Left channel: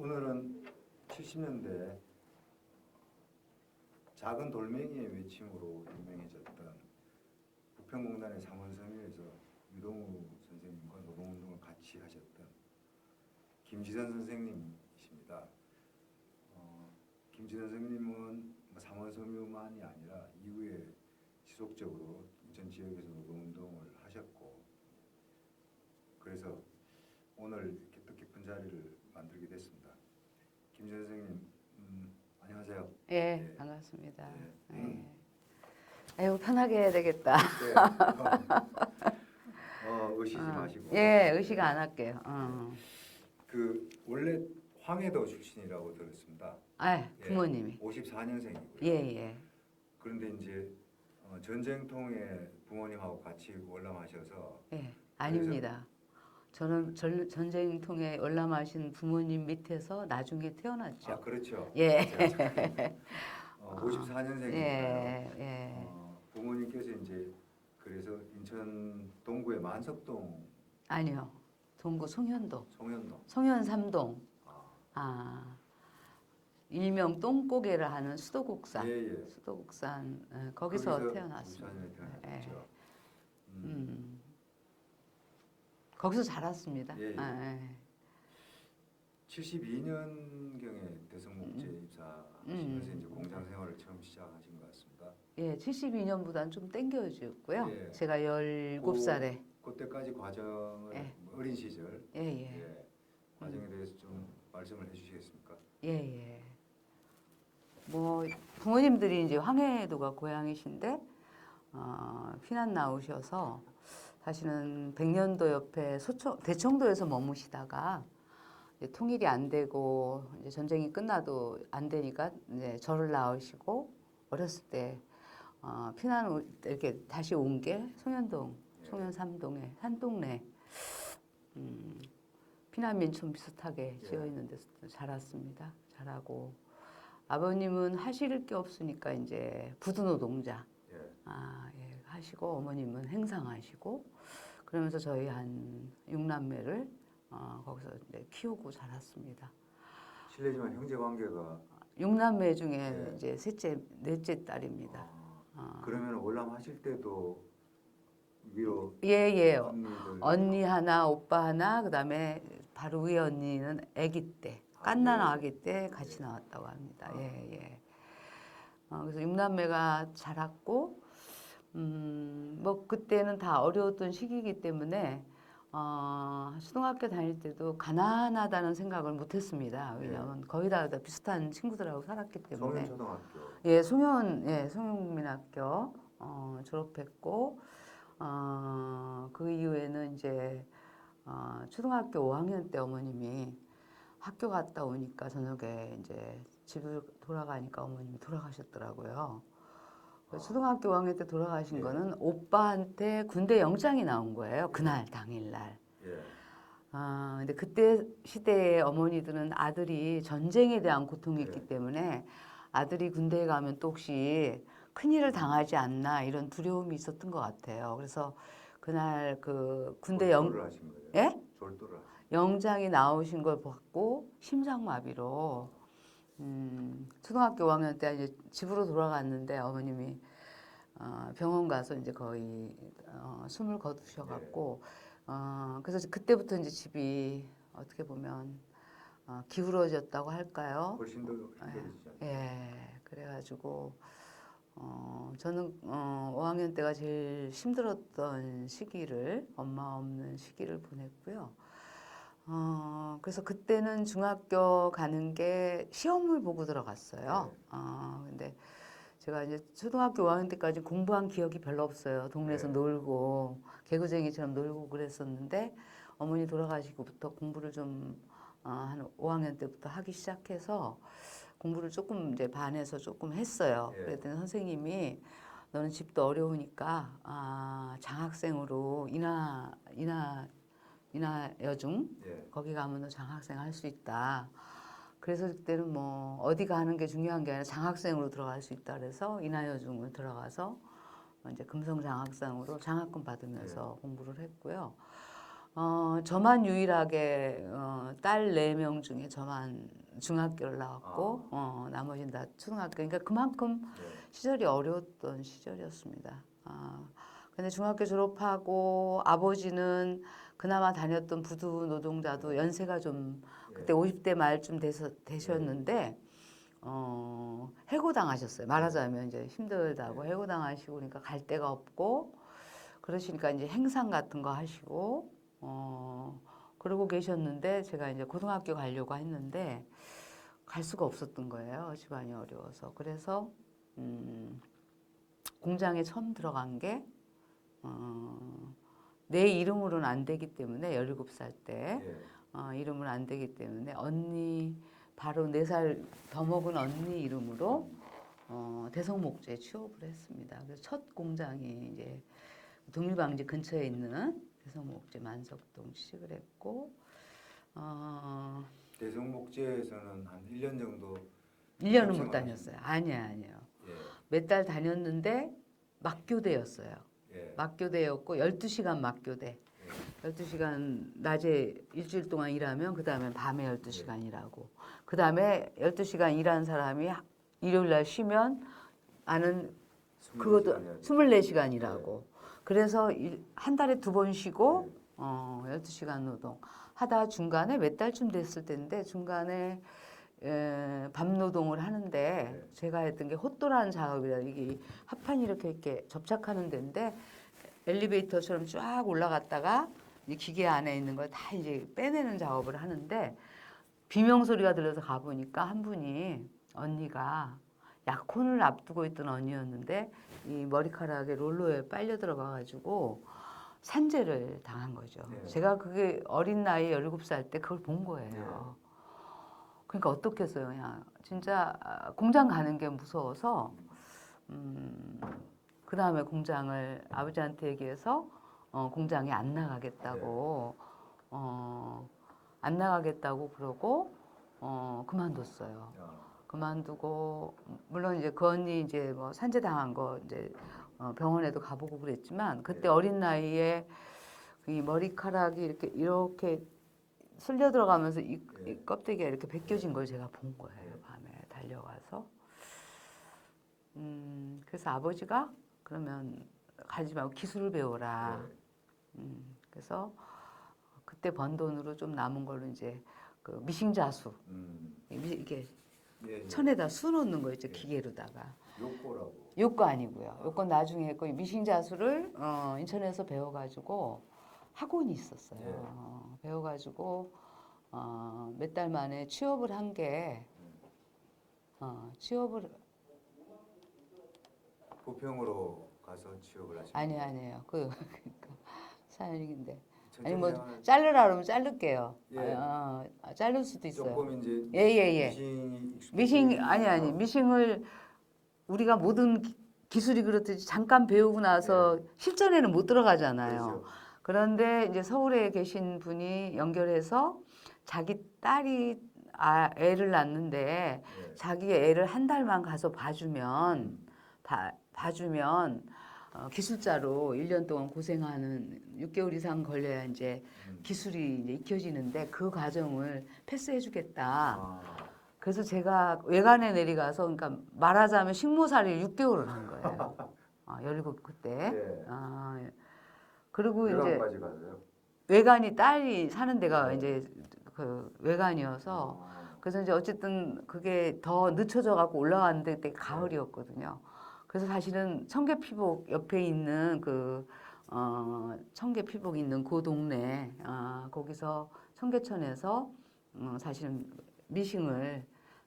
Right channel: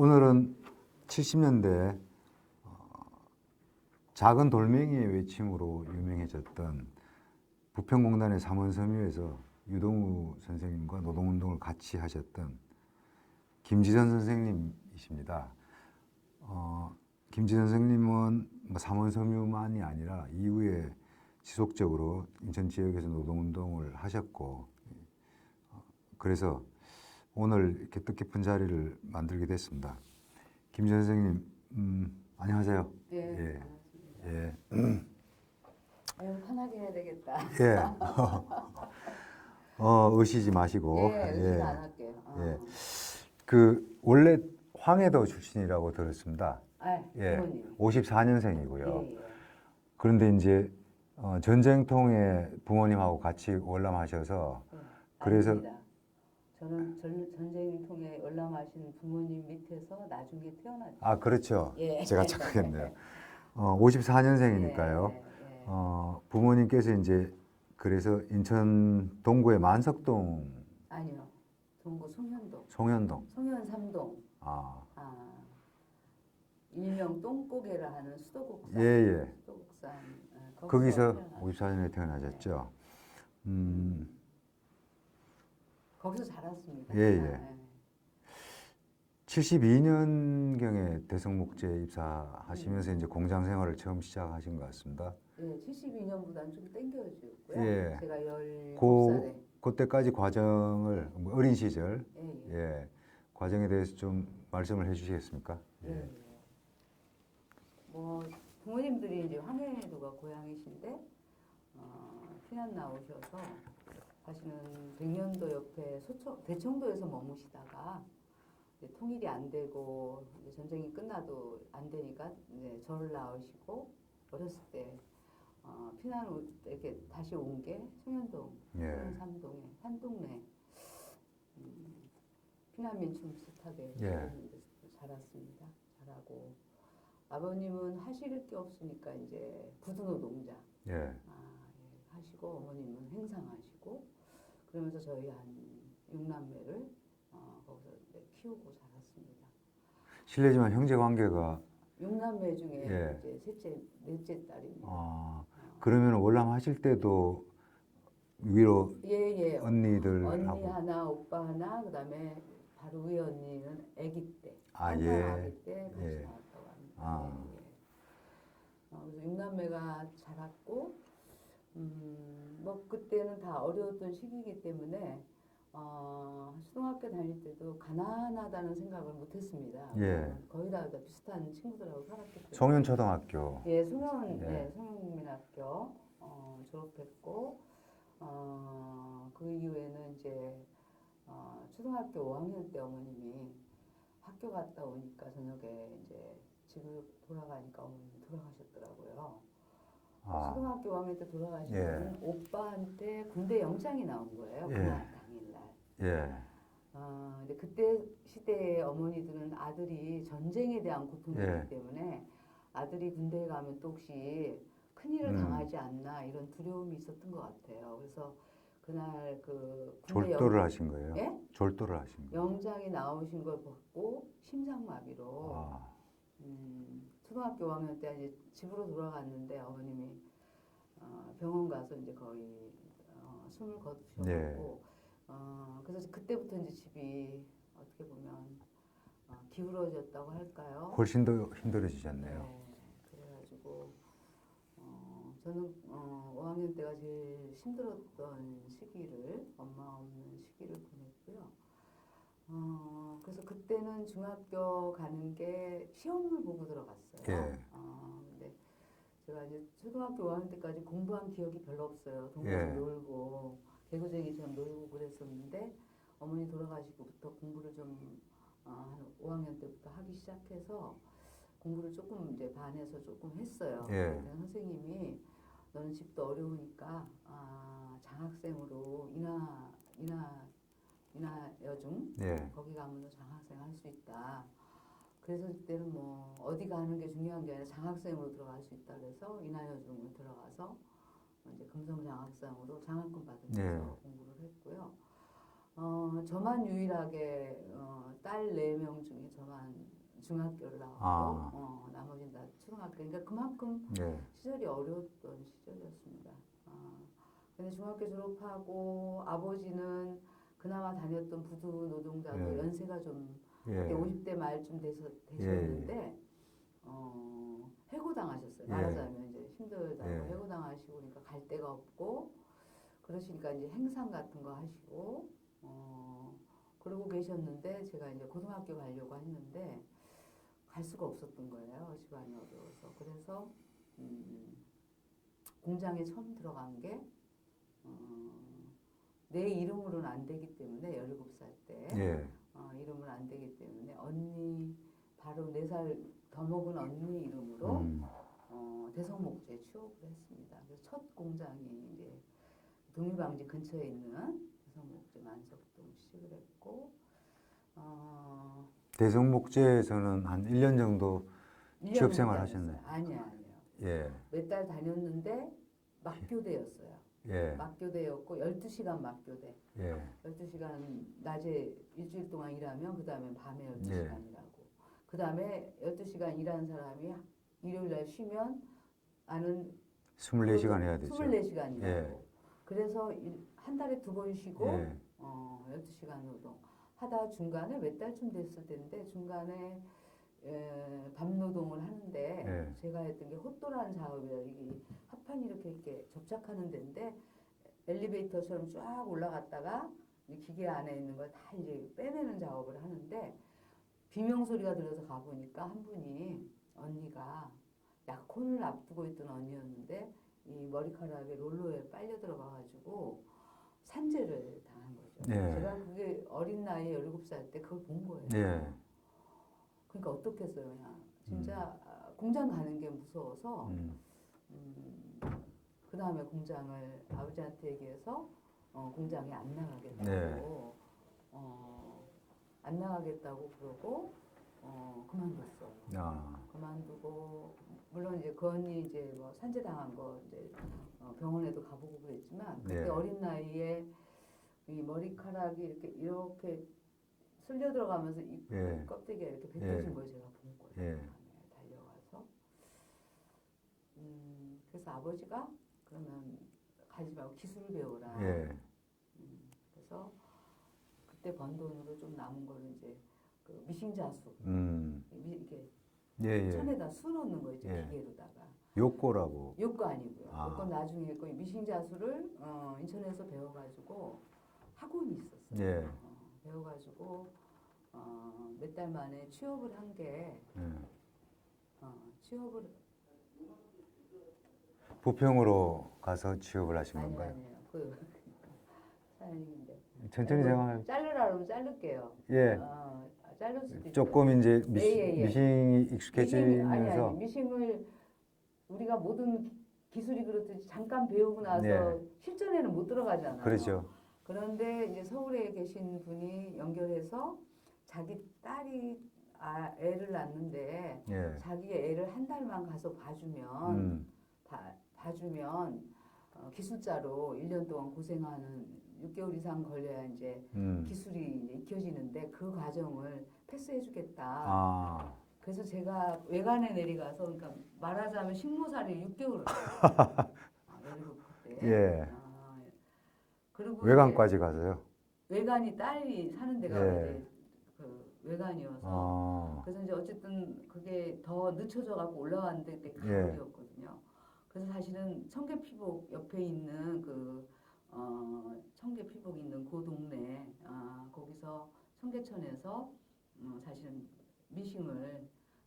오늘은 70년대 작은 돌멩이의 외침으로 유명해졌던 부평공단의 삼원섬유에서 유동우 선생님과 노동운동을 같이 하셨던 김지선 선생님이십니다. 김지선 선생님은 삼원섬유만이 아니라 이후에 지속적으로 인천 지역에서 노동운동을 하셨고, 그래서 오늘 이렇게 뜻깊은 자리를 만들게 됐습니다. 김지선 선생님, 안녕하세요. 예, 반갑습니다. 예. 아이고, 편하게 해야 되겠다. 네. 의시지 마시고. 예, 의식 안 할게요. 원래 황해도 출신이라고 들었습니다. 부모님이. 54년생이고요. 예. 그런데 이제 전쟁통에 부모님하고 같이 월남하셔서. 예, 그래서 아닙니다. 저는 전쟁통에 월남하신 부모님 밑에서 나중에 태어났죠. 아, 그렇죠. 예. 제가 착각했네요. 54년생이니까요. 예. 부모님께서 이제 그래서 인천 동구의 만석동. 아니요. 동구 송현동. 송현동. 송현 3동. 아. 일명 똥고개를 하는 수도국산. 예. 수도국산. 거기서 태어났어요. 54년에 태어나셨죠. 거기서 자랐습니다. 예. 72년경에 대성목재 입사하시면서 이제 공장 생활을 처음 시작하신 것 같습니다. 예, 72년보다는 좀 땡겨졌고요. 예. 제가 17살에. 그때까지 과정을 어린 시절 예. 과정에 대해서 좀 말씀을 해주시겠습니까? 예. 뭐 부모님들이 이제 황해도가 고향이신데 피난 나오셔서 사실은 백년도 옆에 대청도에서 머무시다가 이제 통일이 안 되고 이제 전쟁이 끝나도 안 되니까 이제 저를 낳으시고 어렸을 때 피난 이렇게 다시 온 게 송현동, 송현 3동에 한 동네 피난민촌 비슷하게 지어 있는 데서 자랐습니다. 자라고 아버님은 하실 게 없으니까 이제 부두노동자 하시고 어머님은 행상하시고 그러면서 저희 한 6남매를 거기서 이제 키우고 자랐습니다. 실례지만 형제 관계가 6남매 중에 이제 넷째 딸입니다. 그러면 월남하실 때도 위로 언니들 언니 하나, 오빠 하나, 그다음에 바로 위에 언니는 아기 때, 갓난 아기 때 같이 나왔다고 합니다. 그래서 6남매가 자랐고, 뭐 그때는 다 어려웠던 시기이기 때문에 초등학교 다닐 때도 가난하다는 생각을 못했습니다. 왜냐하면 거의 다 비슷한 친구들하고 살았기 때문에. 송현초등학교. 송현국민학교 졸업했고, 그 이후에는 이제 초등학교 5학년 때 어머님이 학교 갔다 오니까 저녁에 이제 집을 돌아가니까 어머님이 돌아가셨더라고요. 초등학교 5학년 때 돌아가신 거는 오빠한테 군대 영장이 나온 거예요. 그날 당일날. 근데 그때 시대의 어머니들은 아들이 전쟁에 대한 고통이 있기 때문에 아들이 군대에 가면 또 혹시 큰일을 당하지 않나 이런 두려움이 있었던 것 같아요. 그래서 그날 그 군대 졸도를 하신 거예요? 예? 졸도를 하신 거예요? 영장이 나오신 걸 받고 심장마비로 초등학교 5학년 때 이제 집으로 돌아갔는데 어머님이 병원 가서 이제 거의 숨을 거두셔갖고 그래서 그때부터 이제 집이 어떻게 보면 기울어졌다고 할까요? 훨씬 더 힘들어지셨네요. 그래가지고 저는 5학년 때가 제일 힘들었던 시기를 엄마 없는 시기를 보냈고요. 그래서 그때는 중학교 가는 게 시험을 보고 들어갔어요. 근데 제가 이제 초등학교 5학년 때까지 공부한 기억이 별로 없어요. 동네에서 놀고 개구쟁이처럼 놀고 그랬었는데 어머니 돌아가시고부터 공부를 좀 한 5학년 때부터 하기 시작해서 공부를 조금 이제 반에서 조금 했어요. 그랬더니 선생님이 너는 집도 어려우니까 장학생으로 인하여중 거기 가면 너 장학생 할 수 있다. 그래서 그때는 뭐 어디 가는 게 중요한 게 아니라 장학생으로 들어갈 수 있다. 그래서 인하여중을 들어가서 이제 금성 장학생으로 장학금 받으면서 공부를 했고요. 저만 유일하게 딸 4명 중에 저만 중학교를 나왔고 나머지는 다 초등학교. 그러니까 그만큼 네. 시절이 어려웠던 시절이었습니다. 근데 중학교 졸업하고 아버지는 그나마 다녔던 부두 노동자도 네. 연세가 좀 예. 그때 50대 말쯤 되셨는데 예. 해고당하셨어요. 말하자면 이제 힘들다고 예. 해고당하시고 그러니까 갈 데가 없고 그러시니까 이제 행상 같은 거 하시고 그러고 계셨는데 제가 이제 고등학교 가려고 했는데 갈 수가 없었던 거예요. 집안이 어려워서. 그래서 공장에 처음 들어간 게 내 이름으로는 안 되기 때문에 17살 때 예. 이름은 안 되기 때문에 언니 바로 4살 더 먹은 언니 이름으로 대성목재에 취업을 했습니다. 그래서 첫 공장이 이제 동일방지 근처에 있는 대성목재 만석동 취직을 했고 대성목재에서는 한 1년 정도 1년은 못 생활 다녔어요. 아니에요. 예. 몇 달 다녔는데 막교대였어요. 예. 막교대였고 12시간 막교대. 예. 12시간 낮에 일주일 동안 일하면 그 다음에 밤에 12시간 예. 일하고 그 다음에 12시간 일한 사람이 일요일 날 쉬면 나는 24시간 해야 되죠. 24시간 일하고 그래서 한 달에 2번 쉬고 예. 12시간 노동 하다 중간에 몇 달쯤 됐을 텐데 중간에 밤 노동을 하는데 예. 제가 했던 게 헛도라는 작업이라 이게 합판이 이렇게 접착하는 데인데 엘리베이터처럼 쫙 올라갔다가 이 기계 안에 있는 걸 다 이제 빼내는 작업을 하는데 비명 소리가 들려서 가보니까 한 분이 언니가 약혼을 앞두고 있던 언니였는데 이 머리카락에 롤러에 빨려 들어가가지고 산재를 당한 거죠. 예. 제가 그게 어린 나이 17살 때 그걸 본 거예요. 예. 그러니까 어떻겠어요. 그냥 진짜 공장 가는 게 무서워서 그 다음에 공장을 아버지한테 얘기해서 공장에 안 나가겠다고 안 나가겠다고 그러고 그만뒀어요. 그만두고 물론 이제 그 언니 이제 뭐 산재 당한 거 이제 병원에도 가보고 그랬지만 그때 네. 어린 나이에 이 머리카락이 이렇게 쓸려 들어가면서 이 껍데기가 이렇게 벗겨진 걸 제가 본 거예요. 밤에 달려가서. 그래서 아버지가 그러면 가지 말고 기술을 배워라. 그래서 그때 번 돈으로 좀 남은 걸로 이제 그 미싱자수 이게 천에다 수 넣는 거 있죠. 기계로다가. 욕고라고. 욕거 아니고요. 욕거 나중에 했고 미싱자수를 인천에서 배워가지고 학원이 있었어요. 배워가지고 몇 달 만에 취업을 한 게 취업을 부평으로 가서 취업을 하신 건가요? 아니에요. 그 사연인데. 천천히 생활. 자르라 그러면 자를게요. 예. 자를 수도 있어요. 조금 이제 미싱이 익숙해지면서 미싱을 우리가 모든 기술이 그렇듯이 잠깐 배우고 나서 실전에는 못 들어가잖아요. 그렇죠. 그런데 이제 서울에 계신 분이 연결해서 자기 딸이 애를 낳는데 자기 애를 한 달만 가서 봐주면 기술자로 1년 동안 고생하는 6개월 이상 걸려야 이제 기술이 이제 익혀지는데 그 과정을 패스해주겠다. 그래서 제가 외관에 내려가서 그러니까 말하자면 식모살이를 6개월을 한 거예요. 17 그때. 그리고 외관까지 가서요. 외관이 딸이 사는 데가 이제 그 외관이어서 그래서 이제 어쨌든 그게 더 늦춰져 갖고 올라갔는데 그때 가을이었거든요. 그래서 사실은 청계피복 옆에 있는 그 청계피복 있는 그 동네 거기서 청계천에서 사실은 미싱을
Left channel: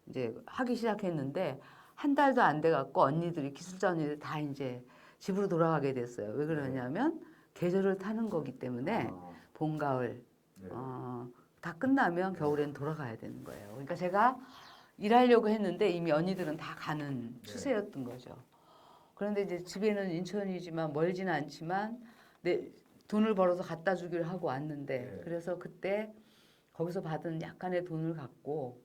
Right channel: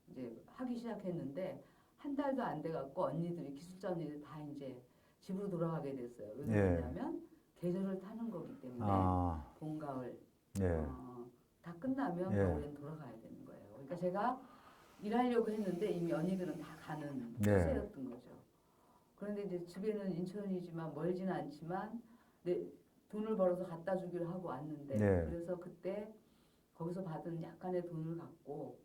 이제 하기 시작했는데 한 달도 안 돼 갖고 언니들이 기술자 언니들 다 이제 집으로 돌아가게 됐어요. 왜 그러냐면 계절을 타는 거기 때문에 봄, 가을 다 끝나면 겨울엔 돌아가야 되는 거예요. 그러니까 제가 일하려고 했는데 이미 언니들은 다 가는 추세였던 거죠. 그런데 이제 집에는 인천이지만 멀지는 않지만 내 돈을 벌어서 갖다 주기를 하고 왔는데 그래서 그때 거기서 받은 약간의 돈을 갖고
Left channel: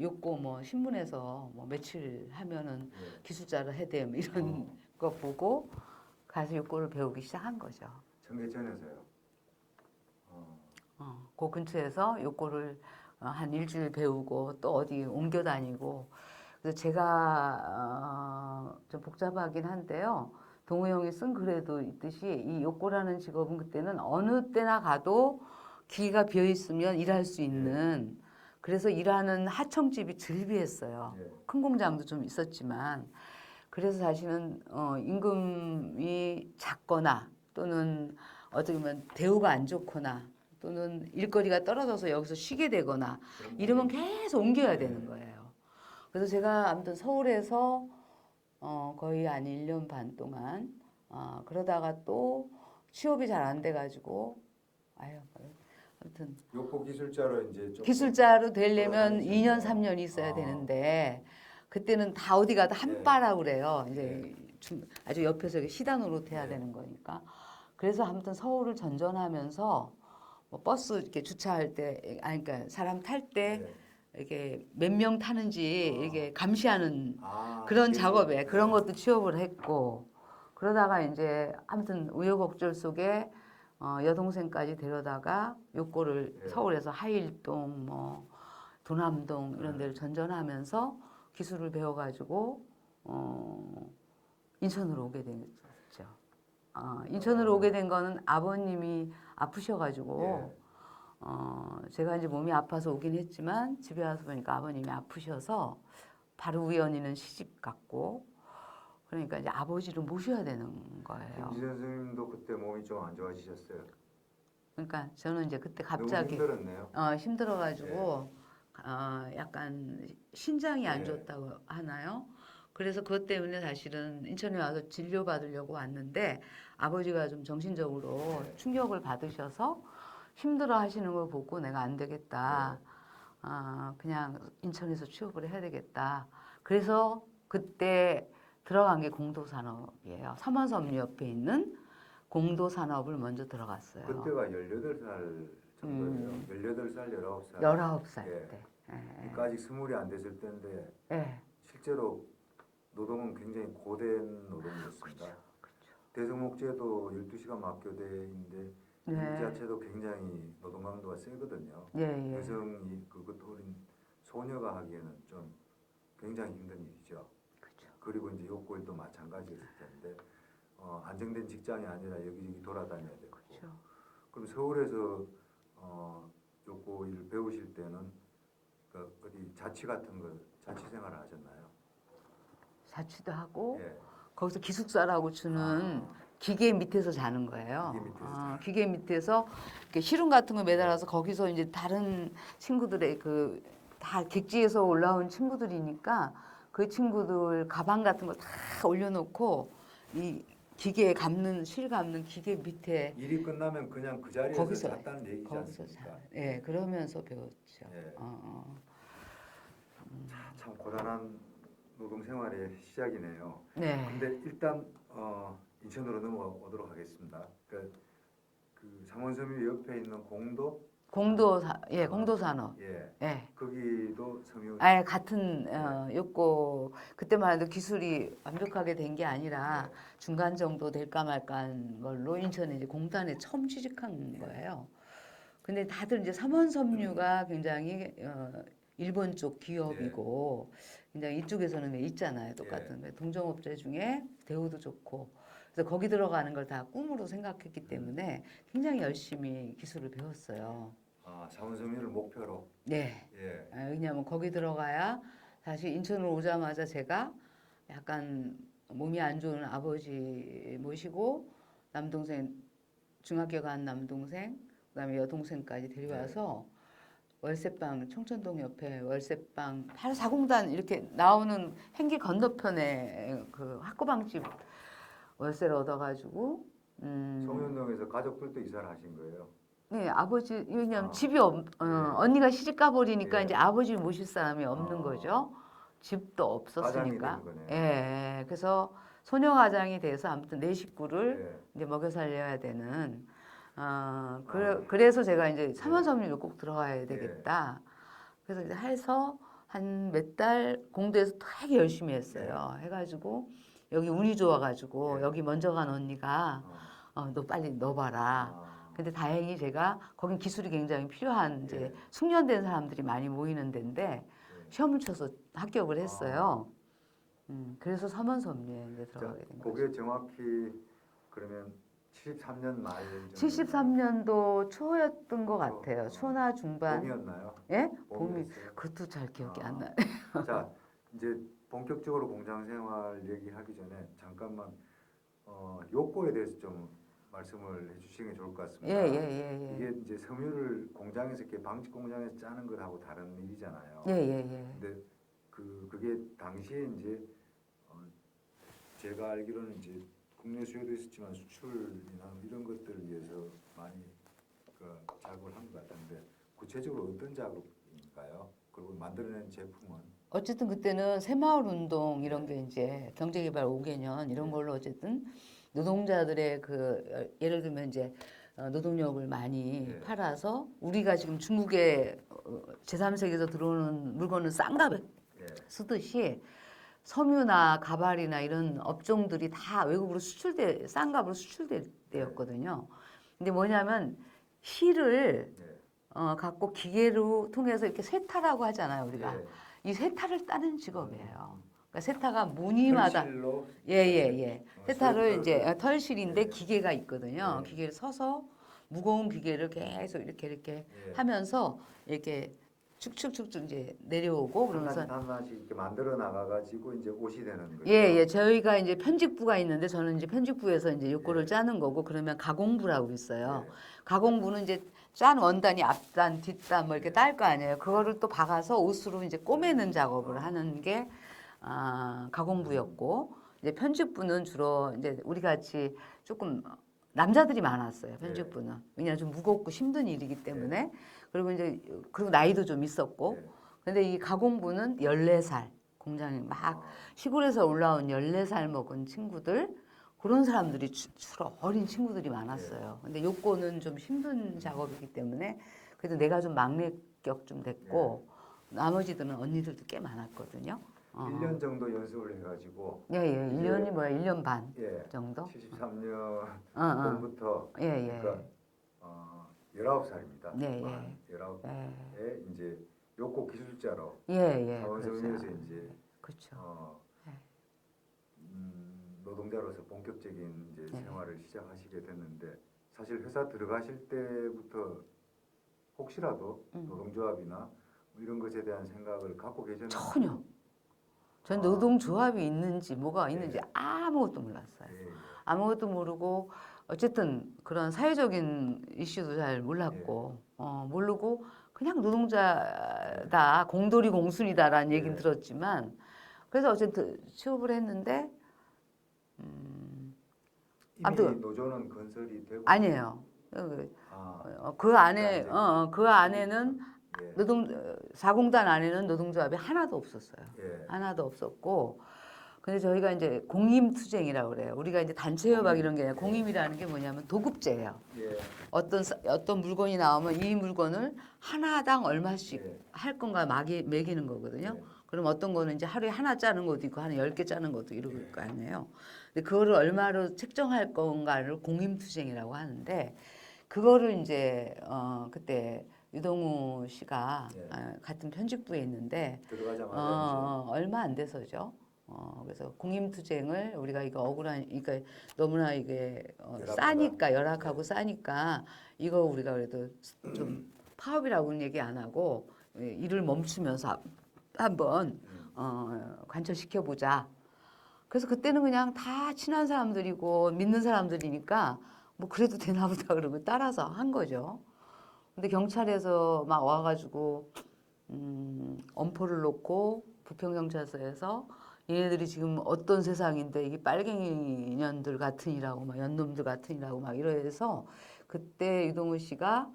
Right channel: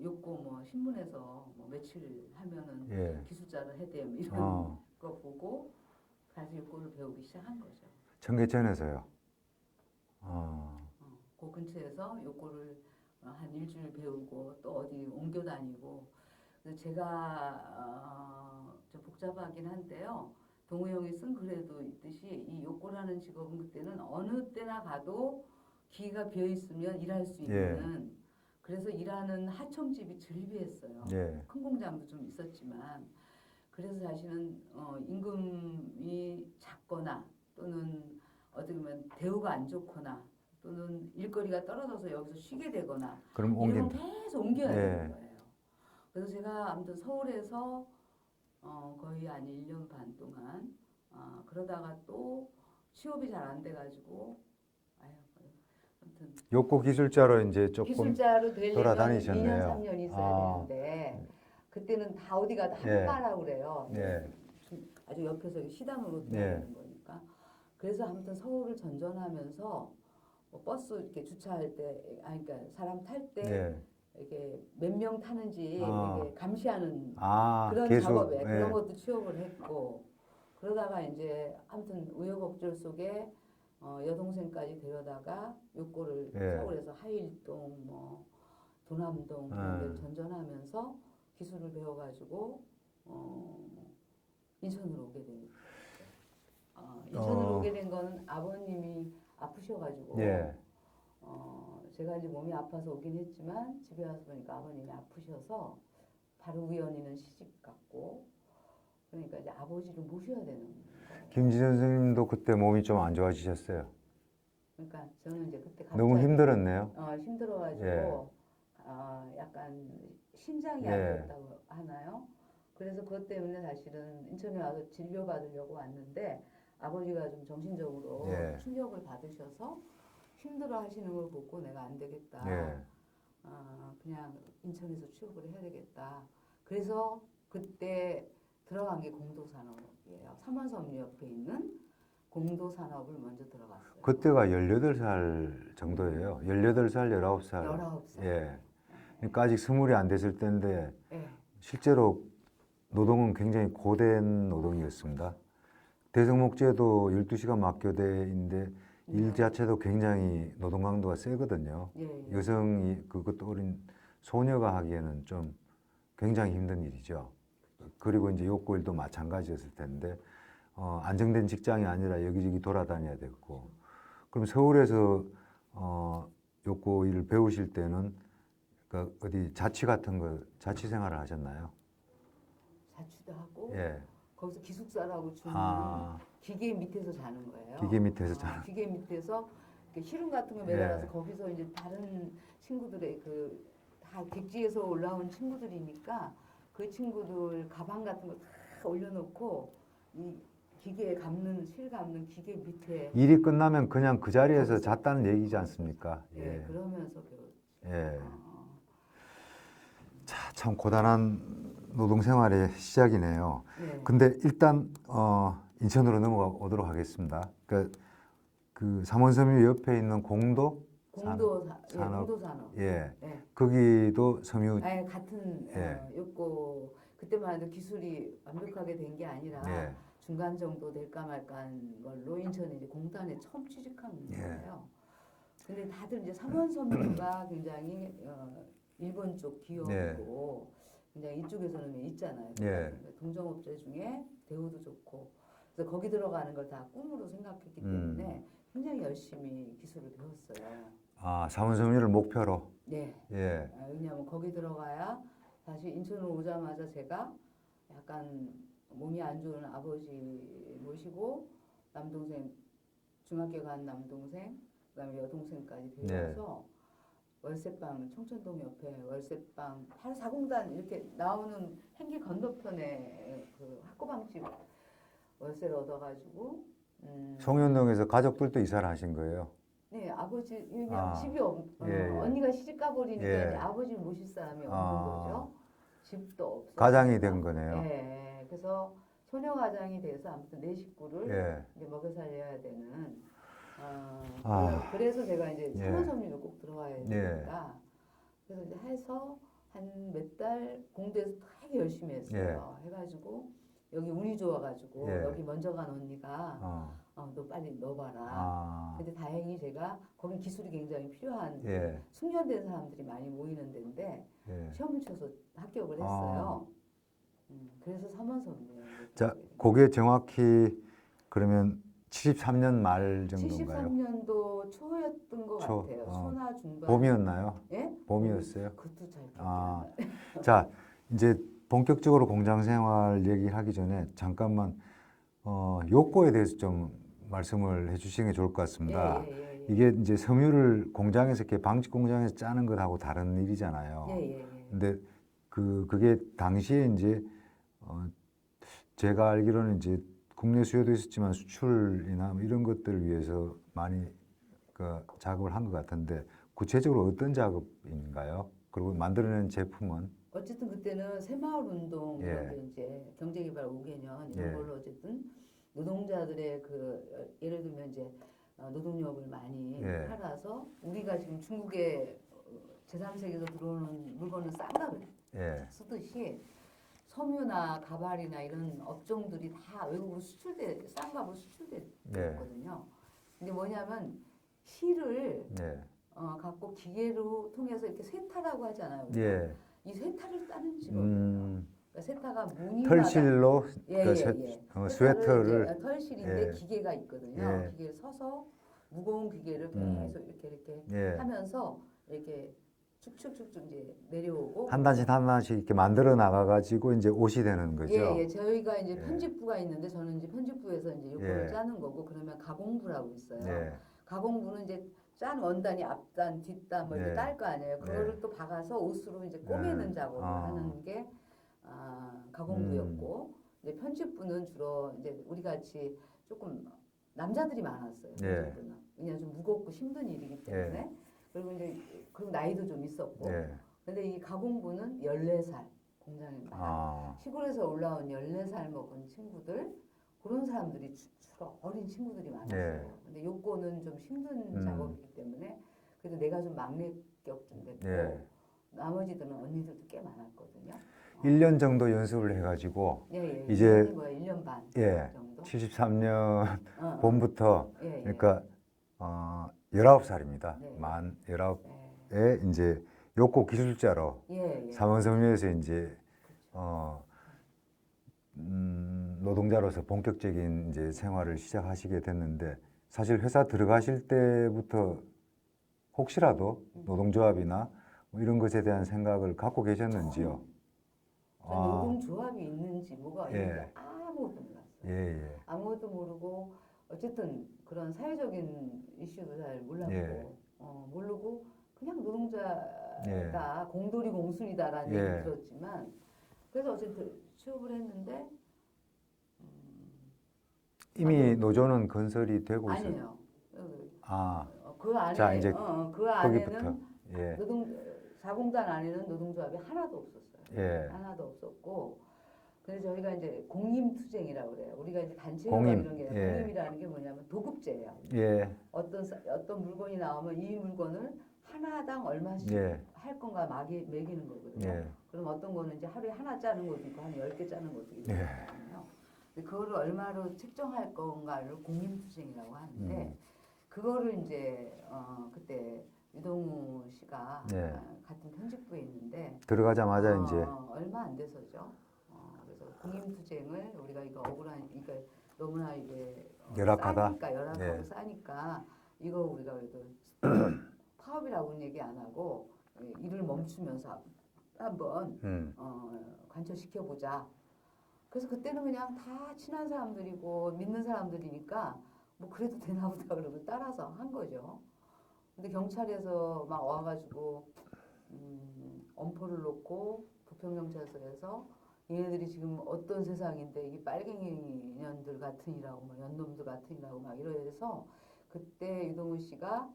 욕고 뭐 신문에서 뭐 며칠 하면은 기술자를 해대 뭐 이런 거 보고 가서 욕고를 배우기 시작한 거죠. 청계천에서요. 그 근처에서 요거를 한 일주일 배우고 또 어디 옮겨 다니고. 그래서 제가 좀 복잡하긴 한데요. 동우 형이 쓴 글에도 있듯이 이 요코라는 직업은 그때는 어느 때나 가도 기회가 비어 있으면 일할 수 있는. 그래서 일하는 하청집이 즐비했어요. 예. 큰 공장도 좀 있었지만. 그래서 사실은 임금이 작거나 또는 어떻게 보면 대우가 안 좋거나 또는 일거리가 떨어져서 여기서 쉬게 되거나 그럼 이러면 계속 옮겨야 예. 되는 거예요. 그래서 제가 아무튼 서울에서 거의 한 1년 반 동안 그러다가 또 취업이 잘 안 돼가지고 아무튼 욕구 기술자로 이제 조금 기술자로 되려면 돌아다니셨네요. 2년 3년 있어야 되는데 그때는 다 어디 가도 한바라고 그래요. 이제 아주 옆에서 이렇게 시단으로 돼야 되는 거니까. 그래서 아무튼 서울을 전전하면서 뭐 버스 이렇게 주차할 때, 그러니까 사람 탈 때 이렇게 몇 명 타는지 이게 감시하는 그런 계속, 작업에 그런 것도 취업을 했고 그러다가 이제 아무튼 우여곡절 속에 여동생까지 데려다가 요거를 서울에서 하일동 뭐 도남동 이런 데를 전전하면서 기술을 배워가지고 인천으로 오게 된 거죠. 인천으로 오게 된 거는 아버님이 아프셔가지고 제가 이제 몸이 아파서 오긴 했지만 집에 와서 보니까 아버님이 아프셔서 바로 우연히는 시집 갔고 그러니까 이제 아버지를 모셔야 되는 거예요. 김지선 선생님도 그때 몸이 좀 안 좋아지셨어요. 그러니까 저는 이제 그때 갑자기 너무 힘들었네요. 힘들어가지고 약간 신장이 안 좋다고 하나요? 그래서 그것 때문에 사실은 인천에 와서 진료받으려고 왔는데 아버지가 좀 정신적으로 충격을 받으셔서 힘들어 하시는 걸 보고 내가 안 되겠다. 그냥 인천에서 취업을 해야 되겠다. 그래서 그때 들어간 게 공도산업이에요. 삼원섬유 옆에 있는 공도산업을 먼저 들어갔어요. 그때가 18살 정도예요. 18살, 19살. 19살. 그러니까 아직 20이 안 됐을 때인데 실제로 노동은 굉장히 고된 노동이었습니다. 대성목재도 12시간 막교대인데 일 자체도 굉장히 노동 강도가 세거든요. 여성이 그것도 어린 소녀가 하기에는 좀 굉장히 힘든 일이죠. 그리고 이제 욕구 일도 마찬가지였을 텐데 안정된 직장이 아니라 여기저기 돌아다녀야 됐고 그럼 서울에서 욕구 일을 배우실 때는 그 어디 자취 같은 거 자취 생활을 하셨나요? 자취도 하고 거기서 기숙사라고 주는 아. 기계 밑에서 자는 거예요. 기계 밑에서 자는. 기계 밑에서 이렇게 시름 같은 거 매달아서 거기서 이제 다른 친구들의 그 다 객지에서 올라온 친구들이니까 그 친구들 가방 같은 거 다 올려놓고 이 기계에 감는 실 감는 기계 밑에 일이 끝나면 그냥 그 자리에서 거기서, 잤다는 얘기지 않습니까? 그러면서 배웠죠. 자, 참 고단한 노동 생활의 시작이네요. 네. 근데 일단 인천으로 넘어가 보도록 하겠습니다. 그 삼원섬유 옆에 있는 공도산업. 거기도 섬유. 같은 요거 그때만 해도 기술이 완벽하게 된 게 아니라 중간 정도 될까 말까한 걸로 인천에 이제 공단에 처음 취직한 거예요. 근데 다들 이제 삼원섬유가 굉장히 일본 쪽 기업이고 굉장히 이쪽에서는 있잖아요. 똑같은 동종업체 중에 대우도 좋고 그래서 거기 들어가는 걸 다 꿈으로 생각했기 때문에 굉장히 열심히 기술을 배웠어요. 삼원섬유를 목표로. 왜냐하면 거기 들어가야 사실 인천으로 오자마자 제가 약간 몸이 안 좋은 아버지 모시고 남동생 중학교 간 남동생 그다음에 여동생까지 데려와서 월세방 청천동 옆에 월세방 840단 이렇게 나오는 행기 건너편에 그 학구방집 월세를 얻어가지고 송현동에서 가족들도 이사를 하신 거예요? 네, 아버지 왜냐면 집이 언니가 시집 가버리니까 이제 아버지 모실 사람이 없는 거죠. 집도 없었으니까. 가장이 된 거네요. 그래서 소녀 가장이 돼서 아무튼 내 식구를 이제 먹여 살려야 되는. 그래서 제가 이제 삼원섬유를 꼭 들어가야 되겠다. 그래서 이제 해서 한 몇 달 공대에서 되게 열심히 했어요. 해가지고 여기 운이 좋아가지고 여기 먼저 간 언니가 너 빨리 넣어봐라. 아, 근데 다행히 제가 거긴 기술이 굉장히 필요한 이제 예. 숙련된 사람들이 많이 모이는 데인데 예. 시험을 쳐서 합격을 했어요. 그래서 서면섭리에 이제 자, 들어가게 된 거예요. 그게 정확히 그러면 73년 말 정도인가요? 73년도 초였던 것 초, 같아요. 어. 초나 중반. 봄이었나요? 예? 봄이었어요? 그것도 잘 기억이 안 아, 나요. 자, 이제 본격적으로 공장 생활 얘기하기 전에 잠깐만 요거에 대해서 좀 말씀을 해주시는 게 좋을 것 같습니다. 예. 이게 이제 섬유를 공장에서 이렇게 방직 공장에서 짜는 것하고 다른 일이잖아요. 예. 근데 그게 당시에 이제 제가 알기로는 이제 국내 수요도 있었지만 수출이나 뭐 이런 것들을 위해서 많이 그 작업을 한 것 같은데 구체적으로 어떤 작업인가요? 그리고 만들어낸 제품은 어쨌든 그때는 새마을 운동 이런 예. 게 이제 경제개발 5개년 이런 예. 걸로 어쨌든 노동자들의 그 예를 들면 이제 노동력을 많이 예. 팔아서 우리가 지금 중국에 제3세계에서 들어오는 물건을 싼 값에 예. 쓰듯이 섬유나 가발이나 이런 업종들이 다 외국으로 싼 값으로 수출됐거든요. 근데 뭐냐면 실을 예. 갖고 기계로 통해서 이렇게 세타라고 하잖아요, 우리가. 예. 이 세타를 따는 직업이에요. 음, 그러니까 세타가 무늬마다 털실로 예. 세타를 이제 스웨터를 털실인데 예. 기계가 있거든요. 예. 기계를 서서 무거운 기계를 계속 이렇게 예. 하면서 이렇게 축축축축 이제 내려오고 한 그러면서 단씩 한 단씩 이렇게 만들어 나가가지고 이제 옷이 되는 거죠. 예. 저희가 이제 편집부가 있는데 저는 이제 편집부에서 이제 요거를 예. 짜는 거고 그러면 가공부라고 있어요. 예. 가공부는 이제 짠 원단이 앞단, 뒷단 뭐 이렇게 예. 딸 거 아니에요. 그거를 또 박아서 옷으로 이제 꼬매는 예. 작업을 아. 하는 게 가공부였고 이제 편집부는 주로 이제 우리 같이 조금 남자들이 많았어요. 편집부는. 왜냐하면 좀 무겁고 힘든 일이기 때문에 그리고 나이도 좀 있었고 예. 근데 이 가공부는 14살 공장에 막 시골에서 올라온 14살 먹은 친구들 그런 사람들이 주로 어린 친구들이 많았어요. 근데 요거는 좀 힘든 작업이기 때문에 그래도 내가 좀 막내격 좀 됐고 나머지들은 언니들도 꽤 많았거든요. 1년 정도 연습을 해가지고 예. 이제 1년이 뭐야? 1년 반 예. 정도? 73년 어. 봄부터 예. 그러니까 19살입니다. 네, 만 예. 19에 이제 요코 기술자로 예. 삼원섬유에서 이제 그렇죠. 노동자로서 본격적인 이제 생활을 시작하시게 됐는데 사실 회사 들어가실 때부터 혹시라도 노동조합이나 뭐 이런 것에 대한 생각을 갖고 계셨는지요? 전혀. 전 노동조합이 있는지 뭐가 있는지 예. 아무것도 몰랐어요. 예. 아무것도 모르고 어쨌든 그런 사회적인 이슈도 잘 몰랐고 모르고 그냥 노동자다 공돌이 공순이다라는 얘기를 들었지만 그래서 어쨌든 취업을 했는데 이미 아무튼 노조는 건설이 되고 아니에요. 그 자, 안에 이제 그 안에는 예. 사공단 안에는 노동조합이 하나도 없었어요. 예. 하나도 없었고 근데 저희가 이제 공임투쟁이라고 그래요. 우리가 이제 단체 협약 이런 게 아니라 공임이라는 게 뭐냐면 도급제예요. 예. 어떤 물건이 나오면 이 물건을 하나당 얼마씩 예. 할 건가 매기는 거거든요. 그럼 어떤 거는 이제 하루에 하나 짜는 것도 있고 하루에 10개 짜는 것도 이러고 있을 거 아니에요. 근데 그거를 얼마로 책정할 건가를 공임투쟁이라고 하는데 그거를 이제 그때 유동우 씨가 같은 편집부에 있는데 들어가자마자 이제 얼마 안 돼서죠. 그래서 공임투쟁을 우리가 이거 그러니까 너무나 이게 싸니까 열악하고 싸니까 이거 우리가 그래도 좀 파업이라고는 얘기 안 하고 일을 멈추면서 한번 관철시켜 보자. 그래서 그때는 그냥 다 친한 사람들이고 믿는 사람들이니까 뭐 그래도 되나 보다 그러고 따라서 한 거죠. 근데 경찰에서 막 와가지고 엄포를 놓고 부평경찰서에서 얘네들이 지금 어떤 세상인데 이게 빨갱이 년들 같으니라고 막 연놈들 같으니라고 막 이래서 그때 유동우 씨가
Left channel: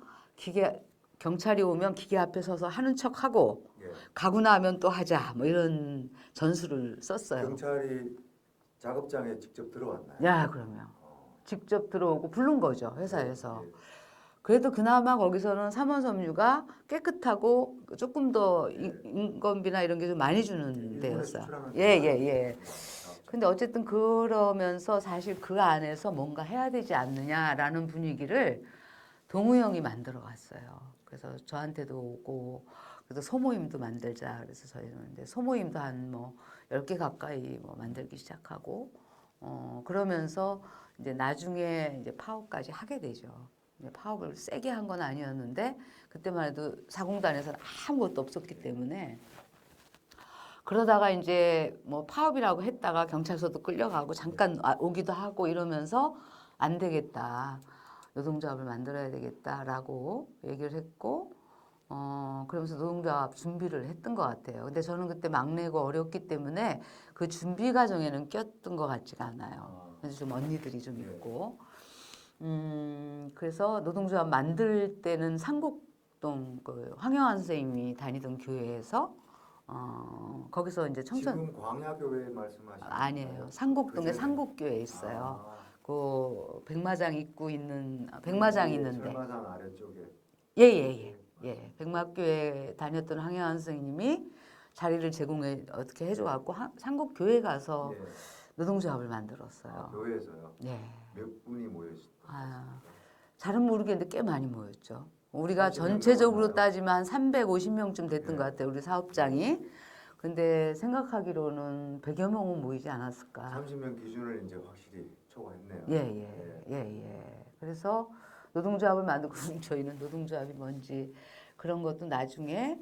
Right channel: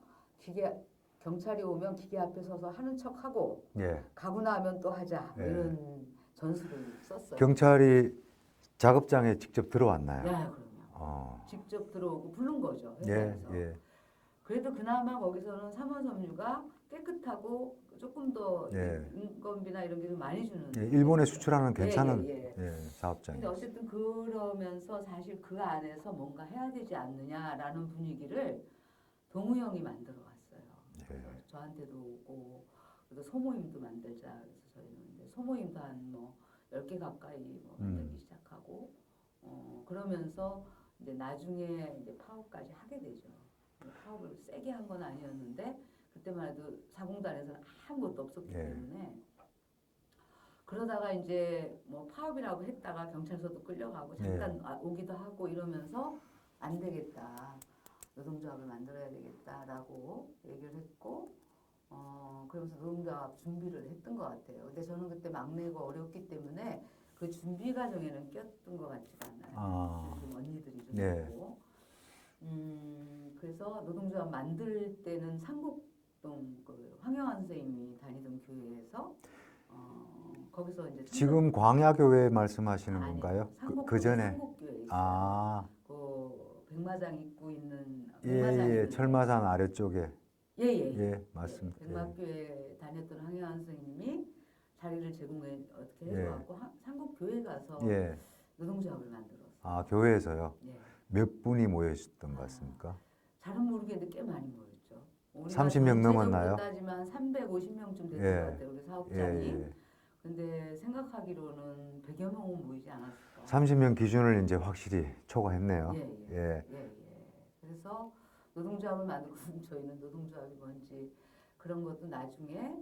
경찰이 오면 기계 앞에 서서 하는 척하고 가고 나면 또 하자 뭐 이런 전술을 썼어요. 경찰이 작업장에 직접 들어왔나요? 야, 그러면 직접 들어오고 부른 거죠 회사에서. 그래도 그나마 거기서는 삼원섬유가 깨끗하고 조금 더 예. 인건비나 이런 게 좀 많이 주는 예, 일본에 데였어요. 수출하는 예, 괜찮은 예. 사업장. 근데 어쨌든 그러면서 사실 그 안에서 뭔가 해야 되지 않느냐라는 분위기를 동우 형이 만들어 갔어요. 그래서 저한테도 오고 그래서 소모임도 만들자 그래서 저희는 이제 소모임도 한 뭐 10개 가까이 뭐 만들기 시작하고 그러면서 이제 나중에 이제 파업까지 하게 되죠. 이제 파업을 세게 한 건 아니었는데 그때만 해도 사공단에서는 아무것도 없었기 예. 때문에 그러다가 이제 뭐 파업이라고 했다가 경찰서도 끌려가고 잠깐 오기도 하고 이러면서 안 되겠다. 노동조합을 만들어야 되겠다라고 얘기를 했고 그러면서 노동조합 준비를 했던 것 같아요. 근데 저는 그때 막내고 어렸기 때문에 그 준비 과정에는 꼈던 것 같지가 않아요. 그래서 좀 언니들이 좀 예. 있고 그래서 노동조합 만들 때는 상곡동 그 황영환 선생님이 다니던 교회에서 거기서 이제 지금 광야교회 말씀하시는 아니에요. 건가요? 상곡동에 전에? 상곡교회 있어요. 아, 그 백마장 입구 있는 예, 백마장 예, 있는데 철마산 아래쪽에. 예예예. 예, 맞습니다. 백마교회 다녔던 황영환 선생님이 자리를 제공해 어떻게 해줘 예. 갖고 상곡교회 가서 예. 노동조합을 만들었어요. 아, 교회에서요? 예. 몇 분이 모여있었던 것 아, 같습니까? 잘은 모르겠는데 꽤 많이 모였죠. 우리가 30명 전체적으로 넘었나요? 따지면 한 350명쯤 됐던 예. 것 같아요. 우리 사업장이. 예. 근데 생각하기로는 100여 명은 모이지 않았을까. 30명 기준을 이제 확실히 초과했네요. 예. 그래서 노동조합을 만들고 저희는 노동조합이 뭔지 그런 것도 나중에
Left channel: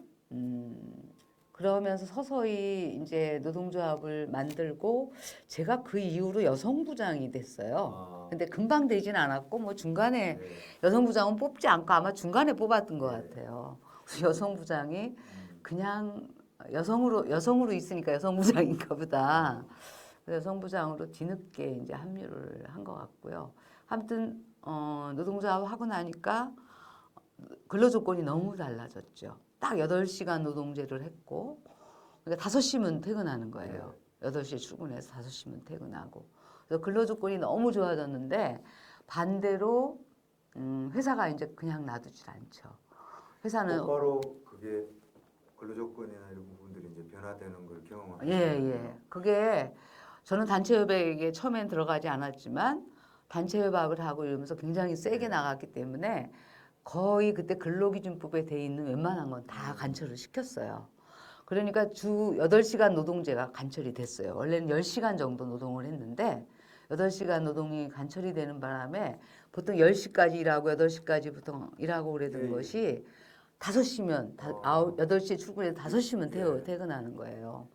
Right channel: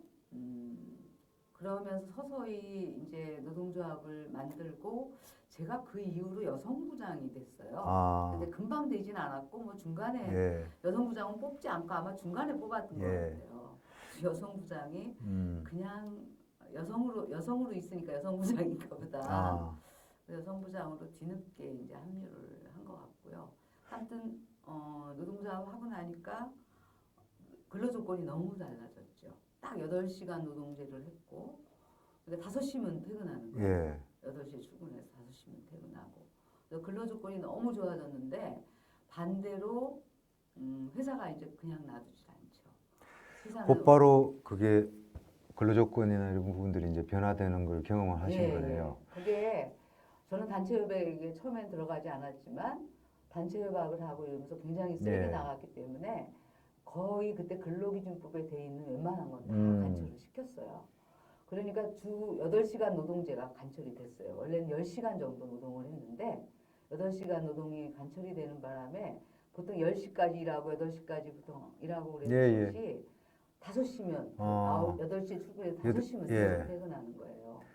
그러면서 서서히 이제 노동조합을 만들고 제가 그 이후로 여성부장이 됐어요. 아, 근데 금방 되진 않았고 뭐 중간에 예. 여성부장은 뽑지 않고 아마 중간에 뽑았던 것 예. 같아요. 그래서 여성부장이 음. 그냥 여성으로 있으니까 여성부장인가 보다. 아, 그래서 여성부장으로 뒤늦게 이제 합류를 한 것 같고요. 아무튼 노동조합 하고 나니까 근로조건이 너무 달라졌죠. 딱 8시간 노동제를 했고 그러니까 5시면 퇴근하는 거예요. 8시에 출근해서 5시면 퇴근하고. 그래서 근로조건이 너무 좋아졌는데 반대로 회사가 이제 그냥 놔두질 않죠. 회사는 곧바로 그게 근로조건이나 이런 부분들이 이제 변화되는 걸 경험하신 거예요. 그게 저는 단체협약에 처음엔 들어가지 않았지만 단체협약을 하고 이러면서 굉장히 세게 네. 나갔기 때문에 거의 그때 근로기준법에 돼 있는 웬만한 건 다 관철을 시켰어요. 그러니까 주 8시간 노동제가 관철이 됐어요. 원래는 10시간 정도 노동을 했는데 8시간 노동이 관철이 되는 바람에 보통 10시까지 일하고 8시까지 보통 일하고 그랬던 것이 5시면 8시에 출근해서 5시면 퇴근하는 거예요.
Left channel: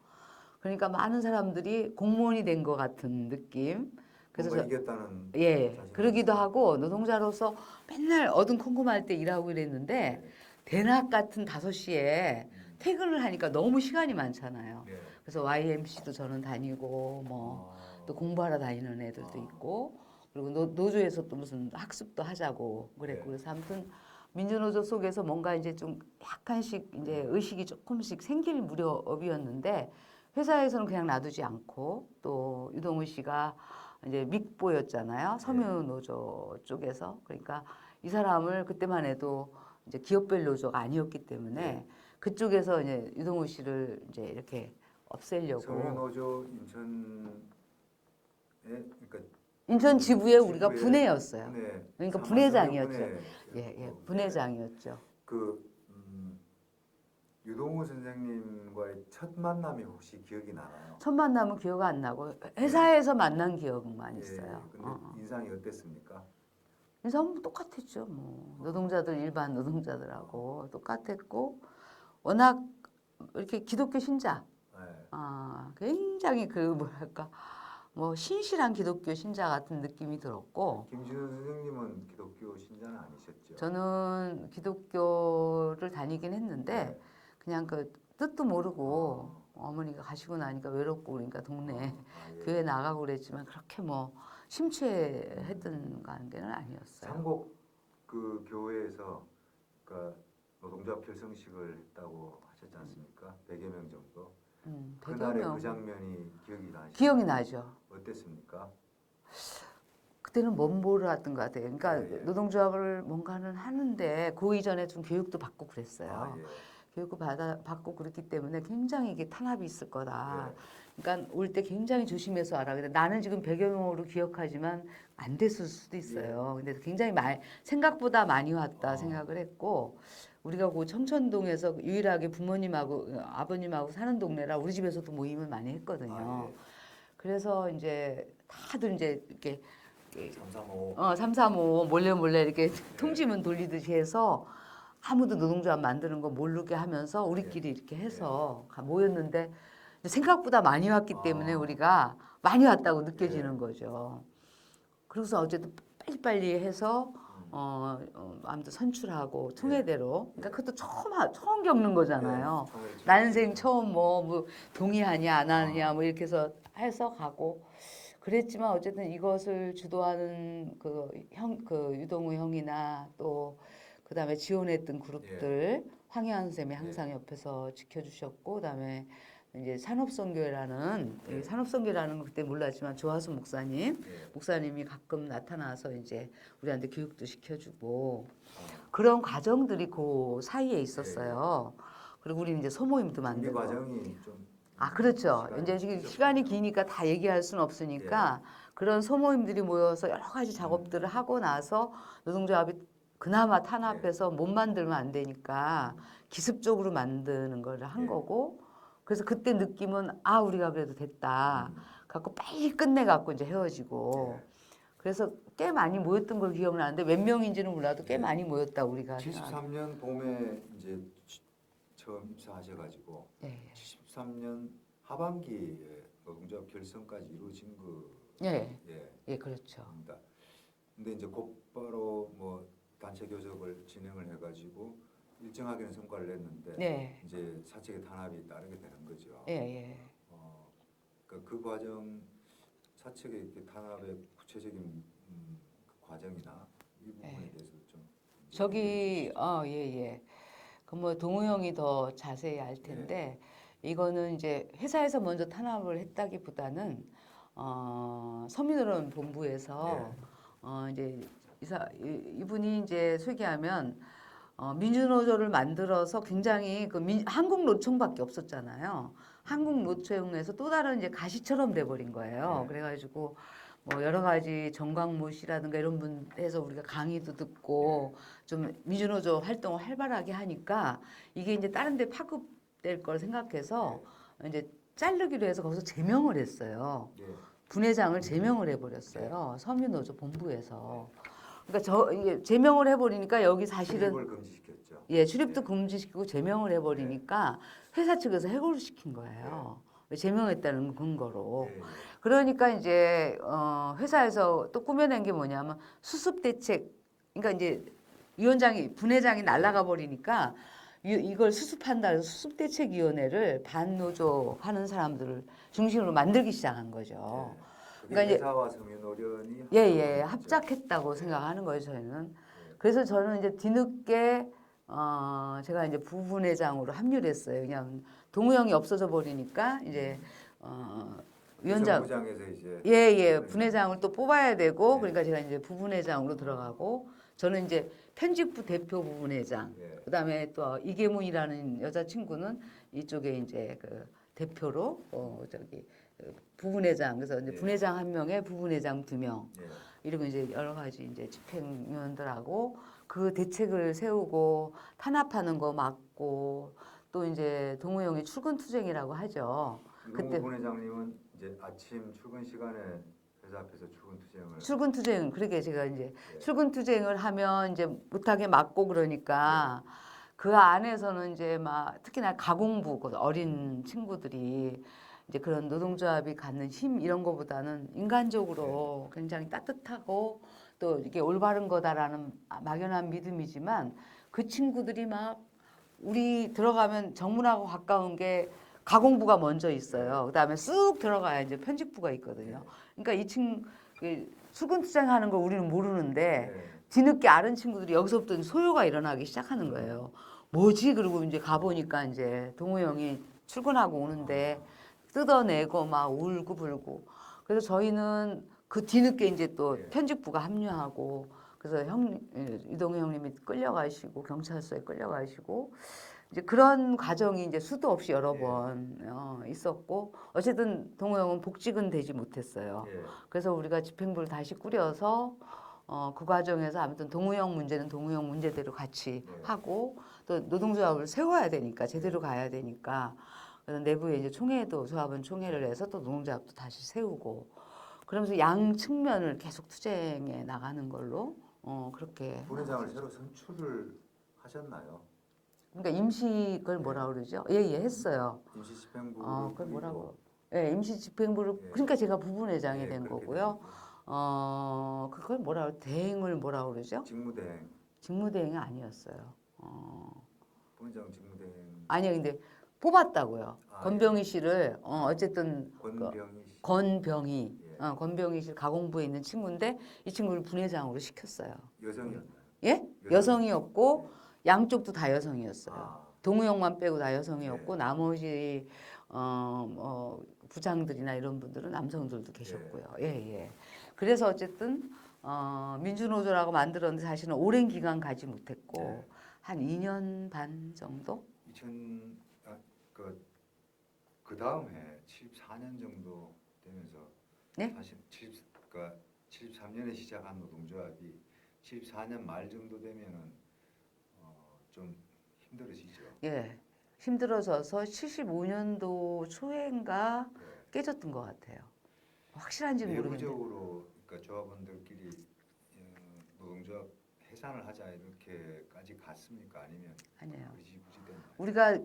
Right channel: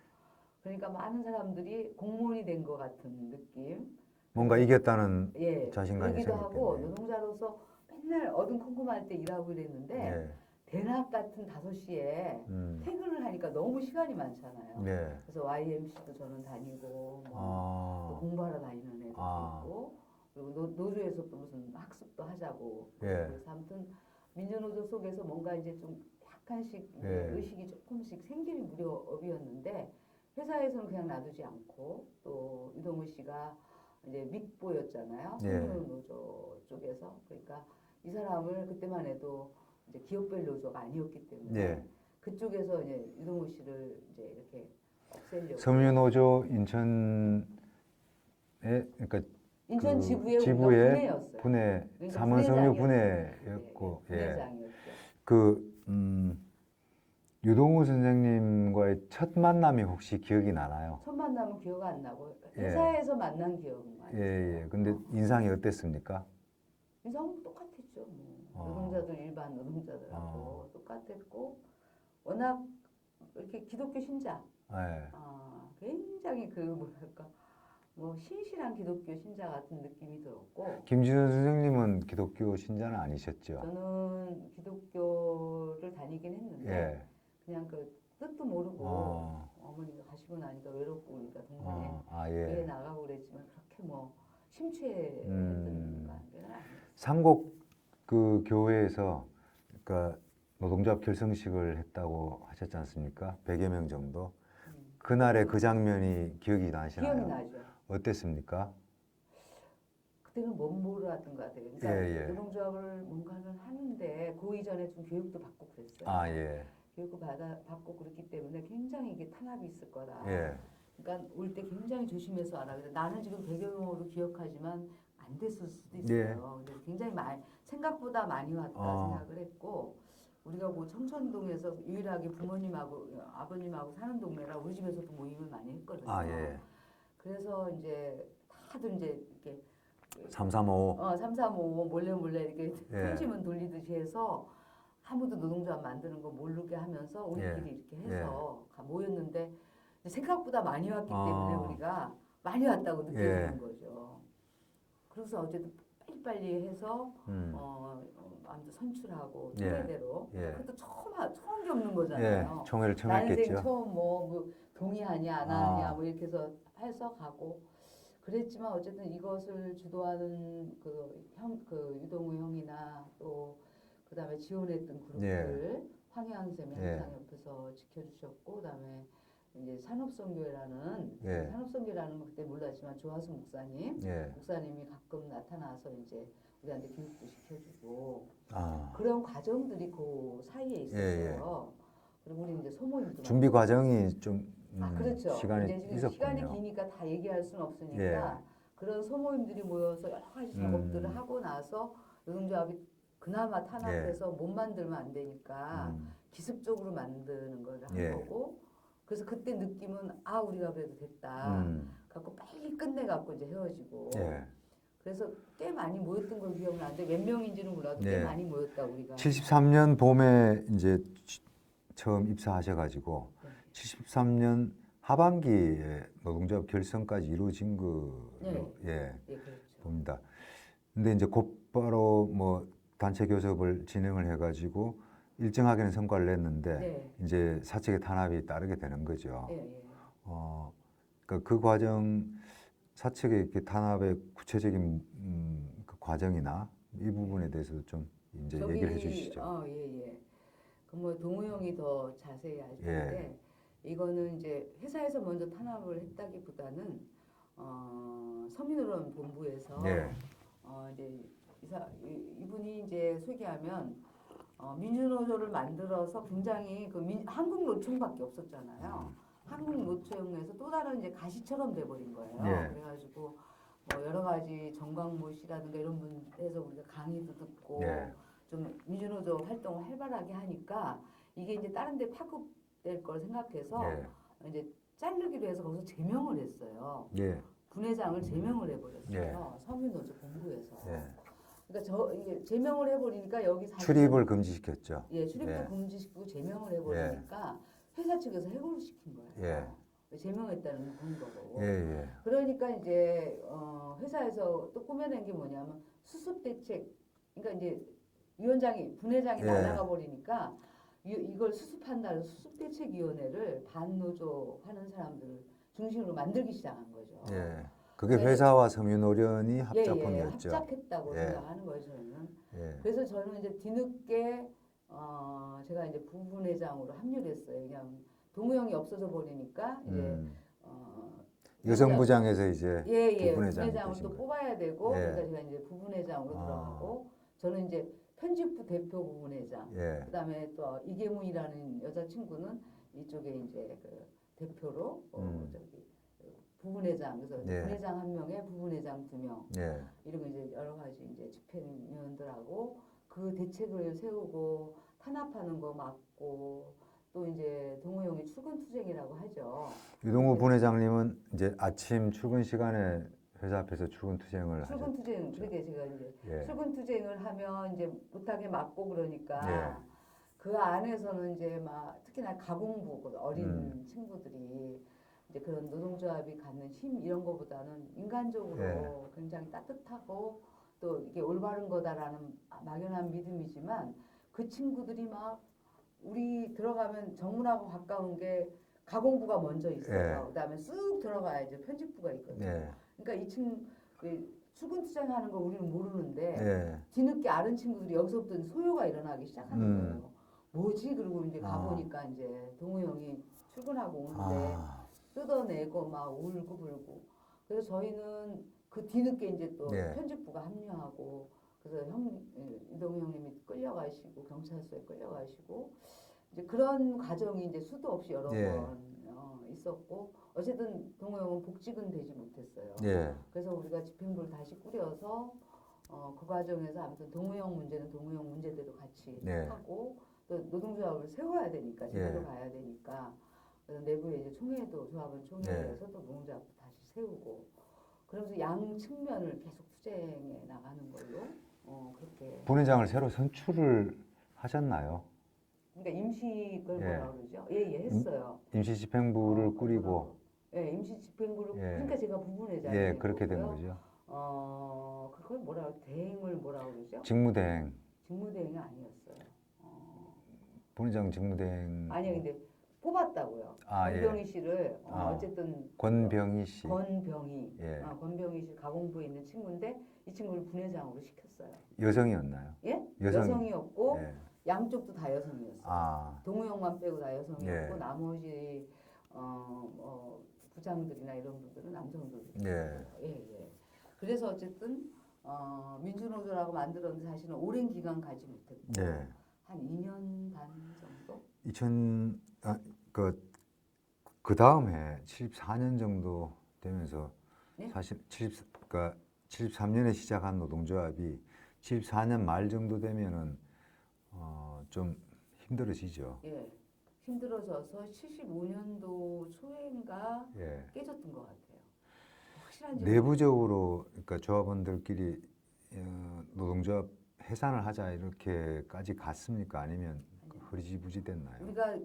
그러니까 많은 사람들이 공무원이 된 것 같은 느낌. 뭔가 이겼다는 자신감이 그러기도 하고 생겼겠네요. 노동자로서 맨날 어둠컴컴할 때 일하고 이랬는데 대낮 같은 5시에 퇴근을 하니까 너무 시간이 많잖아요. 그래서 YMC도 저는 다니고 뭐 또 공부하러 다니는 애들도 있고 그리고 노조에서 또 무슨 학습도 하자고 그랬고 그래서 아무튼 민주노조 속에서 뭔가 이제 좀 약간씩 이제 의식이 조금씩 생길 무렵이었는데 회사에서는 그냥 놔두지 않고 또 유동우 씨가 이제 믹보였잖아요. 섬유노조 쪽에서. 그러니까 이 사람을 그때만 해도 이제 기업별 노조가 아니었기 때문에 그쪽에서 이제 유동우 씨를 이제 이렇게 없애려고. 섬유노조 인천에 그러니까 인천 그 지부에 우리가 분회였어요. 분회, 그러니까 삼원 분회장이었죠. 분회였고, 분회장이었죠. 유동우 선생님과의 첫 만남이 혹시 기억이 나나요? 첫 만남은 기억 안 나고 회사에서 만난 기억만 있어요. 근데 인상이 어땠습니까? 인상은 똑같았죠. 뭐 노동자들 일반 노동자들하고 똑같았고 워낙 이렇게 기독교 신자, 굉장히 그 뭐랄까 뭐 신실한 기독교 신자 같은 느낌이 들었고. 김진원 선생님은 기독교 신자는 아니셨죠? 저는 기독교를 다니긴 했는데 그냥 그 뜻도 모르고 어머니가 가시고 나니까 외롭고 그러니까 동네 교회 나가고 그랬지만 그렇게 뭐 심취했던 관계는 아니었어요. 삼곡 그 교회에서 그러니까 노동조합 결성식을 했다고 하셨지 않습니까? 100여 명 정도. 그날의 그 장면이 기억이 나시나요? 기억이 나죠. 어땠습니까? 그때는 뭐를 하던 것 같아요. 그러니까 예, 예. 노동조합을 뭔가는 하는데 그 이전에 좀 교육도 받고 그랬어요. 아, 예. 교육을 받고 그랬기 때문에 굉장히 이게 탄압이 있을 거다. 예. 그러니까 올 때 굉장히 조심해서 알아. 근데 나는 지금 배경으로 기억하지만 안 됐을 수도 있어요. 근데 굉장히 생각보다 많이 왔다 생각을 했고 우리가 그 청천동에서 유일하게 부모님하고 아버님하고 사는 동네라 우리 집에서도 모임을 많이 했거든요. 아, 예. 그래서 이제 다들 이제 이렇게 335. 335 몰래 이렇게 예. 통지문 돌리듯이 해서 아무도 노동조합 만드는 거 모르게 하면서 우리끼리 이렇게 해서 모였는데 생각보다 많이 왔기 때문에 우리가 많이 왔다고 느껴지는 거죠. 그래서 어쨌든 빨리빨리 해서 아무튼 선출하고 총회대로 그러니까 그것도 처음 겪는 거잖아요. 총회를 처음 난생 했겠죠. 처음 뭐 동의하냐 안 하느냐 뭐 이렇게 해서 가고 그랬지만 어쨌든 이것을 주도하는 그 유동우 형이나 또 그다음에 지원했던 그룹들 황희안 쌤이 항상 옆에서 지켜주셨고 그다음에 이제 산업선교회라는 산업선교회라는 건 그때 몰랐지만 조하수 목사님이 가끔 나타나서 이제 우리한테 교육도 시켜주고 그런 과정들이 그 사이에 있었어요. 그리고 우리는 이제 소모임도 준비 과정이 좀 그렇죠. 이제 지금 시간이 기니까 다 얘기할 수는 없으니까 그런 소모임들이 모여서 여러 가지 작업들을 하고 나서 노동조합이 그나마 탄압해서 못 만들면 안 되니까 기습적으로 만드는 걸 한 거고 그래서 그때 느낌은 우리가 그래도 됐다. 갖고 빨리 끝내갖고 이제 헤어지고 그래서 꽤 많이 모였던 걸 기억나는데 몇 명인지는 몰라도 꽤 많이 모였다 우리가. 73년 봄에 이제 처음 입사하셔가지고 73년 하반기에 노동조합 결성까지 이루어진 그렇죠. 봅니다. 근데 이제 곧바로 뭐 단체 교섭을 진행을 해가지고 일정하게는 성과를 냈는데 이제 사측의 탄압이 따르게 되는 거죠. 그러니까 그 과정 사측의 이렇게 탄압의 구체적인 그 과정이나 이 부분에 대해서도 좀 이제 얘기해 주시죠. 그 뭐 동우 형이 더 자세히 알 텐데 이거는 이제 회사에서 먼저 탄압을 했다기보다는 서민의료원 본부에서 이제 이분이 이제 소개하면 민주노조를 만들어서 굉장히 한국노총밖에 없었잖아요. 한국노총에서 또 다른 이제 가시처럼 돼버린 거예요. 그래가지고 뭐 여러 가지 정광모 씨라든가 이런 분에서 우리가 강의도 듣고 좀 민주노조 활동을 활발하게 하니까 이게 이제 다른 데 파급될 걸 생각해서 이제 자르기로 해서 거기서 제명을 했어요. 분회장을 제명을 해버렸어요. 서민노조 본부에서. 그러니까 이게 제명을 해버리니까 여기 사실은 출입을 금지시켰죠. 출입도 금지시키고 제명을 해버리니까 회사 측에서 해고를 시킨 거예요. 제명했다는 근거로. 그러니까 이제 회사에서 또 꾸며낸 게 뭐냐면 수습 대책. 그러니까 이제 분회장이 날아가 버리니까 이걸 수습한다 해서 수습대책위원회를 반노조 하는 사람들을 중심으로 만들기 시작한 거죠. 그게 그러니까 회사와 섬유노련이 합작했다고 생각하는 거예요, 저희는. 그래서 저는 이제 뒤늦게 제가 이제 부분회장으로 합류를 했어요. 그냥 동우 형이 없어져 버리니까 이제 여성부장에서 이제 분회장을 또 뽑아야 되고 그러니까 제가 이제 부분회장으로 들어가고 저는 이제 편집부 대표 부분회장 그다음에 또 이계문이라는 여자친구는 이쪽에 이제 그 대표로 부분회장 그래서 이제 분회장 1명에 부분회장 2명 이러고 이제 여러 가지 이제 집행위원들하고 그 대책을 세우고 탄압하는 거 막고 또 이제 동우 형이 출근 투쟁이라고 하죠. 유동우 부회장님은 이제 아침 출근 시간에 회사 앞에서 출근 투쟁 그러게 제가 이제 출근 투쟁을 하면 이제 못하게 막고 그러니까 그 안에서는 이제 막 특히나 가공부 어린 친구들이 이제 그런 노동조합이 갖는 힘 이런 거보다는 인간적으로 굉장히 따뜻하고 또 이게 올바른 거다라는 막연한 믿음이지만 그 친구들이 막 우리 들어가면 정문하고 가까운 게 가공부가 먼저 있어요. 그다음에 쑥 들어가야 이제 편집부가 있거든요. 그러니까 출근 투쟁하는 걸 우리는 모르는데 뒤늦게 아는 친구들이 여기서부터 소요가 일어나기 시작하는 거예요. 뭐지? 그리고 이제 가보니까 이제 동우 형이 출근하고 오는데 뜯어내고 막 울고 불고. 그래서 저희는 그 뒤늦게 이제 또 예. 편집부가 합류하고 그래서 유동규 형님이 끌려가시고 경찰서에 끌려가시고 이제 그런 과정이 이제 수도 없이 여러 예. 번 있었고 어쨌든 동호 형은 복직은 되지 못했어요. 예. 그래서 우리가 집행부를 다시 꾸려서 그 과정에서 아무튼 동호 형 문제는 동호 형 문제대로 같이 예. 하고 또 노동조합을 세워야 되니까 제대로 예. 가야 되니까 그래서 내부에 이제 총회도 조합원 총회를 예. 해서 또 노동조합도 다시 세우고 그러면서 양 측면을 계속 투쟁해 나가는 걸로 그렇게 본회장을 새로 선출을 하셨나요? 그러니까 임시를 예. 뭐라 그러죠? 예, 했어요. 임시 집행부를 그걸 꾸리고 뭐라고? 예, 임시 집행부를 예. 그러니까 제가 부분회장이 예, 된 그렇게 된 거고요. 거죠. 그걸 뭐라 그래? 대행을 뭐라 그러죠? 직무대행. 직무대행이 아니었어요. 본회장 직무대행. 아니요, 근데 뽑았다고요. 아, 권병희 예. 씨를 어쨌든 권병희 씨. 권병희, 예. 권병희 씨 가공부에 있는 친구인데 이 친구를 분회장으로 시켰어요. 여성이었나요? 예? 여성- 여성이었고 예. 양쪽도 다 여성이었어요. 아, 동우 형만 빼고 다 여성이었고 예. 나머지 부장들이나 이런 분들은 남성들도 계셨고요. 예. 그래서 어쨌든 민주노조라고 만들었는데 사실은 오랜 기간 가지 못했고 예. 한 2년 반 정도? 그 다음에 74년 정도 되면서 네? 사실 73년에 시작한 노동조합이 74년 말 정도 되면은 좀 힘들어지죠. 예. 힘들어져서 75년도 초인가 예. 깨졌던 것 같아요. 확실한지 내부적으로 그러니까 조합원들끼리 노동조합 해산을 하자 이렇게까지 갔습니까? 아니면 아니에요. 흐지부지 됐나요? 우리가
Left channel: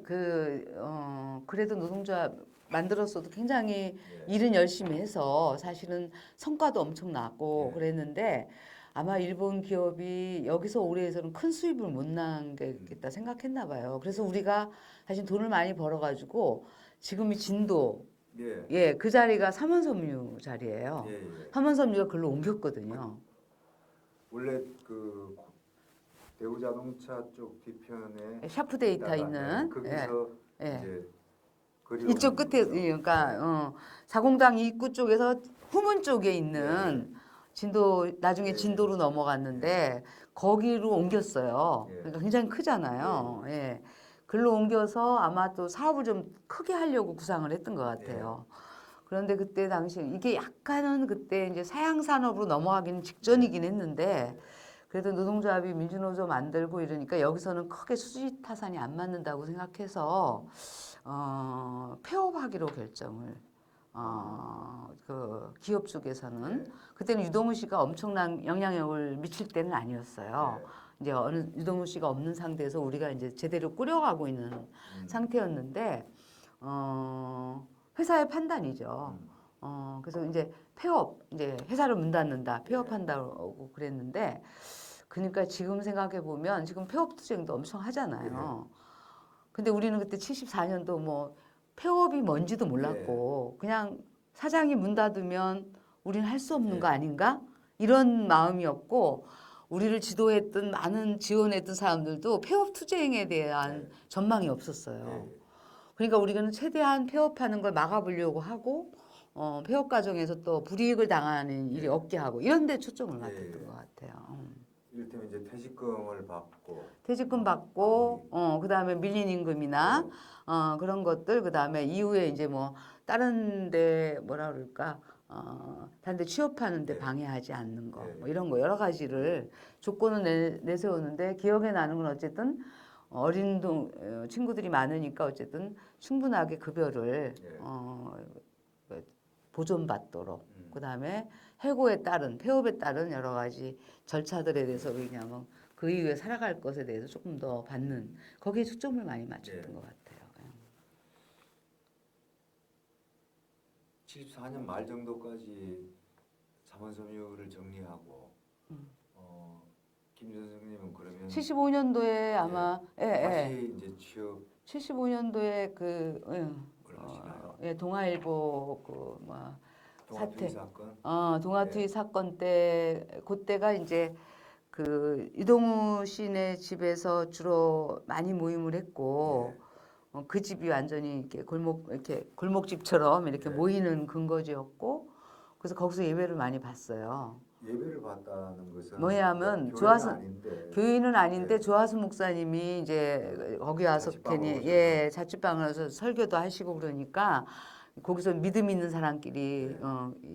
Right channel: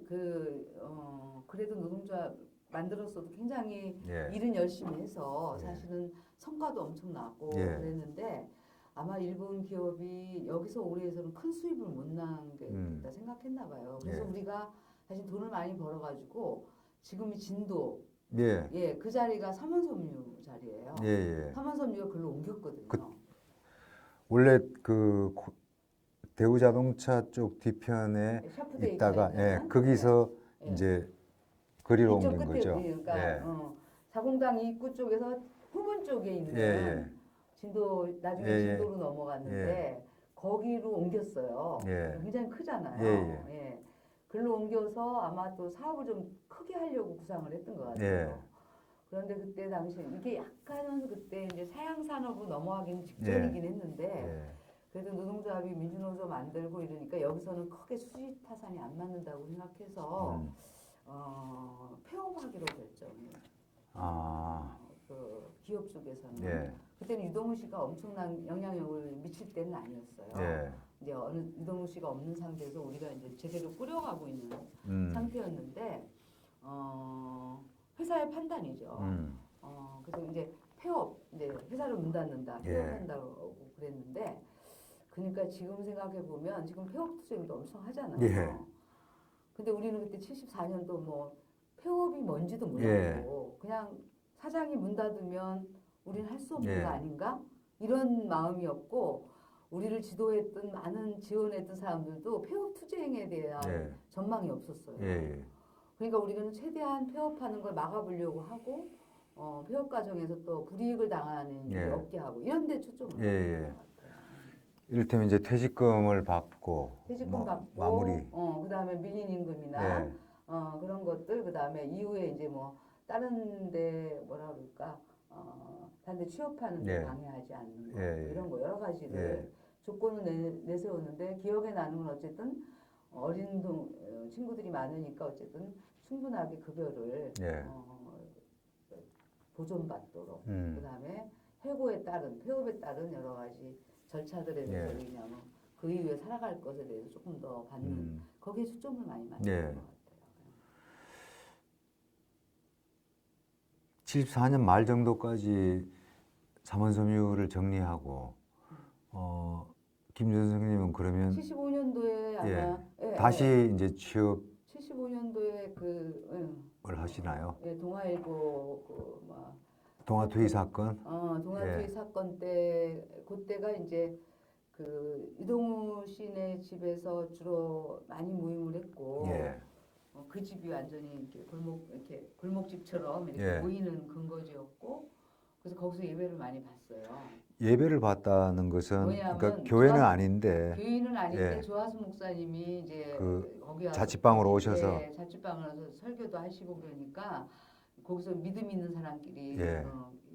그래도 노동조합 만들었어도 굉장히 예. 일은 열심히 해서 사실은 성과도 엄청 났고 예. 그랬는데 아마 일본 기업이 여기서 올해에서는 큰 수입을 못 남겠다 생각했나 봐요. 그래서 예. 우리가 사실 돈을 많이 벌어가지고 지금이 진도 예. 그 자리가 삼원섬유 자리예요. 예. 삼원섬유가 글로 옮겼거든요. 원래 대우자동차 쪽 뒤편에 샤프 데이터 있다가 있는 거기서 예. 이제 거리로 이쪽 옮긴 끝에 거죠. 그러니까 사공당 입구 쪽에서 후문 쪽에 있는 진도 나중에 예. 진도로 넘어갔는데 거기로 옮겼어요. 예. 그러니까 굉장히 크잖아요. 예. 글로 옮겨서 아마 또 사업을 좀 크게 하려고 구상을 했던 것 같아요. 그런데 그때 당시 이게 약간은 그때 이제 사양 산업으로 넘어가기는 직전이긴 했는데 그래도 노동조합이 민주노조 만들고 이러니까 여기서는 크게 수지 타산이 안 맞는다고 생각해서 폐업하기로 결정을 그 기업 쪽에서는 그때는 유동우 씨가 엄청난 영향력을 미칠 때는 아니었어요. 이제 어느 유동우 씨가 없는 상태에서 우리가 이제 제대로 꾸려가고 있는 상태였는데 회사의 판단이죠. 그래서 이제 폐업, 이제 회사를 문 닫는다, 폐업한다고 그랬는데, 그러니까 지금 생각해 보면 지금 폐업 투쟁도 엄청 하잖아요. 근데 우리는 그때 74년도 뭐 폐업이 뭔지도 몰랐고, 그냥 사장이 문 닫으면 우리는 할 수 없는 거 아닌가? 이런 마음이었고, 우리를 지도했던 많은 지원했던 사람들도 폐업 투쟁에 대한 전망이 없었어요. 그러니까 우리는 최대한 폐업하는 걸 막아보려고 하고 폐업 과정에서 또 불이익을 당하는 일이 없게 하고 이런 데 초점을 맞췄던 것 같아요. 이를테면 이제 퇴직금을 받고 퇴직금 뭐, 받고 마무리. 그다음에 밀린 임금이나 그런 것들 그다음에 이후에 이제 뭐 다른 데 뭐라 그럴까 다른 데 취업하는 데 방해하지 않는 거 뭐 이런 거 여러 가지를 조건을 내세우는데 기억에 나는 건 어쨌든 어린 친구들이 많으니까 어쨌든 충분하게 급여를 보존받도록 그다음에 해고에 따른 폐업에 따른 여러 가지 절차들에 대해서 왜냐하면 그 이후에 살아갈 것에 대해서 조금 더 받는 거기에 초점을 많이 맞췄던 것 같아요. 74년 말 정도까지 삼원섬유를 정리하고 김준 선생님은 그러면 75년도에 아마 다시 이제 취업을 75년도에 하시나요? 동아일보 그뭐 동아투기 사건? 동아투기 사건 때 그때가 이제 그 유동우 씨네 집에서 주로 많이 모임을 했고 그 집이 완전히 이렇게 골목집처럼 이렇게 모이는 근거지였고 그래서 거기서 예배를 많이 봤어요. 예배를 봤다는 것은 뭐냐면 그러니까 교회는 조화수- 아닌데 교인은 아닌데 예. 조하수 목사님이 이제 그 거기 와서 자취방으로 괜히, 오셔서 예, 자취방을 와서 설교도 하시고 그러니까 거기서 믿음 있는 사람끼리 예.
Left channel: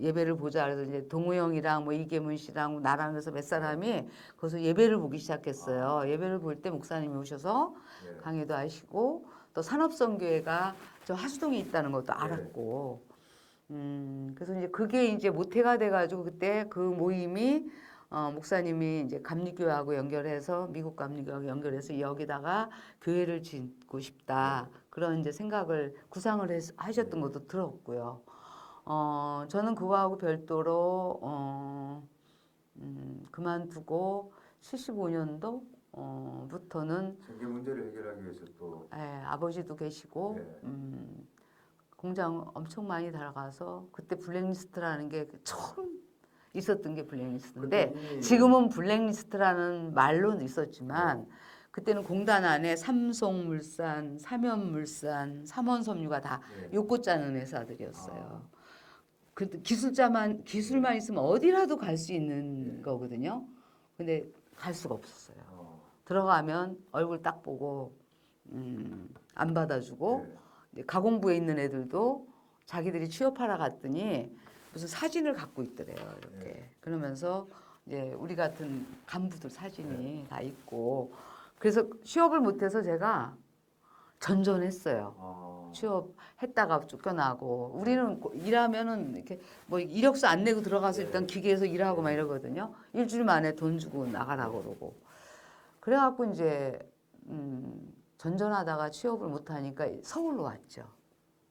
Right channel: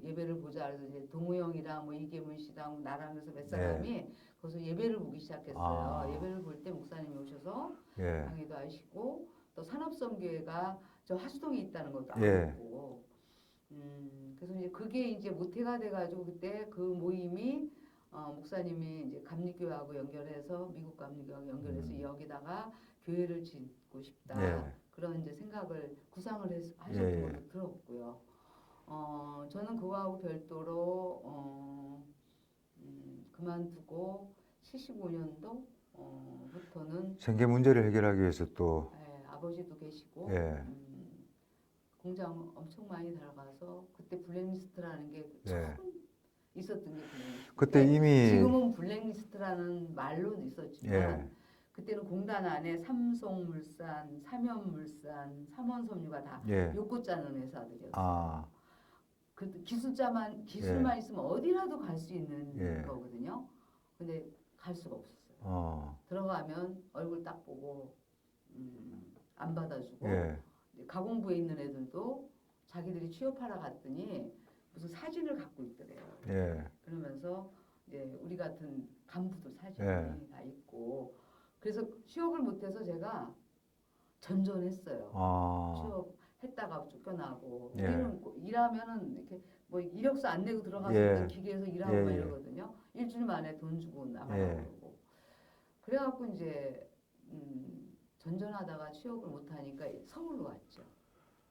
예배를 보자 그래서 이제 동우 형이랑 뭐 이계문 씨랑 나랑 그래서 몇 사람이 예. 거기서 예배를 보기 시작했어요. 아. 예배를 볼 때 목사님이 오셔서 예. 강의도 하시고 또 산업선교회가 저 하수동에 있다는 것도 예. 알았고 그래서 이제 그게 이제 모태가 돼가지고 그때 그 모임이 목사님이 이제 감리교회하고 연결해서 미국 감리교회하고 연결해서 여기다가 교회를 짓고 싶다 예. 그런 이제 생각을 구상을 하셨던 예. 것도 들었고요. 저는 그거하고 별도로 그만두고 75년도 부터는 생계 문제를 해결하기 위해서 또 아버지도 계시고 예. 공장 엄청 많이 달아가서 그때 블랙리스트라는 게 처음 있었던 게 그때 블랙리스트인데 이미 지금은 블랙리스트라는 말로는 있었지만 예. 그때는 공단 안에 삼성물산, 삼연물산, 삼원섬유가 다 예. 요코 짜는 회사들이었어요. 아. 그 기술만 있으면 어디라도 갈 수 있는 거거든요. 근데 갈 수가 없었어요. 들어가면 얼굴 딱 보고 안 받아주고 예. 이제 가공부에 있는 애들도 자기들이 취업하러 갔더니 무슨 사진을 갖고 있더래요. 이렇게. 예. 그러면서 이제 우리 같은 간부들 사진이 예. 다 있고 그래서 취업을 못해서 제가 전전했어요. 취업했다가 쫓겨나고 우리는 일하면은 이렇게 뭐 이력서 안 내고 들어가서 예. 일단 기계에서 일하고 막 예. 이러거든요. 일주일 만에 돈 주고 나가라고 그러고 그래갖고 이제 전전하다가 취업을 못하니까 서울로 왔죠.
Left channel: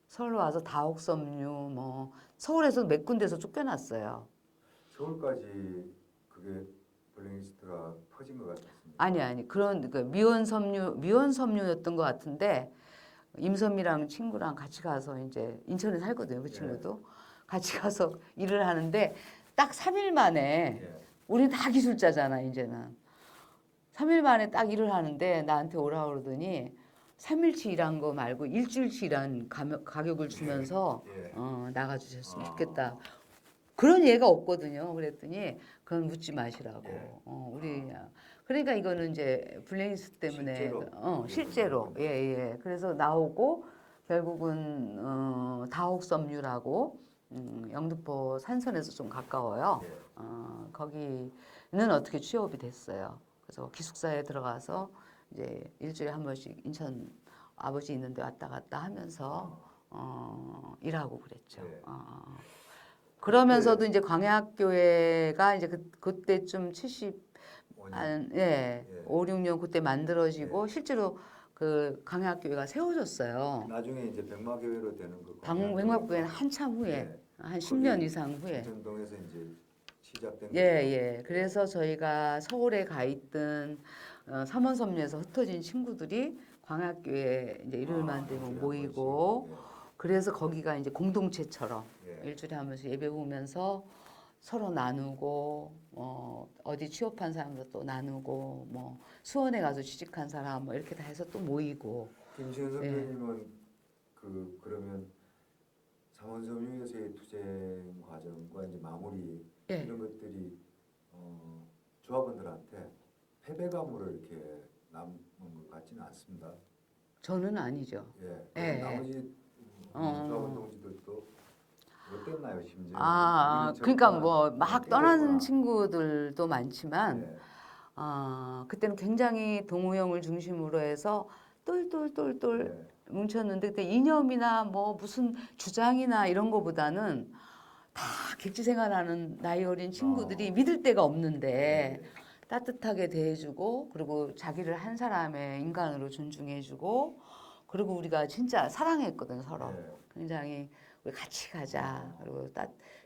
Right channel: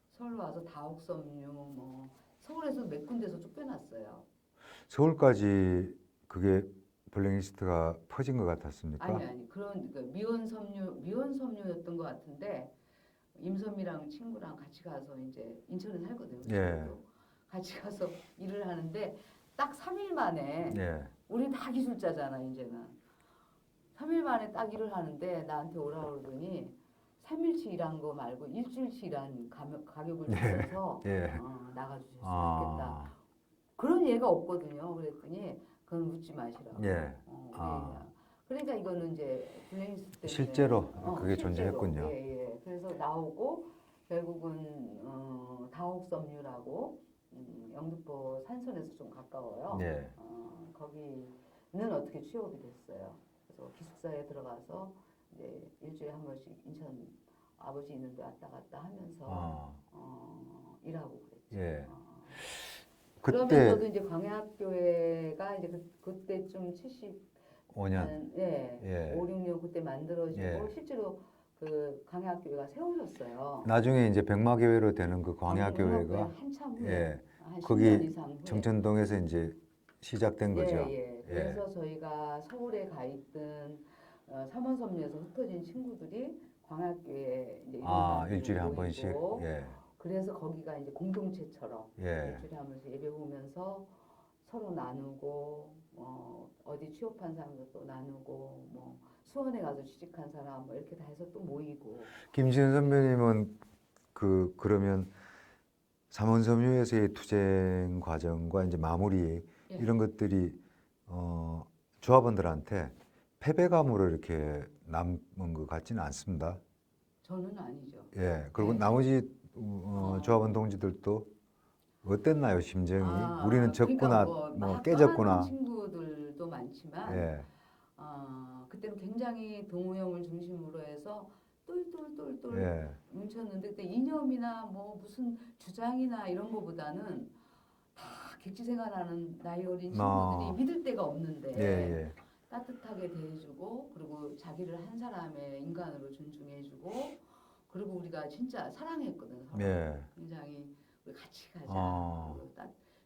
서울로 와서 다옥섬유 뭐 서울에서 몇 군데서 쫓겨났어요. 서울까지 그게 블랙리스트가 퍼진 것 같았습니까? 아니 그런 그 미원섬유였던 것 같은데 임선미랑 친구랑 같이 가서 이제 인천에 살거든요. 그 친구도 같이 가서 일을 하는데 딱 3일 만에 우리는 다 기술자잖아 이제는 3일 만에 딱 일을 하는데 나한테 오라 그러더니 3일치 일한 거 말고 일주일치 일한 가격을 주면서 나가주셨으면 좋겠다. 그런 예가 없거든요. 그랬더니 그건 묻지 마시라고. 그러니까 이거는 이제 블랙리스트 때문에 실제로 그게 실제로 존재했군요. 예. 그래서 나오고 결국은 다옥섬유라고 영등포 산선에서 좀 가까워요. 거기는 어떻게 취업이 됐어요. 그래서 기숙사에 들어가서 이제 일주일에 한 번씩 인천 아버지 있는데 왔다 갔다 하면서 일하고 그랬죠. 그러면서도 이제 광야학교회가 이제 그때쯤 5년. 5, 6년 그때 만들어지고 실제로 그 광야학교회가 세워졌어요. 나중에 이제 백마교회로 되는 그 광야학교회는 광야교회가 한참 후에 한 거기 10년 이상 후에 정천동에서 이제 시작된 거죠. 그래서 저희가 서울에 가 있던 삼원섬유에서 흩어진 친구들이 광야학교회 이제 일요일 만들고 모이고 그래서 거기가 이제 공동체처럼 일주일에 한 번씩 예배 오면서 서로 나누고 어디 취업한 사람도 또 나누고 뭐 수원에 가서 취직한 사람 뭐 이렇게 다 해서 또 모이고. 김지은 선배님은 그러면 삼원섬유에서의 투쟁 과정과 이제 마무리 이런 것들이 조합원들한테 패배감으로 이렇게 남은 것 같지는 않습니다. 저는 아니죠. 그리고 나머지 조합원 동지들도 어땠나요, 심정이? 우리는 졌구나, 그러니까 뭐 막 떠나는 깨졌구나. 친구들도 많지만 그때는 굉장히 동우형을 중심으로 해서 똘똘똘똘 뭉쳤는데 그때 이념이나 뭐 무슨 주장이나 이런 거보다는 다 객지 생활하는 나이 어린 친구들이 믿을 데가 없는데 따뜻하게 대해주고 그리고 자기를 한 사람의 인간으로 존중해주고 그리고 우리가 진짜 사랑했거든 서로. 굉장히 우리 같이 가자. 그리고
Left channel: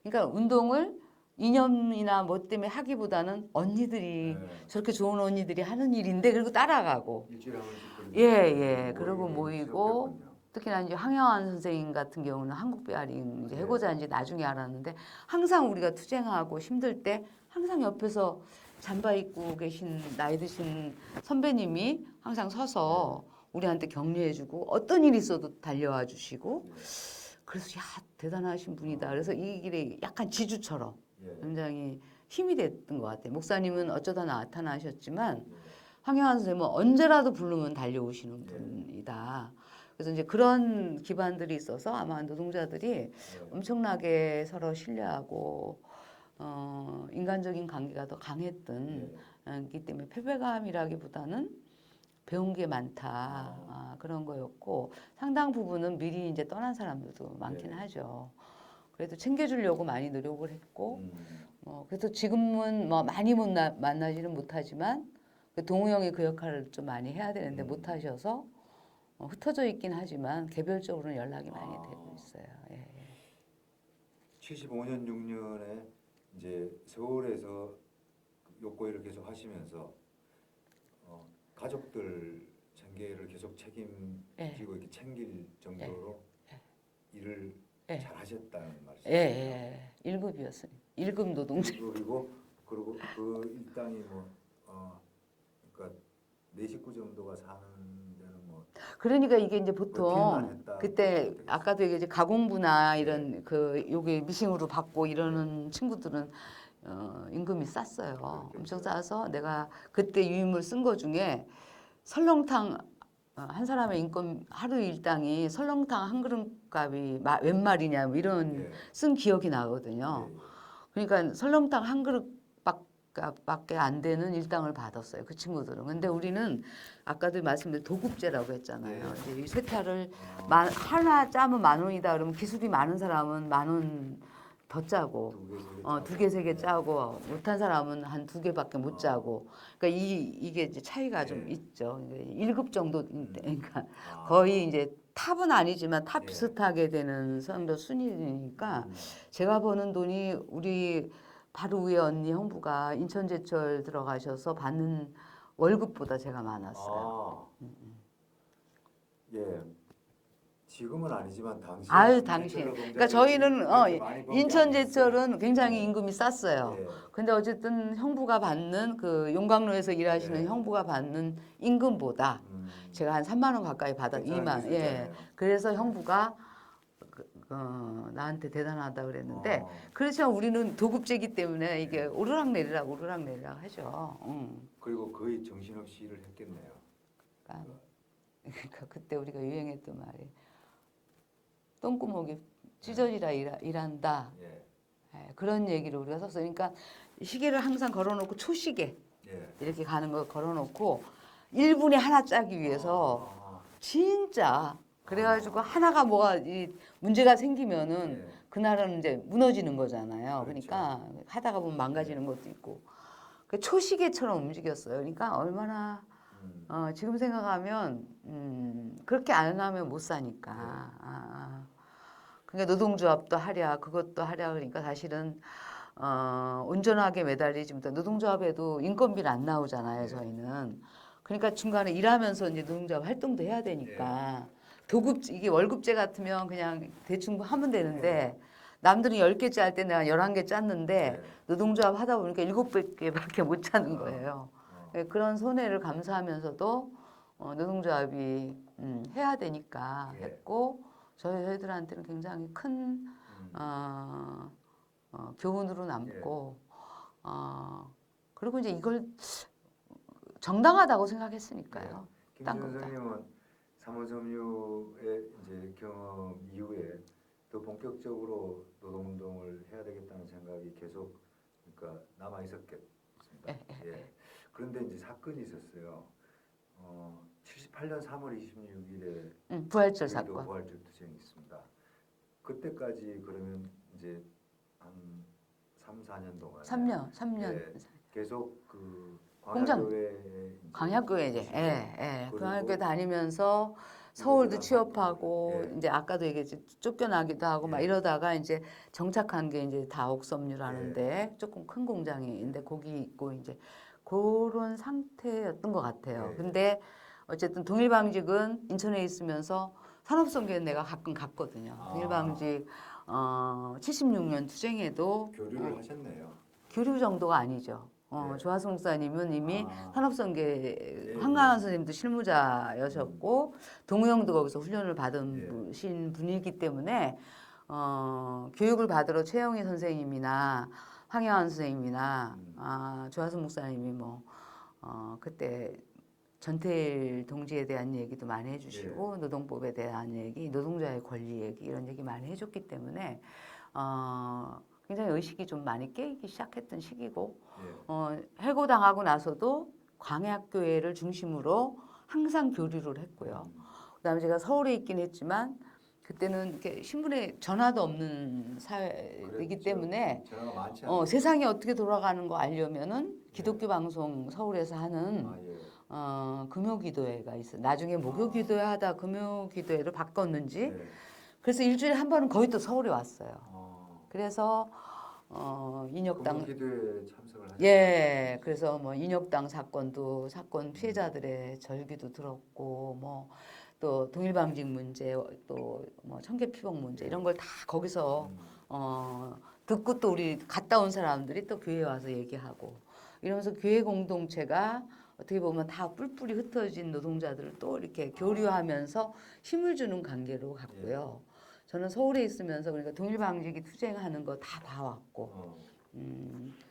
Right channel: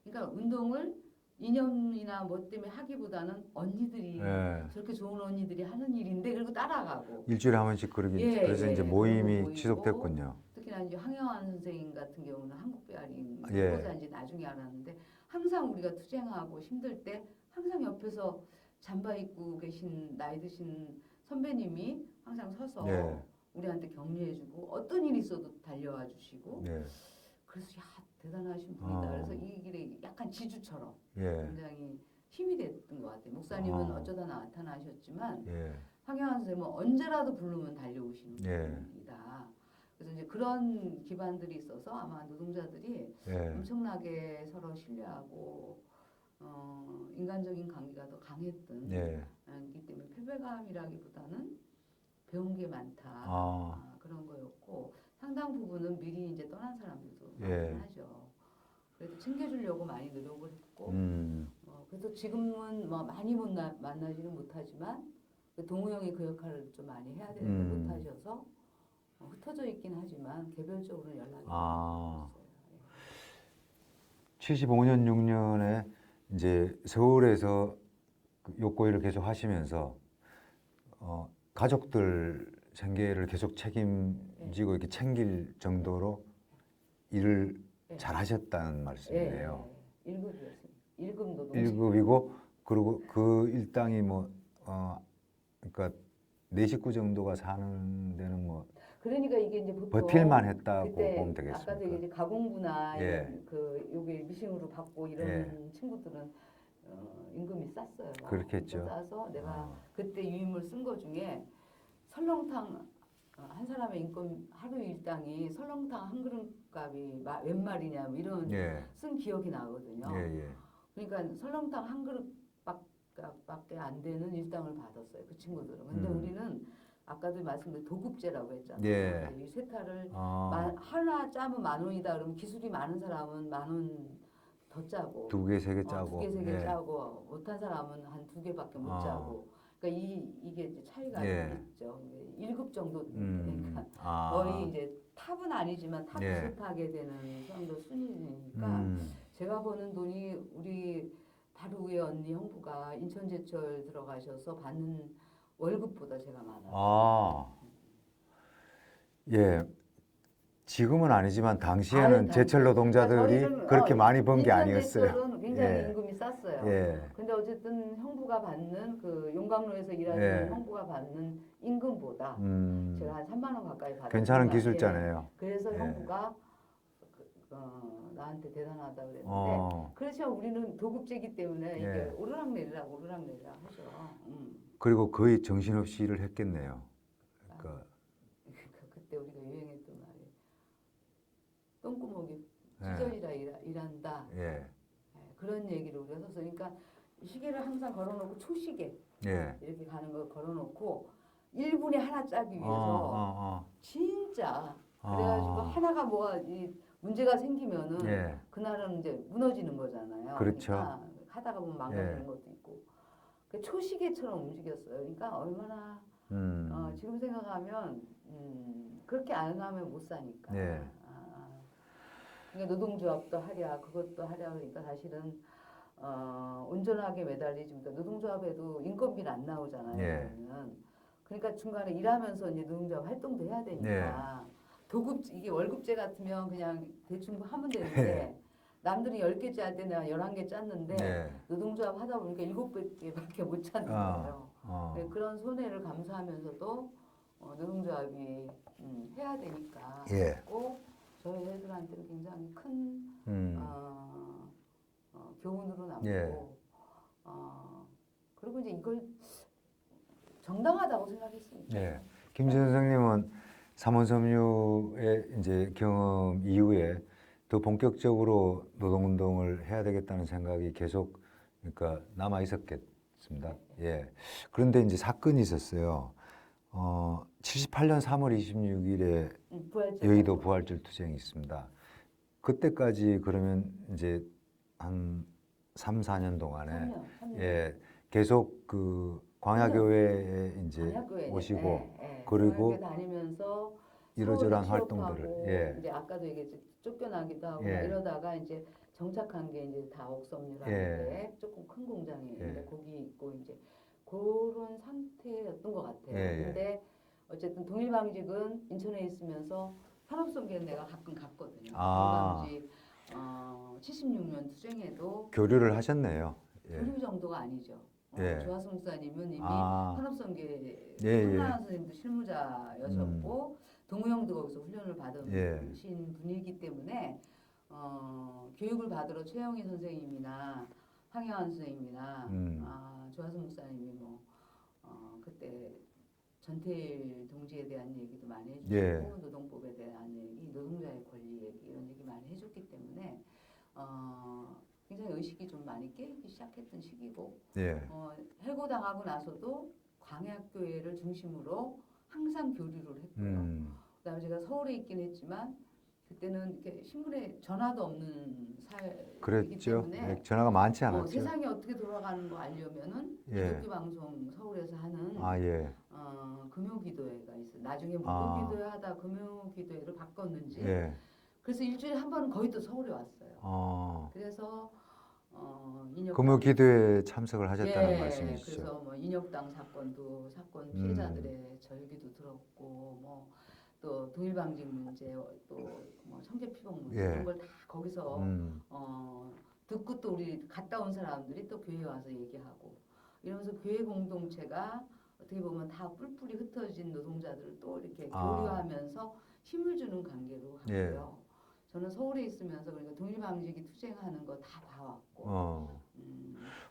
그러니까 운동을 이념이나 뭐 때문에 하기보다는 언니들이 저렇게 좋은 언니들이 하는 일인데 그리고 따라가고 일주일에 한 번씩 그러게 그래서 이제 모임이 모이고, 지속됐군요. 특히나 이제 황영환 선생님 같은 경우는 한국 베어링 해고자인지 나중에 알았는데 항상 우리가 투쟁하고 힘들 때 항상 옆에서 잠바 입고 계신 나이 드신 선배님이 항상 서서 우리한테 격려해주고 어떤 일이 있어도 달려와 주시고 그래서 야 대단하신 분이다. 어. 그래서 이 길이 약간 지주처럼 예. 굉장히 힘이 됐던 것 같아요. 목사님은 어. 어쩌다 나타나셨지만 예. 황영환 선생님은 언제라도 부르면 달려오시는 예. 분이다. 그래서 이제 그런 기반들이 있어서 아마 노동자들이 예. 엄청나게 서로 신뢰하고 인간적인 관계가 더 강했던 예. 기 때문에 패배감이라기보다는 배운 게 많다 그런 거였고 상당 부분은 미리 이제 떠난 사람들도 많긴 예. 하죠. 그래도 챙겨주려고 많이 노력을 했고 그래서 지금은 뭐 많이 만나지는 못하지만 동우 형이 그 역할을 좀 많이 해야 되는데 못하셔서 흩어져 있긴 하지만 개별적으로는 연락이 많이 되고 있어요. 예. 75년 6년에 이제 서울에서 그 욕구일을 계속 하시면서 가족들 생계를 계속 책임지고 이렇게 챙길 정도로 일을 잘 하셨다는 말씀이에요. 예. 1급이었어요. 1급 노동자. 1급이고 그리고 그 일당이 뭐 그러니까 네 식구 정도가 사는 데는 뭐 그러니까 이게 이제 보통 버틸만 했다고 그때 보면 되겠습니다. 아까도 얘기했지 가공부나 예. 이런 그 요게 미싱으로 받고 이러는 친구들은 임금이 쌌어요. 그렇겠죠. 엄청 싸서 내가 그때 유임을 쓴 거 중에 설렁탕 한 사람의 인건 하루 일당이 설렁탕 한 그릇 값이 웬 말이냐 뭐 이런 예. 쓴 기억이 나거든요. 예, 예. 그러니까 설렁탕 한 그릇밖에 안 되는 일당을 받았어요. 그 친구들은. 근데 우리는 아까도 말씀드린 도급제라고 했잖아요. 예. 이제 이 세타를 아, 하나 짜면 10,000원이다. 그러면 기술이 많은 사람은 10,000원 더 짜고 두 개, 세 개 짜고. 두 개, 세 개 예. 짜고 못한 사람은 한 두 개밖에 못 짜고. 그러니까 이게 이제 차이가 예. 좀 있죠. 1급 정도 그러니까 아. 거의 이제 탑은 아니지만 탑 예. 비슷하게 되는 정도 순위니까 제가 버는 돈이 우리 바로 위에 언니 형부가 인천제철 들어가셔서 받는 월급보다 제가 많았어요. 아. 예. 지금은 아니지만 당시에는 아유, 당시에. 제철 노동자들이 그러니까 저희는 그렇게 많이 번 게 아니었어요. 인천제철은 굉장히 예. 임금이 쌌어요. 예. 근데 어쨌든 형부가 받는 그 용광로에서 일하시는 예. 형부가 받는 임금보다 제가 한 3만 원 가까이 받았어요. 괜찮은 기술자네요. 그래서 예. 형부가 나한테 대단하다 그랬는데 어. 그렇지만 우리는 도급제이기 때문에 이게 예. 오르락내리락 하죠. 그리고 거의 정신없이 일을 했겠네요. 그러니까 그러니까 그때 우리가 유행했던 말이 똥구멍이 찢어지라 일한다. 예. 예, 그런 얘기를 우리가 썼어요. 그러니까 시계를 항상 걸어놓고 초시계 예. 이렇게 가는 거 걸어놓고 1분에 하나 짜기 위해서 진짜 그래가지고 하나가 뭐가 문제가 생기면은 예. 그날은 이제 무너지는 거잖아요. 그렇죠. 그러니까 하다가 보면 망가지는 예. 것도 있고 그 초시계처럼 움직였어요. 그러니까 얼마나 지금 생각하면 그렇게 안 하면 못 사니까. 예. 그러니까 노동조합도 하랴 그것도 하랴 그러니까 사실은 온전하게 매달리지 못해 노동조합에도 인건비는 안 나오잖아요. 예. 저희는. 그러니까 중간에 일하면서 이제 노동조합 활동도 해야 되니까 도급 이게 월급제 같으면 그냥 대충 하면 되는데 남들은 10개째 할 때 내가 11개 짰는데 노동조합 하다 보니까 7개밖에 못 짜는 거예요. 그런 손해를 감수하면서도 노동조합이 해야 되니까 예. 했고 저희 애들한테는 굉장히 큰 교훈으로 남고 그리고 이제 이걸 정당하다고 생각했으니까요. 김 선생님은 삼원섬유의 이제 경험 이후에 더 본격적으로 노동운동을 해야 되겠다는 생각이 계속 그러니까 남아 있었겠습니다. 예. 그런데 이제 사건이 있었어요. 78년 3월 26일에 부활절 여의도 사건. 부활절 투쟁이 있습니다. 그때까지 그러면 이제 한 3, 4년 동안에 3년. 예, 계속 그 광야교회에 이제 광야교회 오시고 그리고 그리고 광야교회 다니면서 서울도 이러저러한 취업하고 활동들을, 이제 아까도 얘기했지 쫓겨나기도 하고 막 이러다가 이제 정착한 게 이제 다옥섬유라는데 조금 큰 공장인데 거기 있고 이제 그런 상태였던 것 같아요. 근데 어쨌든 동일방직은 인천에 있으면서 산업선교에 내가 가끔 갔거든요. 동일방직 76년 투쟁에도 교류를 하셨네요. 교류 정도가 아니죠. 예. 조하승 목사님은 이미 아. 산업선계 예, 한강한 선생님도 실무자여셨고 동우영도 거기서 훈련을 받은 예. 신 분이기 때문에 교육을 받으러 최영희 선생님이나 황영한 선생님이나 조하승 목사님이 뭐 그때 전태일 동지에 대한 얘기도 많이 해주시고 노동법에 대한 얘기, 노동자의 권리 얘기 이런 얘기 많이 해줬기 때문에 굉장히 의식이 좀 많이 깨이기 시작했던 시기고 예. 해고당하고 나서도 광야교회를 중심으로 항상 교류를 했고요. 그다음에 제가 서울에 있긴 했지만 그때는 이렇게 신문에 전화도 없는 사회이기 그랬죠. 때문에 전화가 많지 않았죠. 세상이 어떻게 돌아가는 거 알려면은 예. 기독교 방송 서울에서 하는 예. 금요기도회가 있어요. 나중에 목요기도회 하다 금요기도회로 바꿨는지 예. 그래서 일주일에 한 번은 거의 또 서울에 왔어요. 그래서 인혁당 금요기도에 참석을 하셨다는 말씀이시죠? 그래서 뭐 인혁당 사건 피해자들의 절기도 들었고 뭐 또 동일방직 문제 또 뭐 청계피복 문제 이런 걸 다 거기서 듣고 또 우리 갔다 온 사람들이 또 교회에 와서 얘기하고 이러면서 교회 공동체가 어떻게 보면 다 뿔뿔이 흩어진 노동자들을 또 이렇게 교류하면서 힘을 주는 관계로 갔고요. 저는 서울에 있으면서 그러니까 동일방직이 투쟁하는 거 다 봐왔고.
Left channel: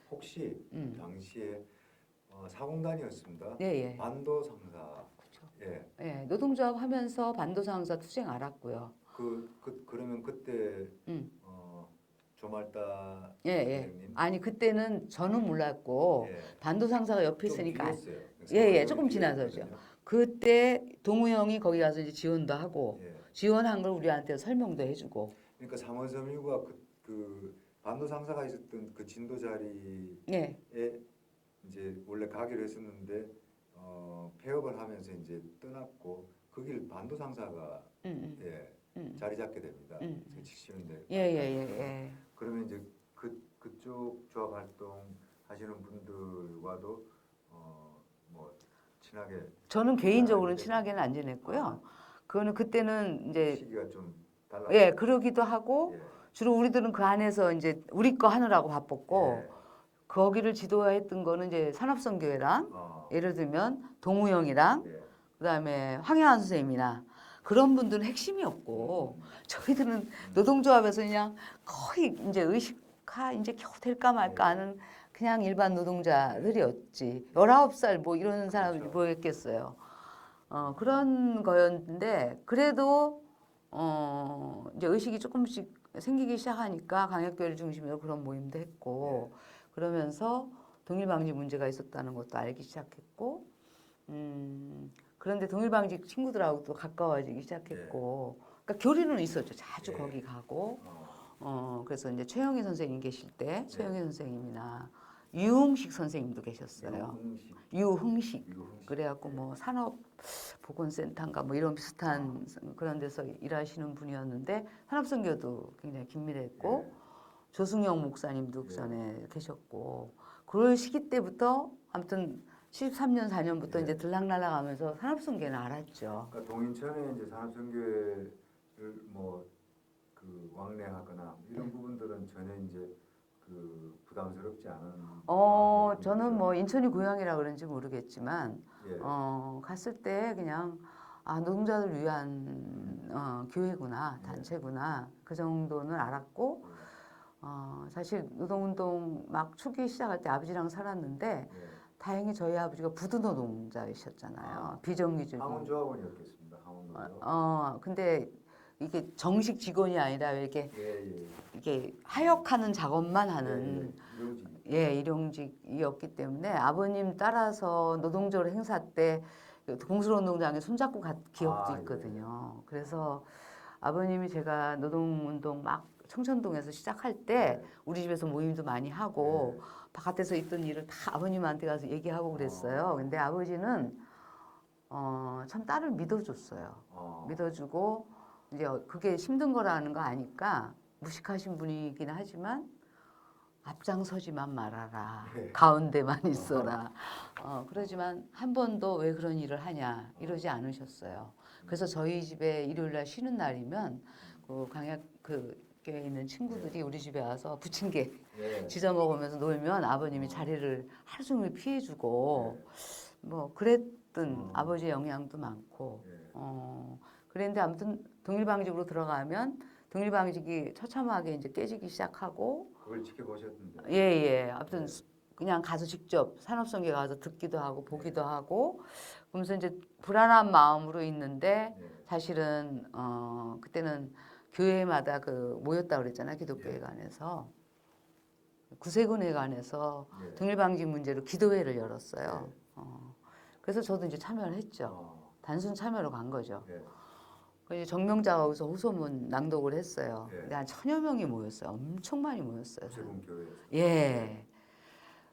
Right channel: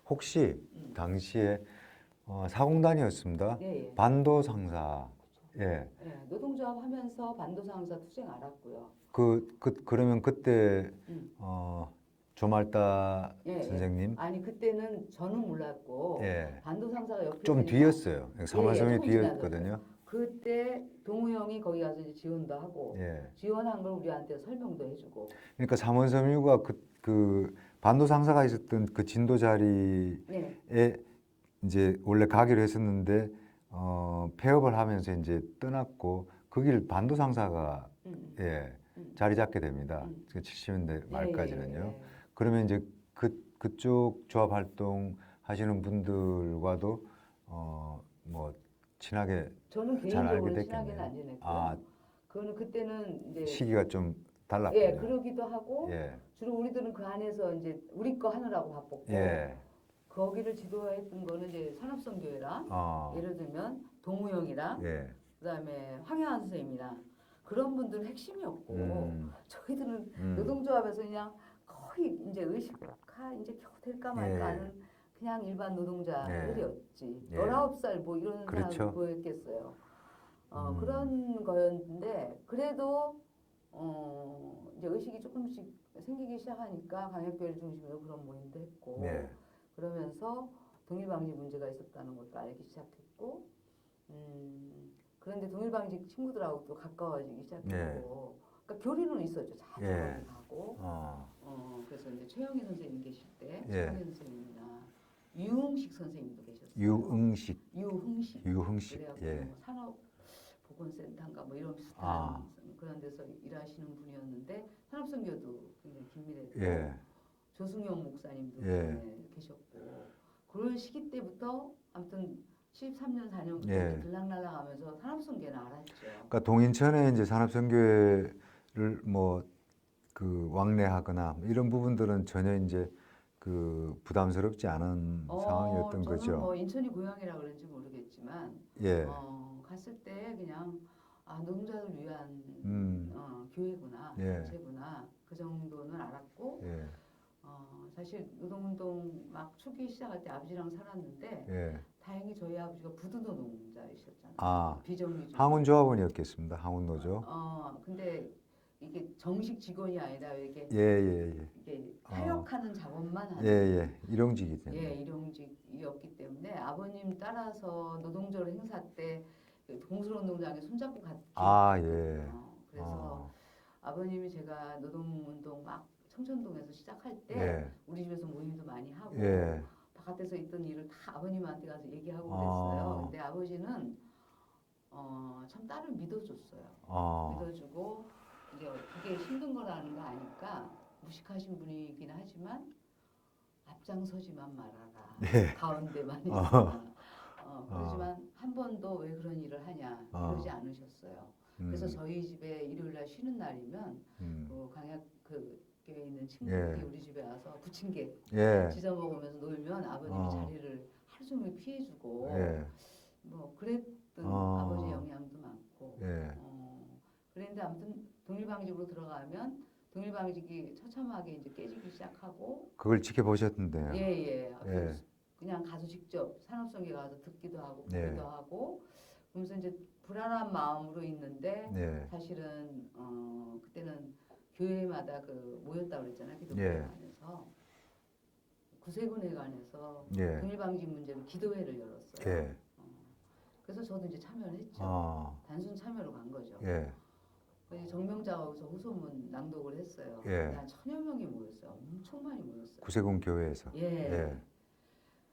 혹시 당시에 사공단이었습니다. 반도 상사. 노동조합 하면서 반도 상사 투쟁 알았고요. 그러면 그때 조말다 선생님? 아니 그때는 저는 몰랐고 반도 상사가 옆에 좀 있으니까 뒤였어요. 조금 지나서죠. 그때 동우형이 거기 가서 이제 지원도 하고 지원한 걸 우리한테 설명도 해주고. 그러니까 삼원섬유가 그 반도 상사가 있었던 그 진도 자리에 이제 원래 가기로 했었는데 폐업을 하면서 이제 떠났고 그 길 반도 상사가 자리 잡게 됩니다. 70년대 말까지는요. 그러면 이제 그쪽 조합 활동 하시는 분들과도 뭐 친하게 저는 개인적으로는 친하게는 안 지냈고요. 그거는 그때는 이제 시기가 좀 달랐고 그러기도 하고 주로 우리들은 그 안에서 이제 우리 거 하느라고 바빴고 거기를 지도했던 거는 이제 산업선교회랑 예를 들면 동우영이랑 그다음에 황영한 선생님이나 그런 분들은 핵심이었고 저희들은 노동조합에서 그냥 거의 이제 의식화 이제 겨우 될까 말까 하는 그냥 일반 노동자들이었지. 19살 뭐 이런 사람들이 뭐였겠어요. 그런 거였는데 그래도 이제 의식이 조금씩 생기기 시작하니까 광역교회를 중심으로 그런 모임도 했고 그러면서 동일방직 문제가 있었다는 것도 알기 시작했고 그런데 동일방직 친구들하고 또 가까워지기 시작했고 그러니까 교류는 있었죠. 자주 거기 가고 그래서 이제 최영희 선생님 계실 때 최영희 선생님이나 유흥식 선생님도 계셨어요. 유흥식. 그래갖고 뭐 산업보건센터인가 뭐 이런 비슷한 그런 데서 일하시는 분이었는데 산업선교도 굉장히 긴밀했고 조승영 목사님도 그 전에 계셨고 그럴 시기 때부터 아무튼 73년 4년부터 이제 들락날락하면서 산업선교는 알았죠. 그러니까 동인천에 이제 산업선교회를 뭐 그 왕래하거나 이런 부분들은 전혀 이제 그 부담스럽지 않은 상황이었던 저는 거죠. 뭐 인천이 고향이라 그런지 모르겠지만 갔을 때 그냥 노동자들 위한 교회구나 단체구나 그 정도는 알았고 사실 노동운동 막 초기 시작할 때 아버지랑 살았는데 다행히 저희 아버지가 부두노동자이셨잖아요. 비정규직. 항운조합원이었겠습니다. 항운노조. 근데 이게 정식 직원이 아니라 이렇게 이게 하역하는 작업만 하는 일용직이죠. 일용직이었기 때문에 아버님 따라서 노동절 행사 때 공수노동장에 손잡고 기억도 있거든요. 그래서 아버님이 제가 노동운동 막 청천동에서 시작할 때 우리 집에서 모임도 많이 하고 바깥에서 있던 일을 다 아버님한테 가서 얘기하고 그랬어요. 근데 아버지는 참 딸을 믿어줬어요. 믿어주고 이제 그게 힘든 거라는 거 아니까 무식하신 분이긴 하지만 앞장서지만 말아라. 가운데만 있어라. 그러지만 한 번도 왜 그런 일을 하냐 이러지 않으셨어요. 그래서 저희 집에 일요일 날 쉬는 날이면 그 광약 그 있는 친구들이 예. 우리 집에 와서 부침개 예. 지져 먹으면서 놀면 아버님이 어. 자리를 하루 종일 피해주고 예. 뭐 그랬던 어. 아버지의 영향도 많고 예. 그랬는데 아무튼 동일방직으로 들어가면 동일방직이 처참하게 이제 깨지기 시작하고 그걸 지켜보셨던데. 예예 아무튼 예. 그냥 가서 직접 산업성계 가서 듣기도 하고 보기도 네. 하고 그러면서 이제 불안한 마음으로 있는데 네. 사실은 그때는 교회마다 그 모였다 그랬잖아요 기독교회관에서 구세군회관에서 예. 동일방직 문제로 기도회를 열었어요. 예. 그래서 저도 이제 참여를 했죠. 단순 참여로 간 거죠. 예. 그래서 정명자가 거기서 호소문 낭독을 했어요. 예. 근데 한 1000여 명이 모였어요. 엄청 많이 모였어요. 구세군 교회에서. 예. 예.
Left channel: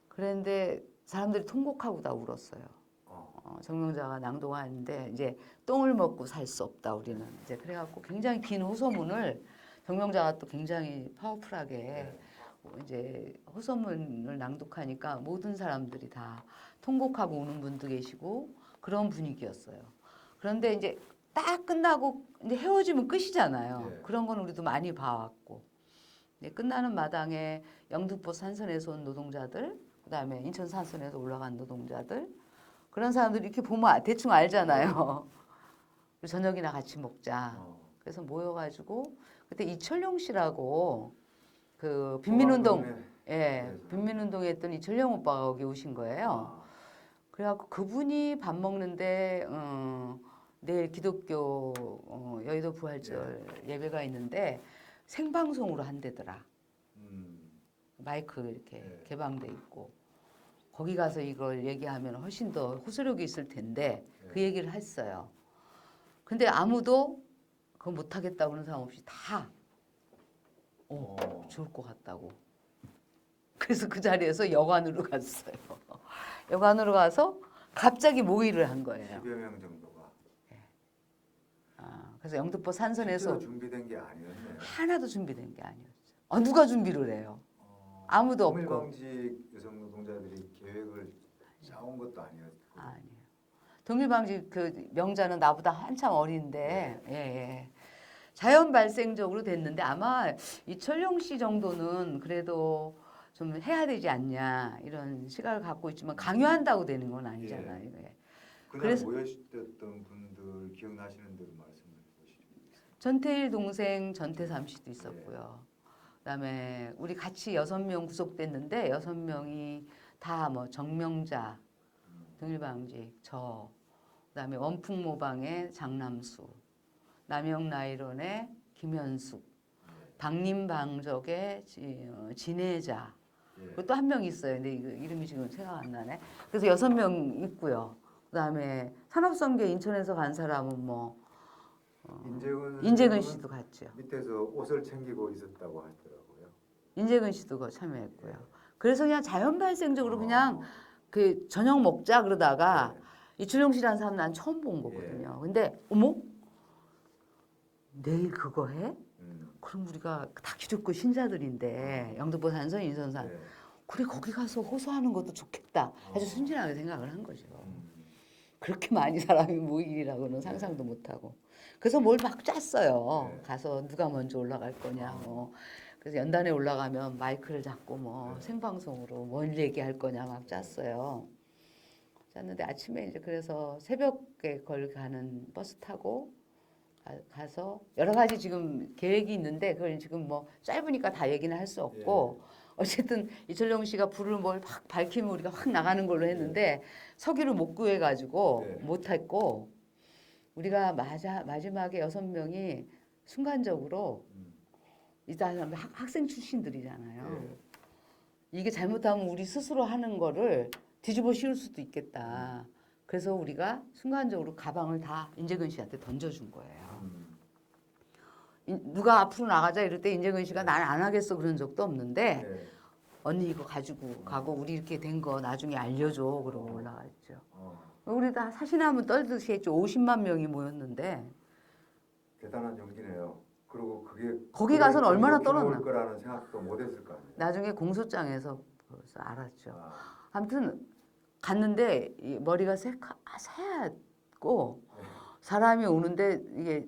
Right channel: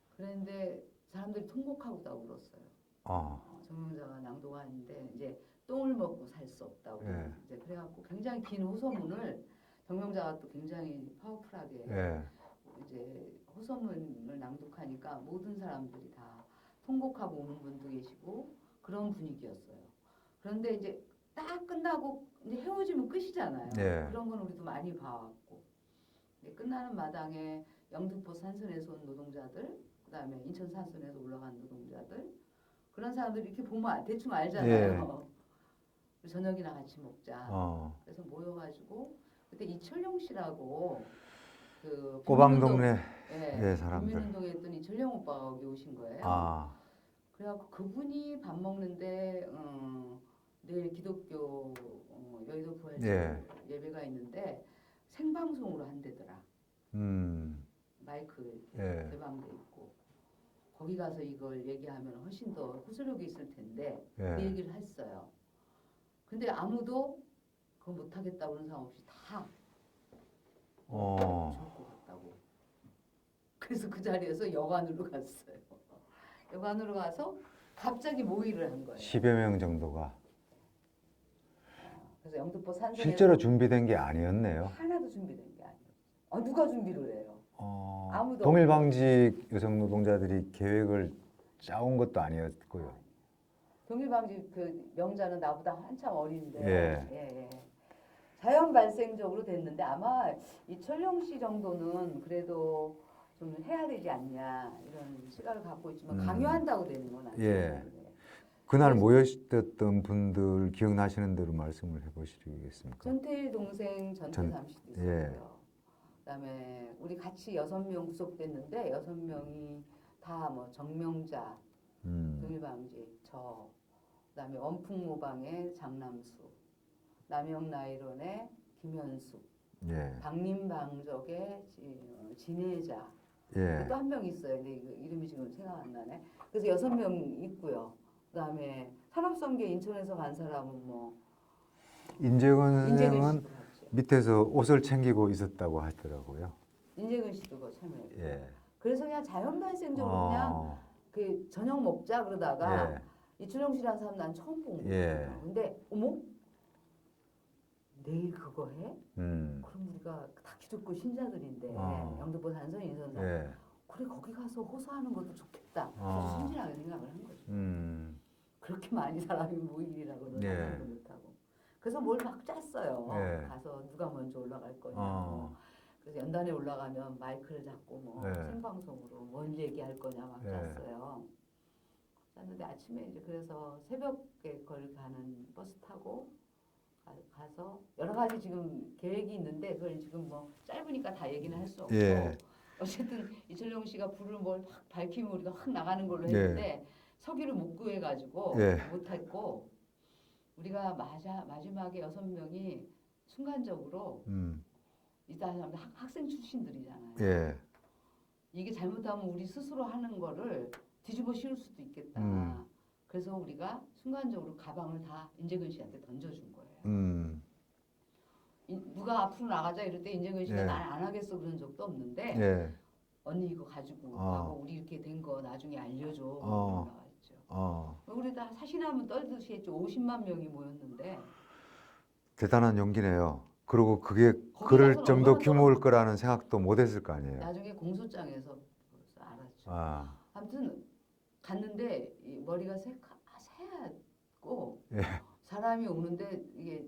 그런데 사람들이 통곡하고 다 울었어요. 정명자가 낭독하는데 이제 똥을 먹고 살 수 없다 우리는 예. 이제 그래갖고 굉장히 긴 호소문을 정명자가 또 굉장히 파워풀하게 예. 이제 호소문을 낭독하니까 모든 사람들이 다 통곡하고 우는 분도 계시고 그런 분위기였어요. 그런데 이제 딱 끝나고 이제 헤어지면 끝이잖아요. 예. 그런 건 우리도 많이 봐왔고 끝나는 마당에 영등포 산선에서 온 노동자들 그다음에 인천 산선에서 올라간 노동자들 그런 사람들이 이렇게 보면 대충 알잖아요. 우리 저녁이나 같이 먹자. 그래서 모여가지고 그때 이철용 씨라고 그 빈민운동 오방동네 예, 사람들. 빈민운동 했던 이철용 오빠가 여기 오신 거예요. 그래갖고 그분이 밥 먹는데 내일 기독교 여의도 부활절 예배가 있는데 생방송으로 한대더라. 마이크 이렇게 개방돼 있고 거기 가서 이걸 얘기하면 훨씬 더 호소력이 있을 텐데 그 얘기를 했어요. 근데 아무도 그거 못하겠다고 그런 사람 없이 다 좋을 것 같다고. 그래서 그 자리에서 여관으로 갔어요. 여관으로 가서 갑자기 모의를 한 거예요. 10여 명 정도가. 그래서 영등포 산선에서 실제로 준비된 게 아니었네요. 하나도 준비된 게 아니었죠. 누가 준비를 해요? 아무도 동일방직 여성 노동자들이 계획을 짜온 것도 아니었고요. 아니에요. 동일방직 그 명자는 나보다 한참 어린데 예. 자연 발생적으로 됐는데 아마 이철용 씨 정도는 그래도 좀 해야 되지 않냐 이런 시각을 갖고 있지만 강요한다고 되는 건 아니잖아요. 그날 모였던 분들 기억나시는 대로 말씀을 해보시겠습니까? 전태일 동생 전태삼 씨도 있었고요. 그다음에 우리 같이 6명 구속됐는데 6명이 다 뭐 정명자, 동일방직, 저, 그다음에 원풍모방의 장남수, 남영나이론의 김현숙, 박림방적의 진혜자, 또 한 명 있어요. 근데 이름이 지금 생각 안 나네. 그래서 6명 있고요. 그다음에 산업성계 인천에서 간 사람은 뭐 인재근 씨도 갔죠. 밑에서 옷을 챙기고 있었다고 하더라고요. 인재근 씨도 그 참여했고요. 그래서 그냥 자연 발생적으로 그냥 그 저녁 먹자 그러다가 이철용 씨라는 사람 난 처음 본 거거든요. 근데 어머 내일 그거 해? 그럼 우리가 다 기독교 신자들인데 영등포 산선 인선산 그래 거기 가서 호소하는 것도 좋겠다. 아주 순진하게 생각을 한 거죠. 그렇게 많이 사람이 모이리라고는 상상도 못하고. 그래서 뭘 막 짰어요. 가서 누가 먼저 올라갈 거냐. 뭐. 그래서 연단에 올라가면 마이크를 잡고 뭐 생방송으로 뭘 얘기할 거냐 막 짰어요. 짰는데 아침에 이제 그래서 새벽에 걸 가는 버스 타고 가서 여러 가지 지금 계획이 있는데 그걸 지금 뭐 짧으니까 다 얘기는 할 수 없고 어쨌든 이철용 씨가 불을 뭘 확 밝히면 우리가 확 나가는 걸로 했는데 서기를 못 구해가지고 못했고 우리가 마지막에 6명이 순간적으로 이 사람 학생 출신들이잖아요. 이게 잘못하면 우리 스스로 하는 거를 뒤집어 씌울 수도 있겠다. 그래서 우리가 순간적으로 가방을 다 인재근 씨한테 던져준 거예요. 누가 앞으로 나가자 이럴 때 인재근 씨가 난 안 하겠어 그런 적도 없는데 언니 이거 가지고 가고 우리 이렇게 된 거 나중에 알려줘 그러고 올라갔죠. 우리 다 사시나무 떨듯이 했죠. 50만 명이 모였는데 대단한 용기네요. 그리고 그게 거기 그럴 가서는 정도 얼마나 규모일 거라는 생각도 못했을 거 아니에요. 나중에 공소장에서 알았죠. 아무튼 갔는데 이 머리가 새하얗고 사람이 오는데 이게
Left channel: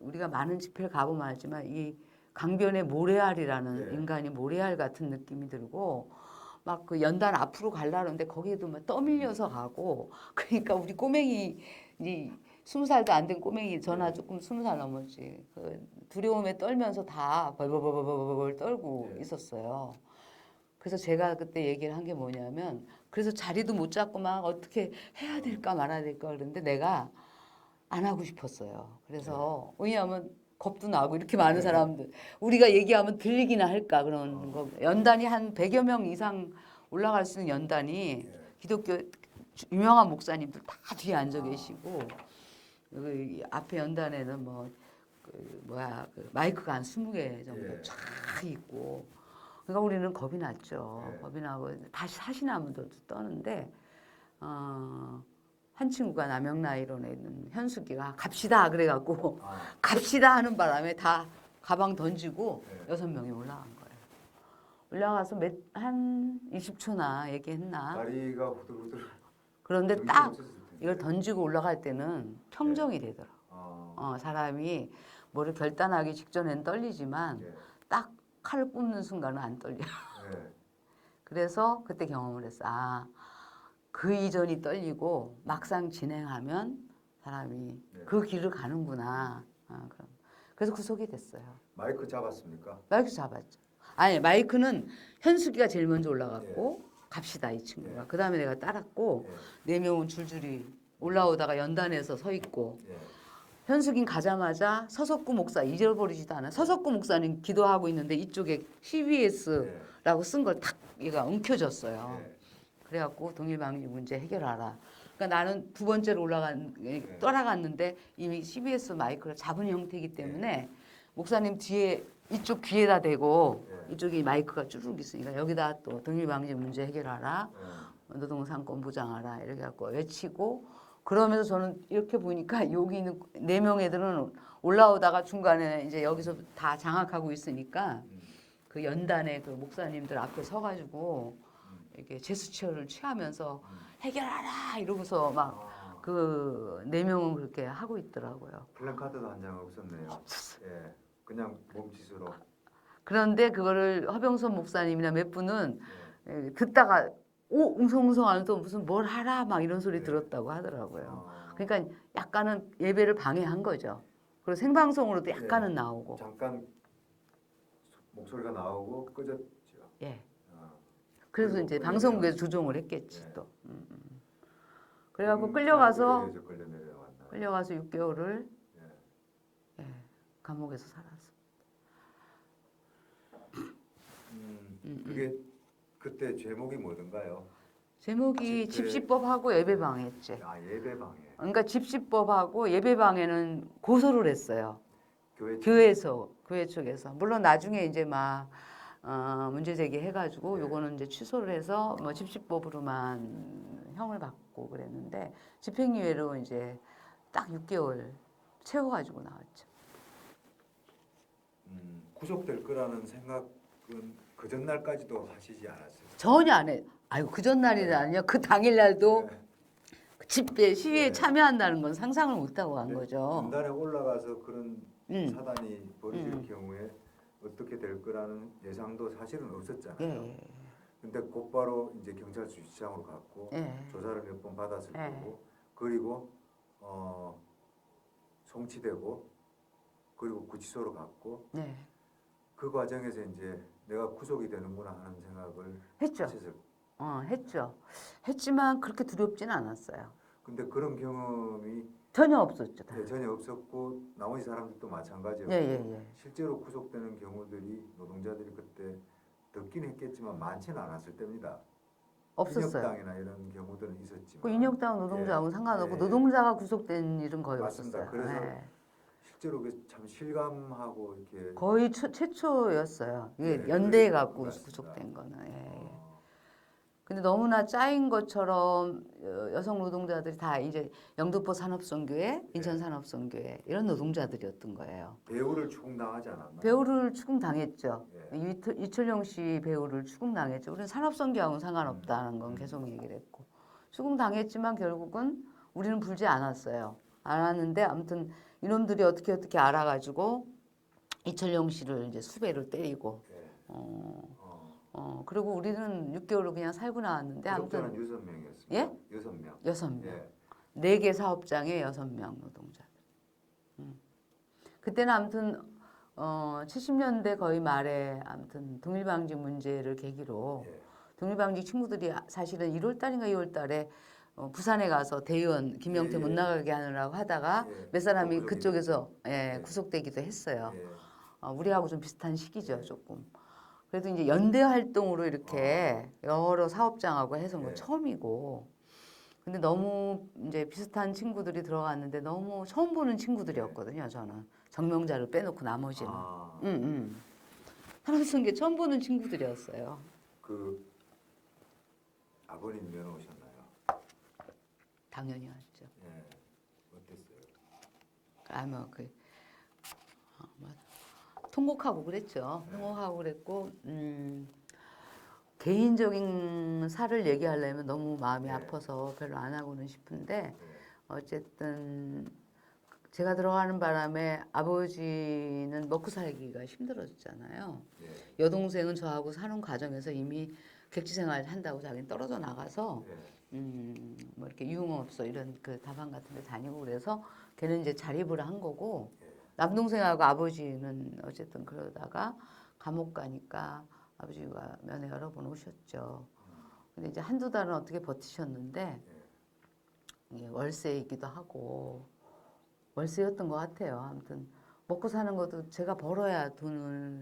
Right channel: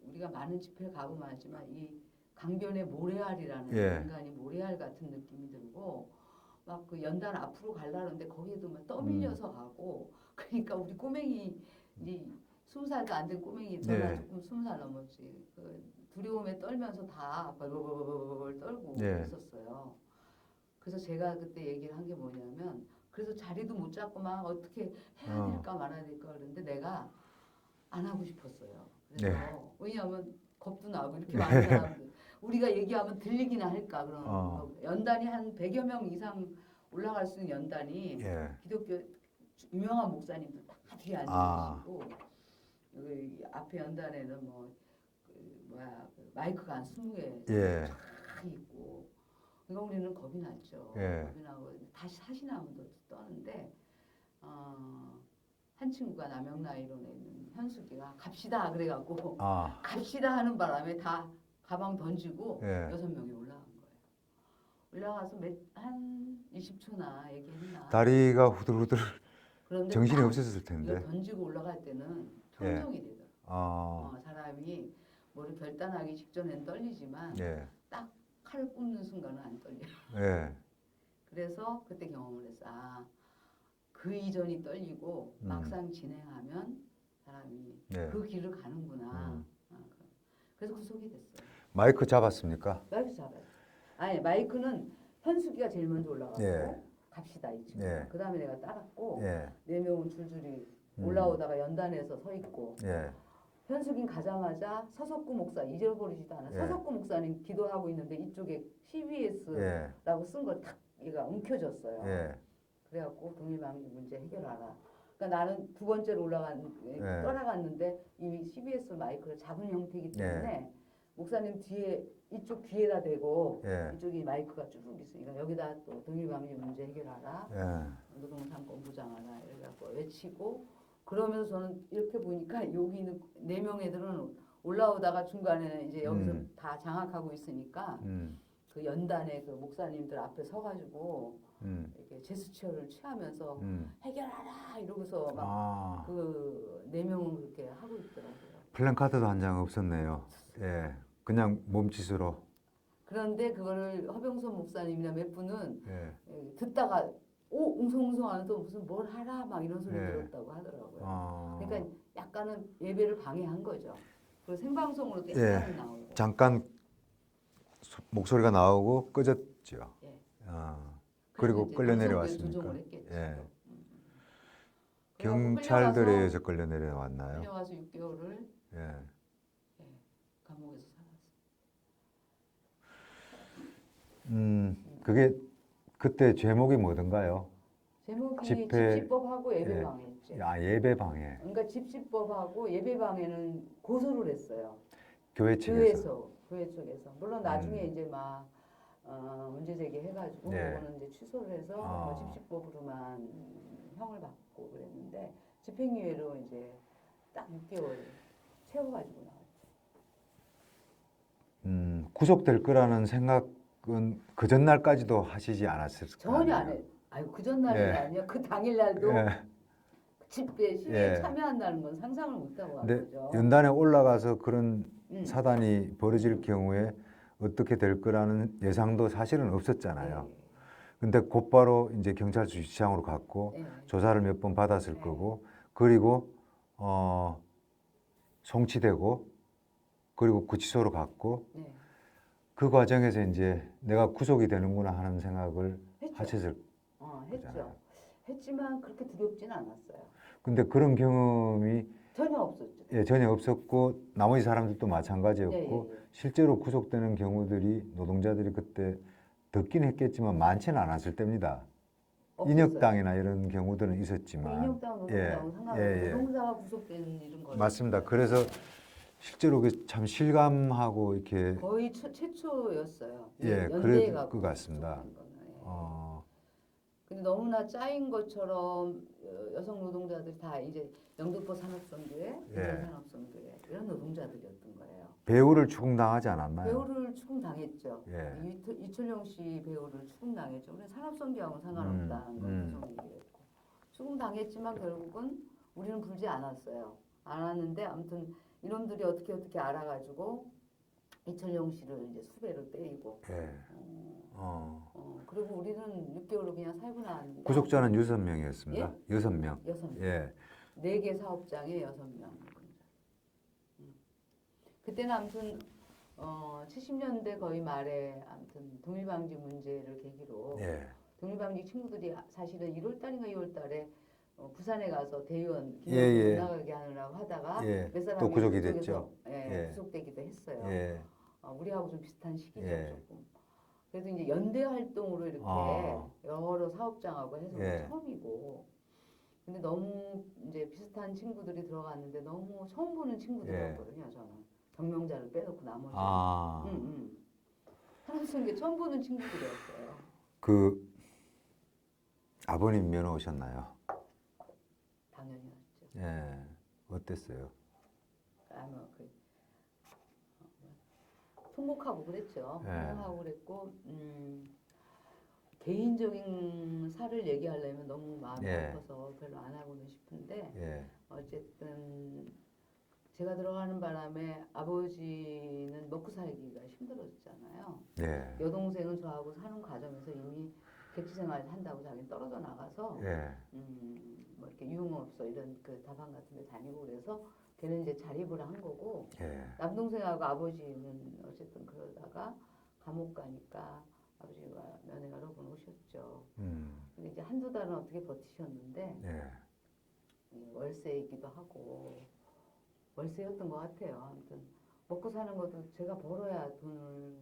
우리가 많은 집회를 가보면 알지만 이 강변의 모래알이라는 예. 인간이 모래알 같은 느낌이 들고 막 그 연단 앞으로 가려는데 거기에도 막 떠밀려서 가고 그러니까 우리 꼬맹이 이 20살도 안 된 꼬맹이 전화 예. 조금 20살 넘었지 그 두려움에 떨면서 다 벌벌벌벌벌 떨고 예. 있었어요. 그래서 제가 그때 얘기를 한 게 뭐냐면 그래서 자리도 못 잡고 막 어떻게 해야 될까 말아야 될까 그러는데 내가 안 하고 싶었어요. 그래서 왜냐하면 겁도 나고 이렇게 많은 사람들 우리가 얘기하면 들리기나 할까 그런 뭐 연단이 한 100여 명 이상 올라갈 수 있는 연단이 예. 기독교 유명한 목사님들 다 뒤에 앉아 아. 계시고 여기 앞에 연단에는 그 마이크가 한 20개 정도 예. 쫙 있고 그러니까 우리는 겁이 났죠. 예. 겁이 나고 다시 사시나무도 떠는데 한 친구가 남영나이론에 있는 현숙이가 갑시다 그래갖고 아. 갑시다 하는 바람에 다 가방 던지고 예. 6명이 올라간 거예요. 올라가서 한 20초나 얘기했나. 다리가 후들후들 그런데 정신이 딱 없었을 텐데. 이걸 던지고 올라갈 때는 평정이 되더라고. 아. 사람이 뭐를 결단하기 직전엔 떨리지만 예. 딱 칼을 뽑는 순간은 안 떨려. 예. 그래서 그때 경험을 했어. 그 이전이 떨리고 막상 진행하면 사람이 네. 그 길을 가는구나. 그래서 구속이 됐어요. 마이크 잡았습니까? 마이크 잡았죠. 아니 마이크는 현숙이가 제일 먼저 올라갔고 예. 갑시다 이 친구가. 예. 그 다음에 내가 따랐고 예. 4명은 줄줄이 올라오다가 연단에서 서 있고 예. 현숙인 가자마자 서석구 목사 잊어버리지도 않아. 서석구 목사님 기도하고 있는데 이쪽에 CBS라고 쓴 걸 탁 얘가 움켜졌어요. 예. 그래갖고 동일방지 문제 해결하라. 그러니까 나는 두 번째로 따라갔는데 이미 CBS 마이크를 잡은 형태이기 때문에 목사님 뒤에 이쪽 귀에다 대고 이쪽이 마이크가 쭈르륵 있으니까 여기다 또 동일방지 문제 해결하라. 노동상권 보장하라. 이렇게 갖고 외치고 그러면서 저는 이렇게 보니까 여기 있는 4명 애들은 올라오다가 중간에 이제 여기서 다 장악하고 있으니까 그 연단의 그 목사님들 앞에 서가지고 이렇게 제스처를 취하면서 해결하라 이러고서 막 그 4명은 그렇게 하고 있더라고요. 플랜카드도 한 장 없었네요. 예. 그냥 몸짓으로. 그런데 그거를 허병선 목사님이나 몇 분은 예. 듣다가 웅성웅성하는 또 무슨 뭘 하라 막 이런 소리 들었다고 하더라고요. 그러니까 약간은 예배를 방해한 거죠. 그리고 생방송으로도 약간은 나오고. 잠깐 목소리가 나오고 꺼졌죠. 예. 그리고 그래서 이제 끌려 방송국에서 내려왔습니까? 조종을 했겠지 예. 또. 그래갖고 경찰들에 의해서 끌려 내려왔나요? 끌려가서 6개월을 예. 감옥에서 살았어. 그게 그때 제목이 뭐던가요? 제목이 집시법하고 예배방해였지. 예배방해. 그러니까 집시법하고 예배방해는 고소를 했어요. 교회 쪽에서. 물론 나중에 이제 막 문제 제기해가지고 요거는 이제 취소를 해서 뭐 집시법으로만 형을 받고 그랬는데 집행유예로 이제 딱 6개월 채워가지고 나왔죠. 구속될 거라는 생각은 그 전날까지도 하시지 않았어요? 전혀 안 해. 아유 그 전날이 아니요. 그 당일날도 집회 시위에 참여한다는 건 상상을 못하고 간 거죠. 연단에 올라가서 그런 사단이 벌어질 경우에 어떻게 될 거라는 예상도 사실은 없었잖아요. 근데 곧바로 이제 경찰서 주차장으로 갔고 조사를 몇 번 받았을 거고 그리고 송치되고 그리고 구치소로 갔고 그 과정에서 이제 내가 구속이 되는구나 하는 생각을 하셨을 했죠. 했지만 그렇게 두렵지는 않았어요. 근데 그런 경험이 전혀 없었죠. 전혀 없었고 나머지 사람들도 마찬가지였고 실제로 구속되는 경우들이 노동자들이 그때 듣긴 했겠지만 많지는 않았을 때입니다. 없었어요. 인혁당이나 이런 경우들은 있었지만 그 인혁당 노동자하고 상관없고 노동자가 구속된 일은 거의 맞습니다. 없었어요. 그래서 실제로 참 실감하고 이렇게 거의 최초였어요. 예, 연대가 그럴 것 같습니다. 구속된 거는. 근데 너무나 짜인 것처럼 여성 노동자들이 다 이제 영등포 산업선교회, 인천 산업선교회 이런 노동자들이었던 거예요. 배우를 추궁당하지 않았나요? 배우를 추궁당했죠. 이철용 씨 배우를 추궁당했죠. 우리는 산업선교하고는 상관없다는 건 계속 얘기를 했고 추궁당했지만 결국은 우리는 불지 않았어요. 알았는데 아무튼 이놈들이 어떻게 알아가지고 이철용 씨를 이제 수배를 때리고 예. 그리고 우리는 6개월을 그냥 살고 나왔는데 구속자는 6명이었습니다. 예? 6명. 6명. 예. 4개 사업장에 6명 노동자. 그때는 아무튼 70년대 거의 말에 아무튼 동일방지 문제를 계기로 예. 동일방지 친구들이 사실은 1월 달인가 2월 달에 부산에 가서 대의원 김영태 예, 못 예. 나가게 하느라고 하다가 예. 몇 사람이 또 구속이 그쪽에서 됐죠. 예. 구속되기도 했어요. 예. 우리하고 좀 비슷한 시기죠, 예. 조금. 그래도 이제 연대 활동으로 이렇게 여러 사업장하고 해서 뭐 예. 처음이고. 근데 너무 이제 비슷한 친구들이 들어갔는데 너무 처음 보는 친구들이었거든요, 저는. 정명자를 빼놓고 나머지는. 사람 쓴 게 처음 보는 친구들이었어요. 그 아버님 면허 오셨나요? 당연히 왔죠. 예. 어땠어요? 통곡하고 그랬죠. 예. 통곡하고 그랬고, 개인적인 살을 얘기하려면 너무 마음이 예. 아파서 별로 안 하고는 싶은데, 예. 어쨌든 제가 들어가는 바람에 아버지는 먹고 살기가 힘들어졌잖아요. 예. 여동생은 저하고 사는 과정에서 이미 객지 생활 한다고 자기는 떨어져 나가서 예. 뭐 이렇게 유흥업소 이런 그 다방 같은 데 다니고 그래서 걔는 이제 자립을 한 거고 예. 남동생하고 아버지는 어쨌든 그러다가 감옥 가니까 아버지가 면회 여러 번 오셨죠. 근데 이제 한두 달은 어떻게 버티셨는데 예. 이게 월세이기도 하고 월세였던 것 같아요. 아무튼 먹고 사는 것도 제가 벌어야 돈을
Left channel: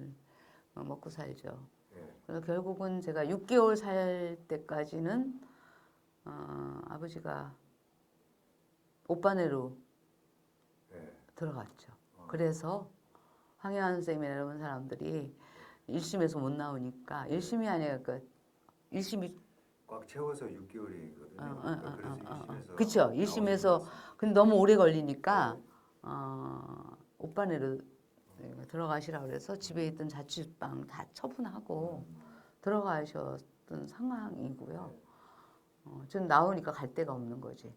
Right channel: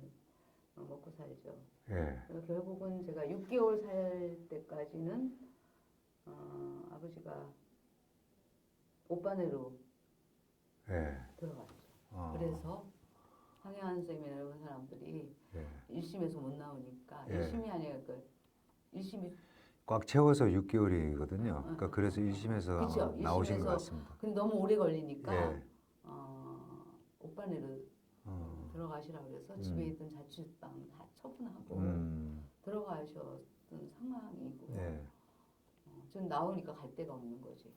먹고 살죠. 예. 그래서 결국은 제가 6개월 살 때까지는 아버지가 오빠네로 예. 들어갔죠. 그래서 황혜환 선생님이나 이런 사람들이 1심에서 못 나오니까 1심이 아니라 그 1심이 꽉 채워서 6개월이거든요. 그러니까 그래서 1심에서 그쵸. 1심에서 근데 너무 오래 걸리니까 오빠네로 들어가시라 그래서 집에 있던 자취방 다 처분하고 들어가셨던 상황이고요. 전 나오니까 갈 데가 없는 거지.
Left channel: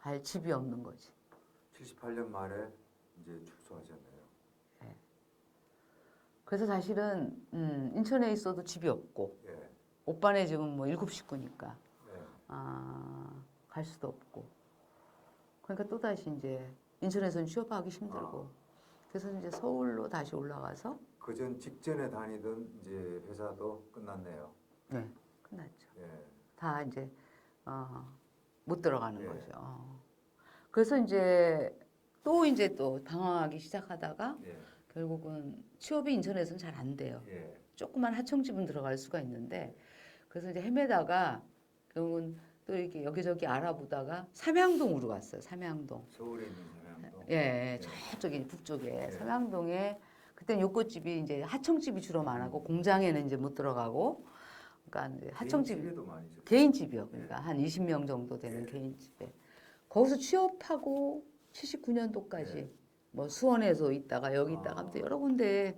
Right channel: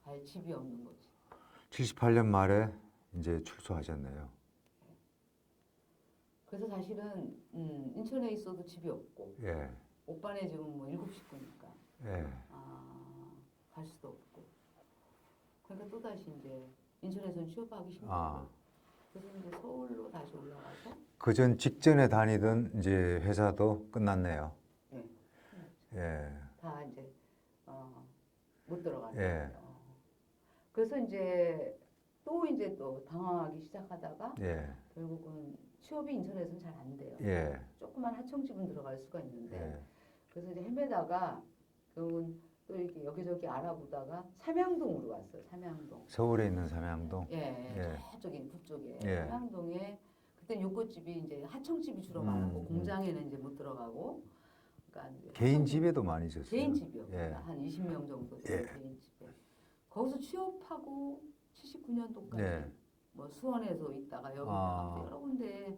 갈 집이 없는 거지. 78년 말에 이제 출소하셨네요. 네. 그래서 사실은 인천에 있어도 집이 없고 예. 오빠네 집은 뭐 7 식구니까 예. 갈 수도 없고 그러니까 또 다시 이제 인천에서는 취업하기 힘들고 그래서 이제 서울로 다시 올라가서 그 전 직전에 다니던 이제 회사도 끝났네요. 네, 끝났죠. 예. 다 이제 못 들어가는 예. 거죠. 그래서 이제 또 방황하기 시작하다가 예. 결국은 취업이 인천에서는 잘 안 돼요. 예. 조그만 하청집은 들어갈 수가 있는데 예. 그래서 이제 헤매다가 결국은 또 이렇게 여기저기 알아보다가 삼양동으로 갔어요. 삼양동. 서울에 있는 삼양동. 예, 저쪽에 북쪽에 예. 삼양동에 그때 요꽃집이 이제 하청집이 주로 많았고 공장에는 이제 못 들어가고 그러니까 이제 개인 집에도 많이 있었어요. 개인 집이요. 예. 그러니까 한 20명 정도 되는 예. 개인 집에 거기서 취업하고 79년도까지 예. 뭐 수원에서 있다가 여기 있다가 아무튼 여러 군데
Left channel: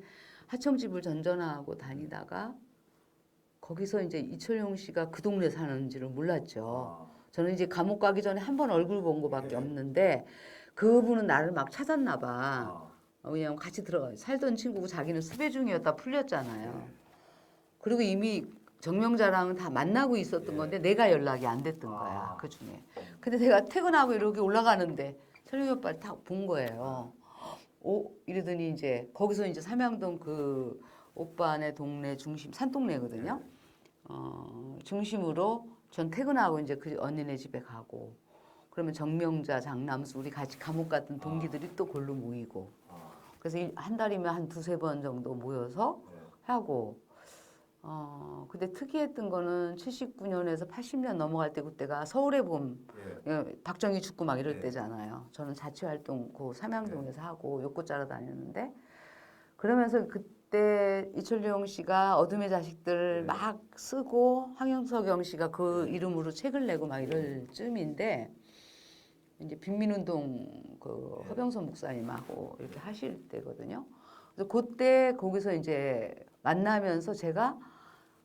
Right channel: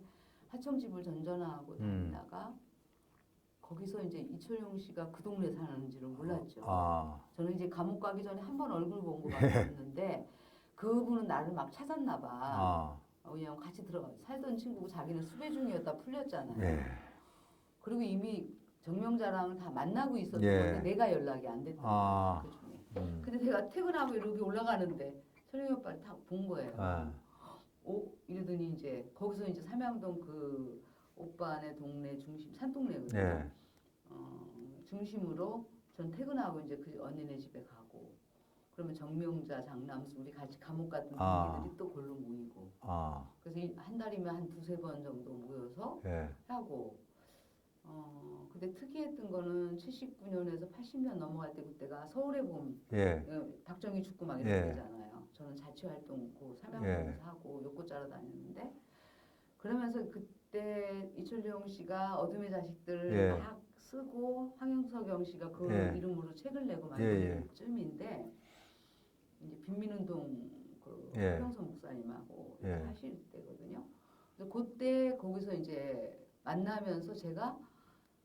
하청집을 전전하고 다니다가 거기서 이제 이철용 씨가 그 동네 사는지를 몰랐죠. 저는 이제 감옥 가기 전에 한 번 얼굴 본 거밖에 없는데 그분은 나를 막 찾았나 봐. 왜냐면 같이 들어가 살던 친구고 자기는 수배 중이었다 풀렸잖아요. 예. 그리고 이미 정명자랑은 다 만나고 있었던 예. 건데 내가 연락이 안 됐던 거야 그 중에. 근데 내가 퇴근하고 이렇게 올라가는데 철용이 오빠를 딱 본 거예요. 이러더니 이제 거기서 이제 삼양동 그 오빠네 동네 중심 산동네거든요. 예. 중심으로 전 퇴근하고 이제 그 언니네 집에 가고 그러면 정명자, 장남수 우리 같이 감옥 갔던 동기들이 또 골로 모이고 그래서 한 달이면 한 2-3번 정도 모여서 예. 하고 근데 특이했던 거는 79년에서 80년 넘어갈 때 그때가 서울의 봄 예. 박정희 죽고 막 이럴 예. 때잖아요. 저는 자취활동 그 삼양동에서 예. 하고 욕구 짜러 다녔는데 그러면서 그때 이철용 씨가 어둠의 자식들 예. 막 쓰고 황영석영 씨가 그 예. 이름으로 책을 내고 막 예. 이럴 쯤인데 이제 빈민운동 그 예. 허병선 목사님하고 이렇게 예. 하실 때거든요. 그래서 그때 거기서 이제 만나면서 제가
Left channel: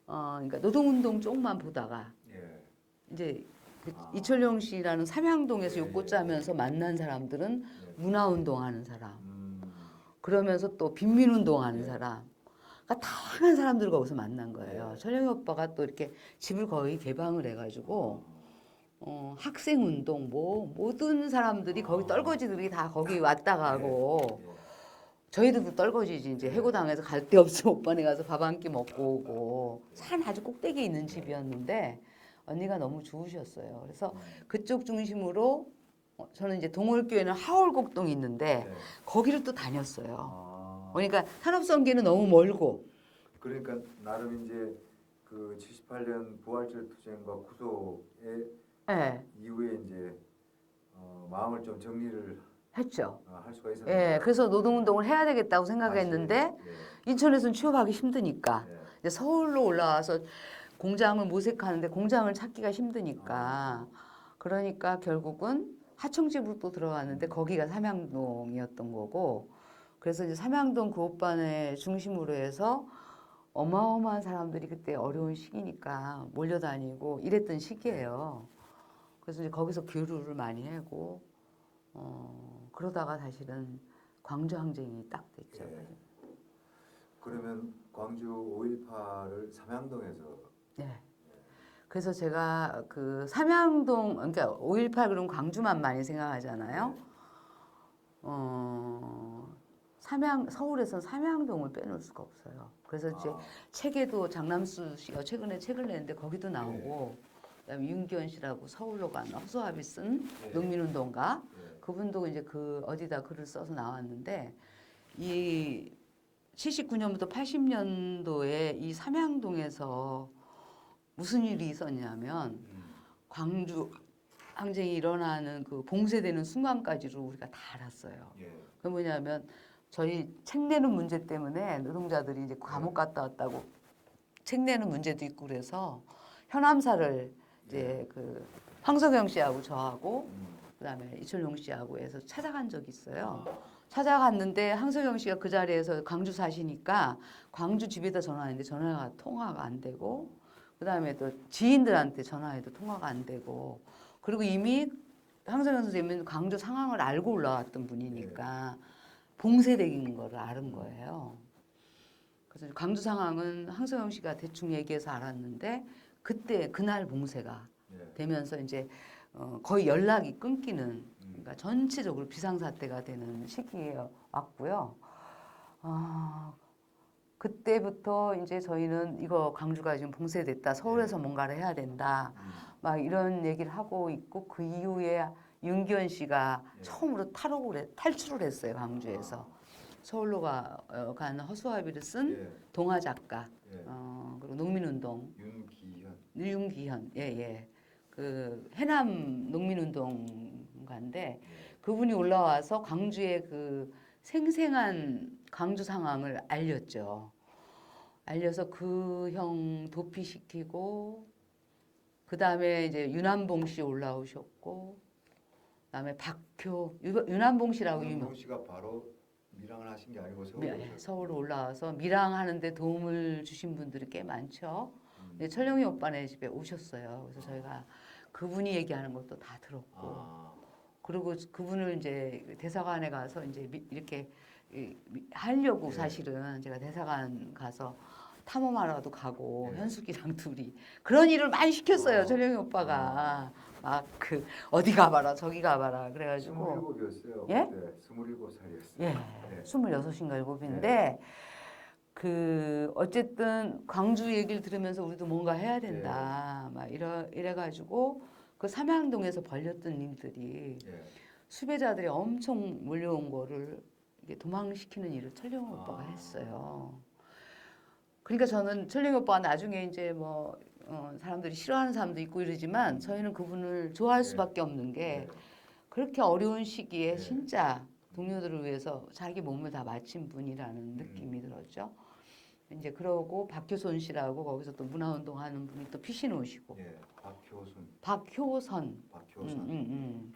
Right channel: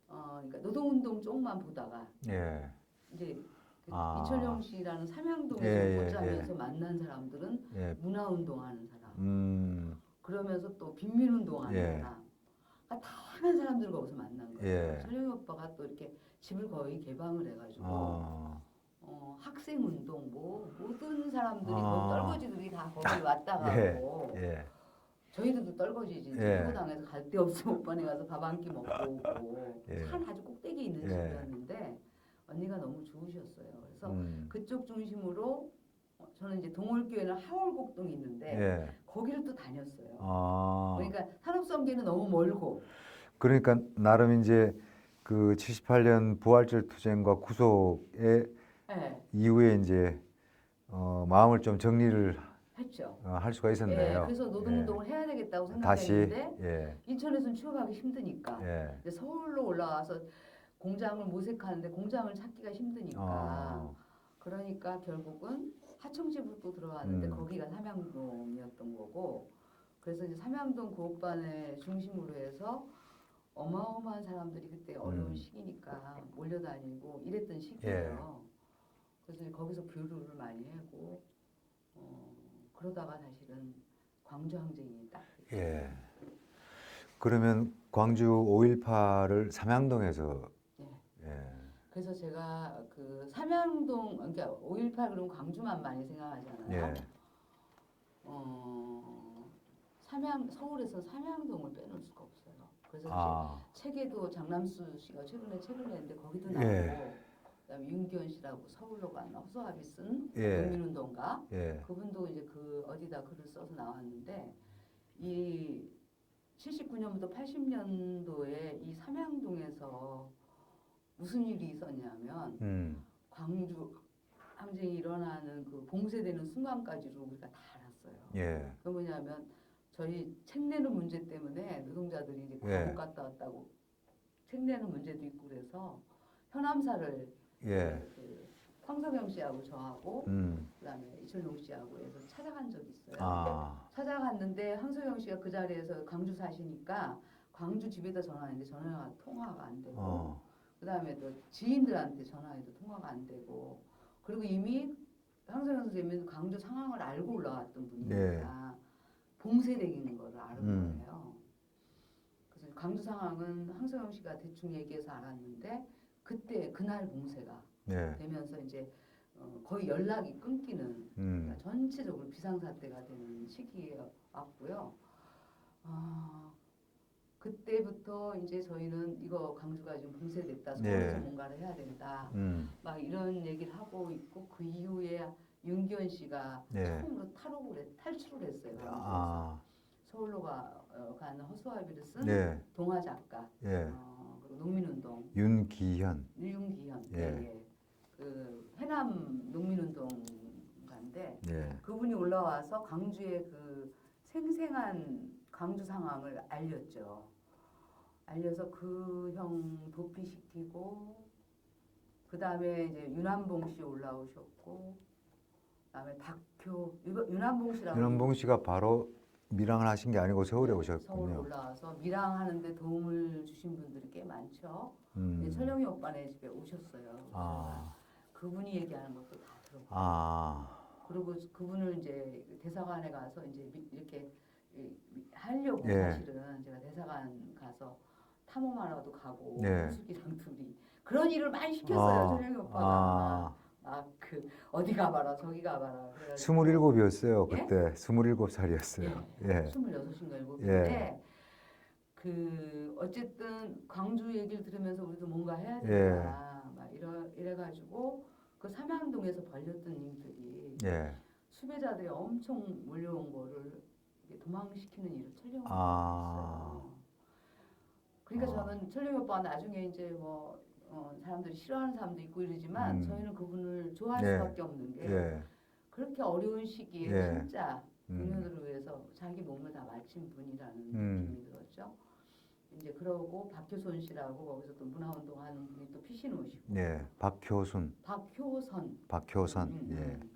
그러니까 노동운동 쪽만 보다가 예. 이제 그 이철용 씨라는 삼양동에서 예, 욕구 짜면서 만난 사람들은 예. 문화운동하는 사람. 그러면서 또 빈민운동하는 예. 사람. 그러니까 다양한 사람들을 거기서 만난 거예요. 예. 철령이 오빠가 또 이렇게 집을 거의 개방을 해가지고 아. 학생운동 뭐 모든 사람들이 거기 아. 떨거지들이 다 거기 왔다 가고 예. 저희들도 떨거지지 이제 예. 해고당해서 갈 데 없으면 오빠네 가서 밥 한 끼 먹고 오고 예. 산 아주 꼭대기에 있는 예. 집이었는데 언니가 너무 좋으셨어요. 그래서 음. 그쪽 중심으로 저는 이제 동월교에는 하월곡동이 있는데 예. 거기를 또 다녔어요. 아. 그러니까 산업선계는 너무 멀고 그러니까 나름 이제 그 78년 부활절 투쟁과 구속의 예, 이후에 이제 마음을 좀 정리를 했죠. 할 수가 있었네요. 예, 그래서 노동운동을 해야 되겠다고 생각했는데 다시, 예. 인천에서는 취업하기 힘드니까 예. 이제 서울로 올라와서 공장을 모색하는데 공장을 찾기가 힘드니까 아. 그러니까 결국은 하청집으로 또 들어갔는데 음. 거기가 삼양동이었던 거고 그래서 이제 삼양동 그 오빠네 중심으로 해서 어마어마한 사람들이 그때 어려운 시기니까 몰려다니고 이랬던 시기예요. 그래서 이제 거기서 교류를 많이 하고 그러다가 사실은 광주 항쟁이 딱 됐죠. 예. 그러면 광주 5.18을 삼양동에서 네. 예. 그래서 제가 그 삼양동 그러니까 5.18 그러면 광주만 많이 생각하잖아요. 예. 서울에서 삼양동을 빼놓을 수가 없어요. 그래서 이제 아. 책에도 장남수 씨가 최근에 책을 냈는데 거기도 나오고 예. 그다음에 윤기현 씨라고 서울로 간 허수아비 쓴 예. 농민운동가 예. 그분도 이제 그 어디다 글을 써서 나왔는데 이 79년부터 80년도에 이 삼양동에서 무슨 일이 있었냐면 광주 항쟁이 일어나는 그 봉쇄되는 순간까지로 우리가 다 알았어요. 예. 그 뭐냐면 저희 책 내는 문제 때문에 노동자들이 이제 감옥 예. 갔다 왔다고 책 내는 문제도 있고 그래서 현암사를 이제 예. 그 황석영 씨하고 저하고 그다음에 이철용 씨하고 해서 찾아간 적이 있어요. 아. 찾아갔는데 황석영 씨가 그 자리에서 광주 사시니까 광주 집에다 전화했는데 전화가 통화가 안 되고 그다음에 또 지인들한테 전화해도 통화가 안 되고 그리고 이미 황석영 선생님은 광주 상황을 알고 올라왔던 분이니까 봉쇄된 거를 아는 거예요. 그래서 광주 상황은 황석영 씨가 대충 얘기해서 알았는데 그때 그날 봉쇄가 예. 되면서 이제 거의 연락이 끊기는 그러니까 음. 전체적으로 비상사태가 되는 시기에 왔고요. 그때부터 이제 저희는 이거 광주가 지금 봉쇄됐다. 서울에서 네. 뭔가를 해야 된다. 막 이런 얘기를 하고 있고 그 이후에 윤기현 씨가 네. 처음으로 탈출을 했어요. 광주에서. 서울로 간 허수아비를 쓴 예. 동화 작가. 예. 그리고 농민운동. 윤기현. 윤기현. 예. 예. 그 해남 농민운동가인데 예. 그분이 올라와서 광주의 그 생생한 광주 상황을 알렸죠. 알려서 그 형 도피시키고 그 다음에 이제 윤한봉 씨 올라오셨고 그다음에 윤한봉 씨라고 윤한봉 씨가 바로 밀항을 하신 게 아니고 서울에 오셨군요. 서울 올라와서 밀항하는데 도움을 주신 분들이 꽤 많죠. 네, 철령이 오빠네 집에 오셨어요. 그래서 저희가 그분이 얘기하는 것도 다 들었고 그리고 그분을 이제 대사관에 가서 이제 이렇게 하려고 사실은 제가 대사관 가서 탐험하러도 가고 현숙이랑 둘이 그런 일을 많이 시켰어요. 철령이 오빠가 막 그 어디 가봐라 저기 가봐라 그래가지고 27이었어요. 예? 그때 27살이었어요. 예. 26인가 7인데 그 어쨌든 광주 얘기를 들으면서 우리도 뭔가 해야 된다. 막 이래가지고 그 삼양동에서 벌였던 일들이 수배자들이 엄청 몰려온 거를 이게 도망시키는 일을 철령 오빠가 했어요. 그러니까 저는 철령 오빠가 나중에 이제 뭐 사람들이 싫어하는 사람도 있고 이러지만 저희는 그분을 좋아할 수밖에 없는 게 그렇게 어려운 시기에 진짜 동료들을 위해서 자기 몸을 다 바친 분이라는 느낌이 들었죠. 이제 그러고 박효선 씨라고 거기서 또 문화운동 하는 분이 또 피신 오시고. 박효선.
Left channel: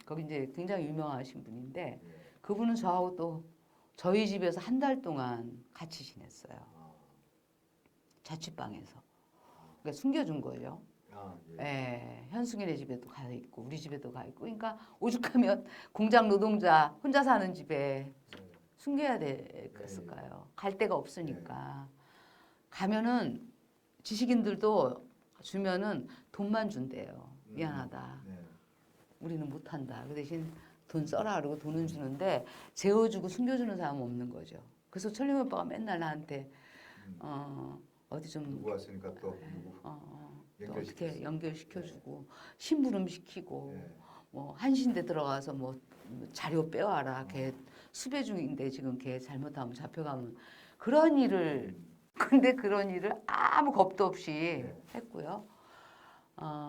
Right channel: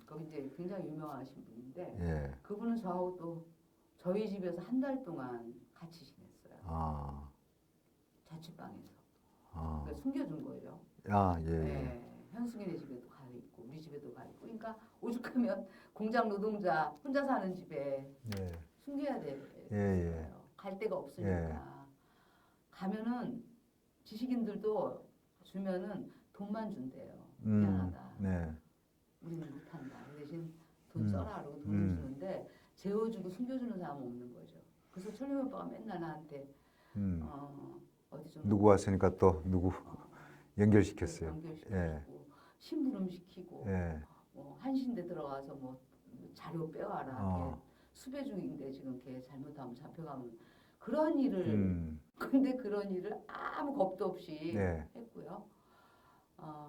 거기 이제 굉장히 유명하신 분인데 그분은 저하고 또 저희 집에서 한 달 동안 같이 지냈어요. 자취방에서. 그러니까 숨겨준 거예요. 현숙이네 집에도 가 있고 우리 집에도 가 있고. 그러니까 오죽하면 공장 노동자 혼자 사는 집에 숨겨야 되겠을까요? 갈 데가 없으니까. 가면은 지식인들도 주면은 돈만 준대요. 미안하다. 네. 우리는 못한다. 그 대신 돈 써라 그러고 돈은 주는데 재워주고 숨겨주는 사람은 없는 거죠. 그래서 철룡 오빠가 맨날 나한테 어디 좀 누구 왔으니까 또 누구 연결시켰어요. 연결시켜주고 심부름 시키고 뭐 한신대 들어가서 뭐 자료 빼와라. 걔 수배 중인데 지금 걔 잘못하면 잡혀가면 그런 일을 근데 그런 일을 아무 겁도 없이 했고요.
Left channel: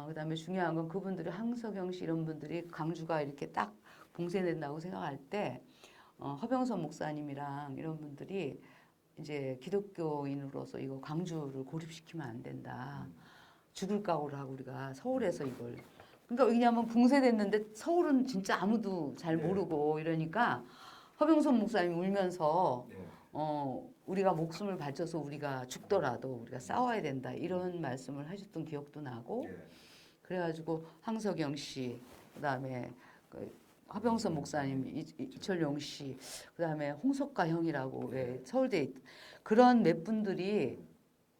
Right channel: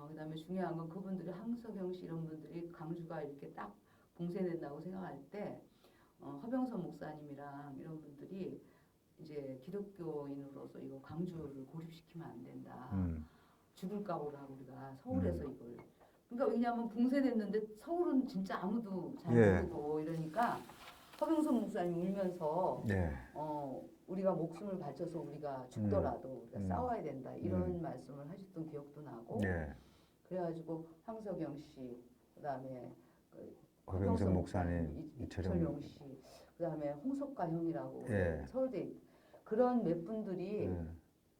그다음에 중요한 건 그분들이 황석영 씨 이런 분들이 광주가 이렇게 딱 봉쇄된다고 생각할 때 허병선 목사님이랑 이런 분들이 이제 기독교인으로서 이거 광주를 고립시키면 안 된다. 죽을 각오를 하고 우리가 서울에서 이걸 그러니까 왜냐하면 봉쇄됐는데 서울은 진짜 아무도 잘 모르고 이러니까 허병선 목사님이 울면서 우리가 목숨을 바쳐서 우리가 죽더라도 우리가 싸워야 된다 이런 말씀을 하셨던 기억도 나고 그래가지고 황석영 씨 그다음에 그 허병선 목사님 이철용 씨 그다음에 홍석가 형이라고 서울대 그런 몇 분들이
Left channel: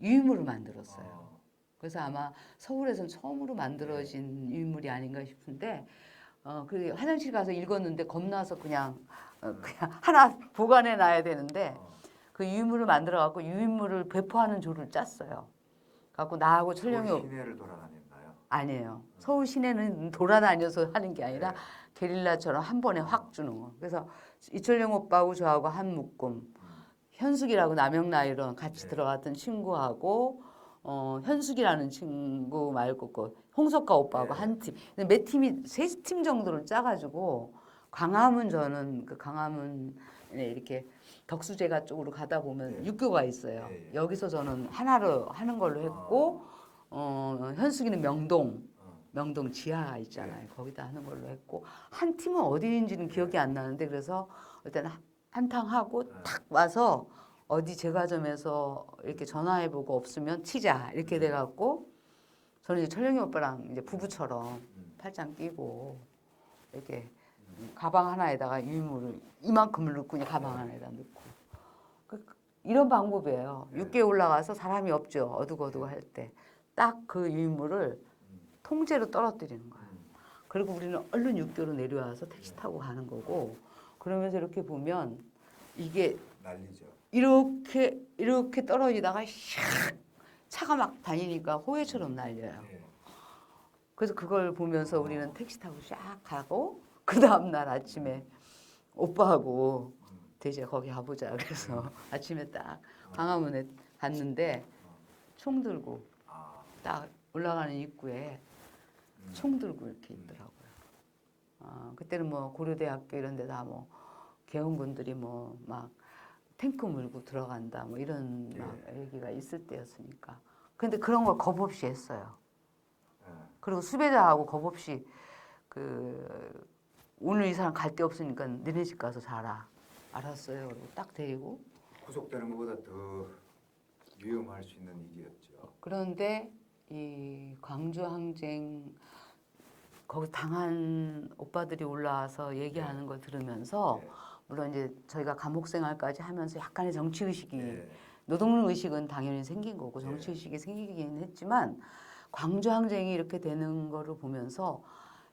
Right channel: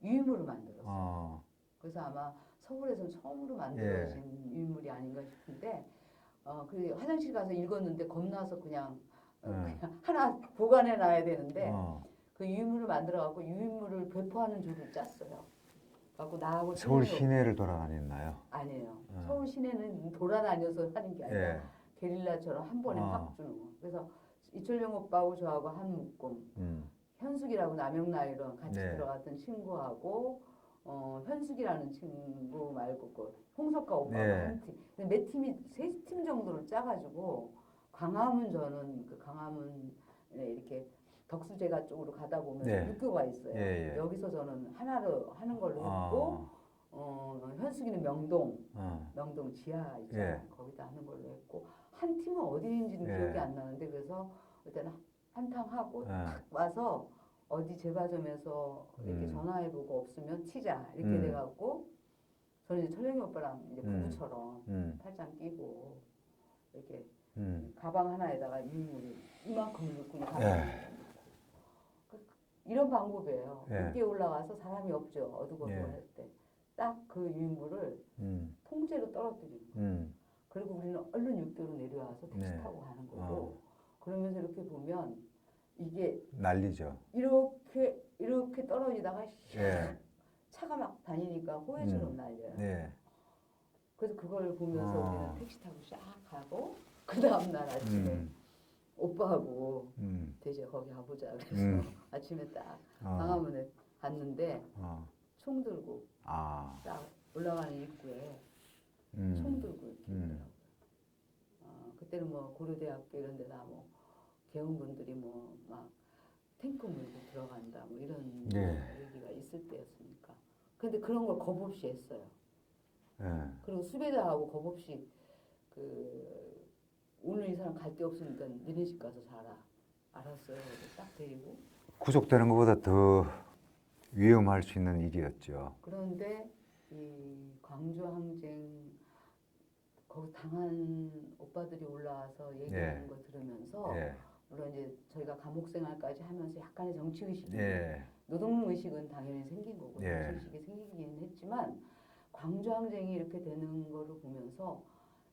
유인물을 만들었어요. 그래서 아마 서울에선 처음으로 만들어진 유인물이 아닌가 싶은데 그 화장실 가서 읽었는데 겁나서 그냥 하나 보관해 놔야 되는데 그 유인물을 만들어 갖고 유인물을 배포하는 조를 짰어요. 갖고 나하고 서울 철룡이 시내를 돌아다녔나요? 아니에요. 서울 시내는 돌아다녀서 하는 게 아니라 게릴라처럼 한 번에 확 주는 거. 그래서 이철용 오빠하고 저하고 한 묶음, 현숙이라고 남영나이론 같이 들어갔던 친구하고 현숙이라는 친구 말고 그 홍석가 오빠하고 한 팀. 근데 몇 팀이 세 팀 정도를 짜가지고 광화문 저는 그 광화문에 이렇게 덕수제가 쪽으로 가다 보면 육교가 있어요. 여기서 저는 하나로 하는 걸로 했고 현숙이는 명동 지하 있잖아요. 거기다 하는 걸로 했고 한 팀은 어디인지는 기억이 안 나는데 그래서 일단 한탕 하고 탁 와서 어디 제과점에서 이렇게 전화해보고 없으면 튀자 이렇게 돼갖고 저는 이제 철령이 오빠랑 이제 부부처럼 팔짱 끼고 이렇게 가방 하나에다가 유물을 이만큼을 넣고 그냥 가방 하나에다 넣고 이런 방법이에요. 육교에 올라가서 사람이 없죠. 어둑어둑 할 때. 딱 그 유물을 통째로 떨어뜨리는 거예요. 그리고 우리는 얼른 육교로 내려와서 택시 타고 가는 거고 그러면서 이렇게 보면 이게 난리죠. 이렇게 떨어지다가 차가 막 다니니까 호해처럼 날려요. 그래서 그걸 보면서 우리는 택시 타고 쫙 가고 그 다음날 아침에 오빠하고 대체 거기 가보자 그래서 아침에 딱 광화문에 갔는데 총 들고 딱 올라가는 입구에 총 들고 이렇게 있더라고요. 그때는 뭐 고려대학교 이런 데다 뭐 개헌군들이 뭐 막 탱크 몰고 들어간다 뭐 이런 얘기가 있을 때였으니까. 근데 그런 걸 겁 없이 했어요. 그리고 수배자하고 겁 없이 그 오늘 이 사람 갈 데 없으니까 너네 집 가서 자라. 알았어요. 딱 데리고. 구속되는 것보다 더 위험할 수 있는 일이었죠. 그런데 이 광주 항쟁 거기 당한 오빠들이 올라와서 얘기하는 걸 들으면서 물론 이제 저희가 감옥 생활까지 하면서 약간의 정치 의식이 노동 의식은 당연히 생긴 거고 정치 의식이 생기긴 했지만 광주 항쟁이 이렇게 되는 거를 보면서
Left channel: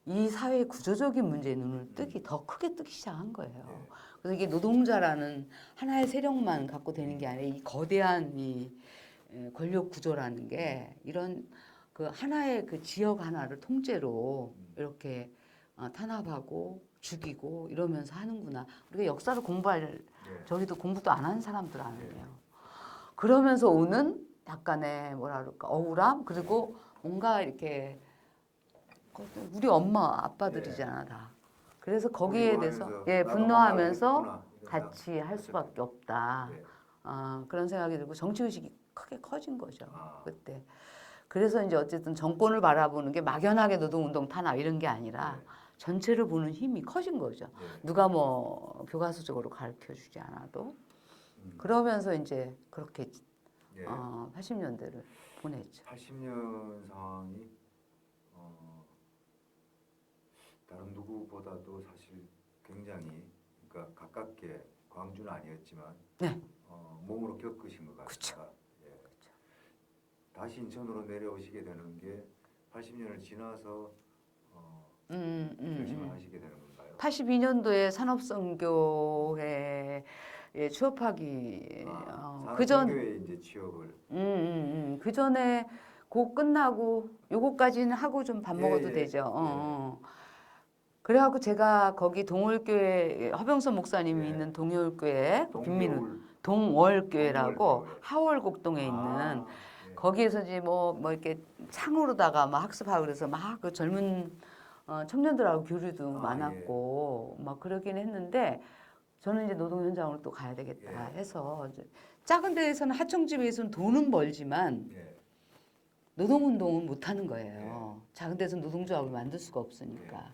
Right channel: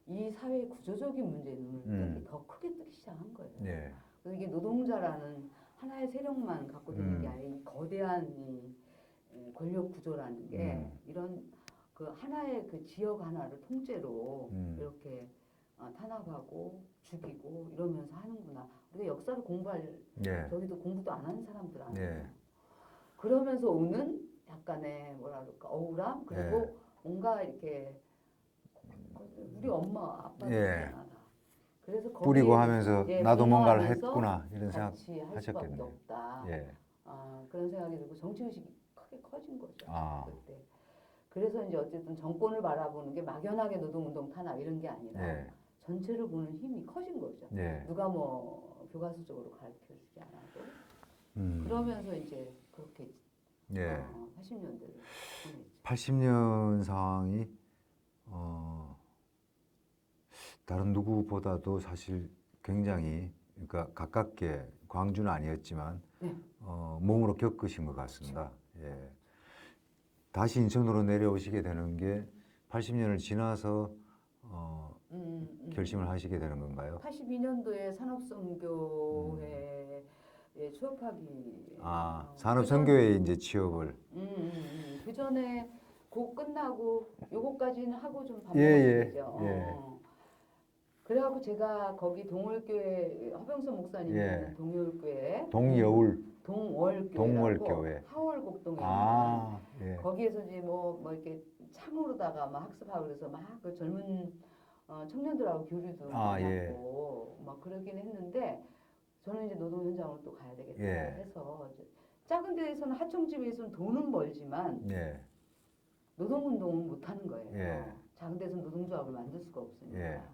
이 사회의 구조적인 문제에 눈을 뜨기 더 크게 뜨기 시작한 거예요. 그래서 이게 노동자라는 하나의 세력만 갖고 되는 게 아니라 이 거대한 이 권력 구조라는 게 이런 그 하나의 그 지역 하나를 통째로 이렇게 탄압하고 죽이고 이러면서 하는구나. 우리가 역사를 공부할 저희도 공부도 안 하는 사람들 아니에요. 그러면서 오는 약간의 뭐라 그럴까 억울함 그리고 뭔가 이렇게 우리 엄마 아빠들이잖아 다. 그래서 거기에 대해서 나도 뭔가를 했구나 이런 같이 할 수밖에 없다. 그런 생각이 들고 정치 의식이 크게 커진 거죠 그때. 그래서 이제 어쨌든 정권을 바라보는 게 막연하게 노동운동 탄압 이런 게 아니라 전체를 보는 힘이 커진 거죠. 누가 뭐 교과서적으로 가르쳐 주지 않아도 그러면서 이제 그렇게 80년대를 보냈죠. 80년 상황이 다른 누구보다도 사실 굉장히 그러니까 가깝게 광주는 아니었지만 네. 몸으로 겪으신 것 같습니다. 예. 다시 인천으로 내려오시게 되는 게 80년을 지나서 결심을 하시게 되는 건가요? 82년도에 산업선교에 취업하기 산업선교에 이제 취업을. 그 전에 고 끝나고 요거까지는 하고 좀 밥 예, 먹어도 예, 되죠. 그래갖고 제가 거기 동월교회 허병선 목사님이 예. 있는 동월교회 동여울. 동월교회라고 동월교회. 하월곡동에 있는 예. 거기에서 이제 뭐 이렇게 창으로다가 막 학습하고 그래서 막 그 젊은 청년들하고 교류도 많았고 막 그러긴 했는데 저는 이제 노동 현장으로 또 가야 되겠다 해서 이제 작은 데에서는 하청집에서는 돈은 벌지만 노동운동은 못 하는 거예요. 작은 데서는 노동조합을 만들 수가 없으니까.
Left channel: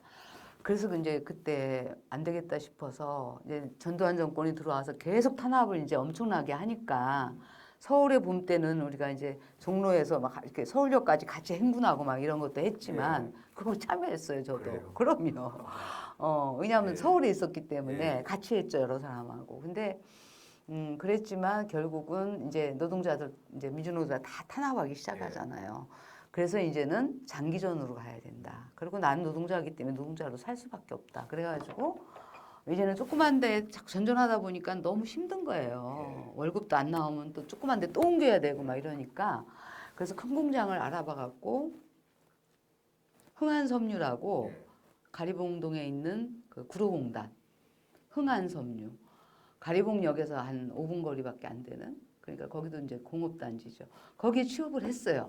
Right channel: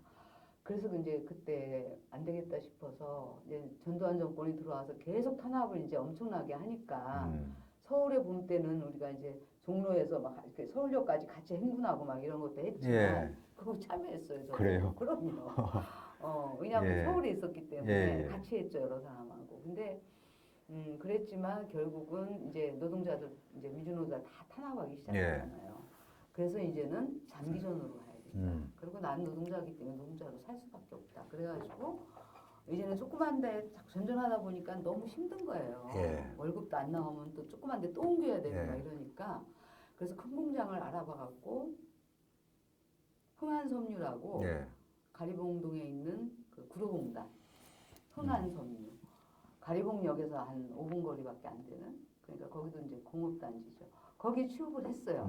그래서 이제 그때 안 되겠다 싶어서 이제 전두환 정권이 들어와서 계속 탄압을 이제 엄청나게 하니까 서울의 봄 때는 우리가 이제 종로에서 막 이렇게 서울역까지 같이 행군하고 막 이런 것도 했지만 그거 참여했어요, 저도. 그래요? 그럼요. 왜냐하면 서울에 있었기 때문에 예. 같이 했죠, 여러 사람하고. 근데 그랬지만 결국은 이제 노동자들 이제 민주노동자 다 탄압하기 시작하잖아요. 그래서 이제는 장기전으로 가야 된다. 그리고 난 노동자이기 때문에 노동자로 살 수밖에 없다. 그래가지고 이제는 조그만 데 자꾸 전전하다 보니까 너무 힘든 거예요. 월급도 안 나오면 또 조그만 데 또 옮겨야 되고 막 이러니까 그래서 큰 공장을 알아봐 갖고 흥한섬유라고 가리봉동에 있는 그 구로공단 흥한섬유 가리봉역에서 한 5분 거리밖에 안 되는 그러니까 거기도 이제 공업단지죠. 거기에 취업을 했어요.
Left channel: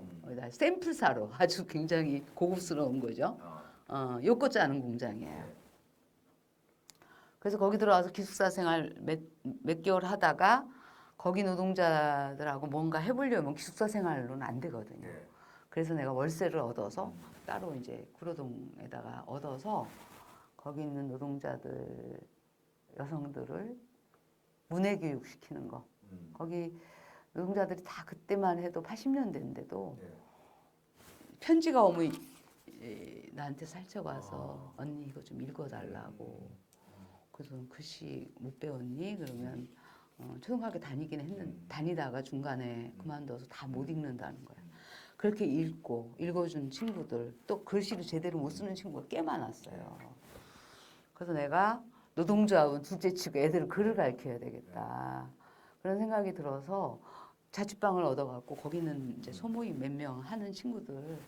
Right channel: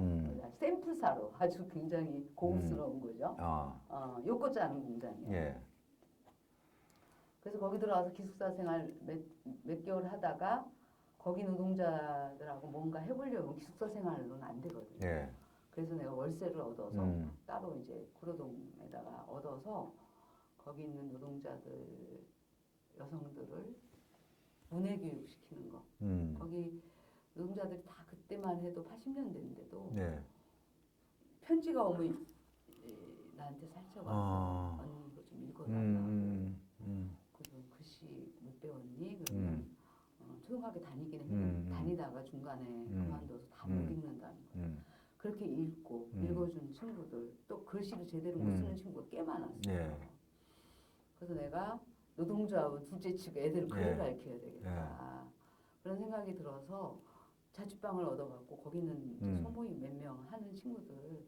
샘플 사로 아주 굉장히 고급스러운 거죠. 요거 짜는 공장이에요. 그래서 거기 들어와서 기숙사 생활 몇 개월 하다가 거기 노동자들하고 뭔가 해보려면 기숙사 생활로는 안 되거든요. 그래서 내가 월세를 얻어서 따로 이제 구로동에다가 얻어서 거기 있는 노동자들 여성들을 문해 교육 시키는 거. 거기 노동자들이 다 그때만 해도 80년대인데도 편지가 오면 나한테 살짝 와서 언니 이거 좀 읽어달라고. 그래서 글씨 못 배웠니? 그러면 초등학교 다니긴 했는데 다니다가 중간에 그만둬서 다 못 읽는다는 거예요. 그렇게 읽고 읽어준 친구들 또 글씨를 제대로 못 쓰는 친구가 꽤 많았어요. 그래서 내가 노동조합은 둘째치고 애들을 글을 가르쳐야 되겠다. 그런 생각이 들어서 자취방을 얻어갖고 거기는 이제 소모임 몇 명 하는 친구들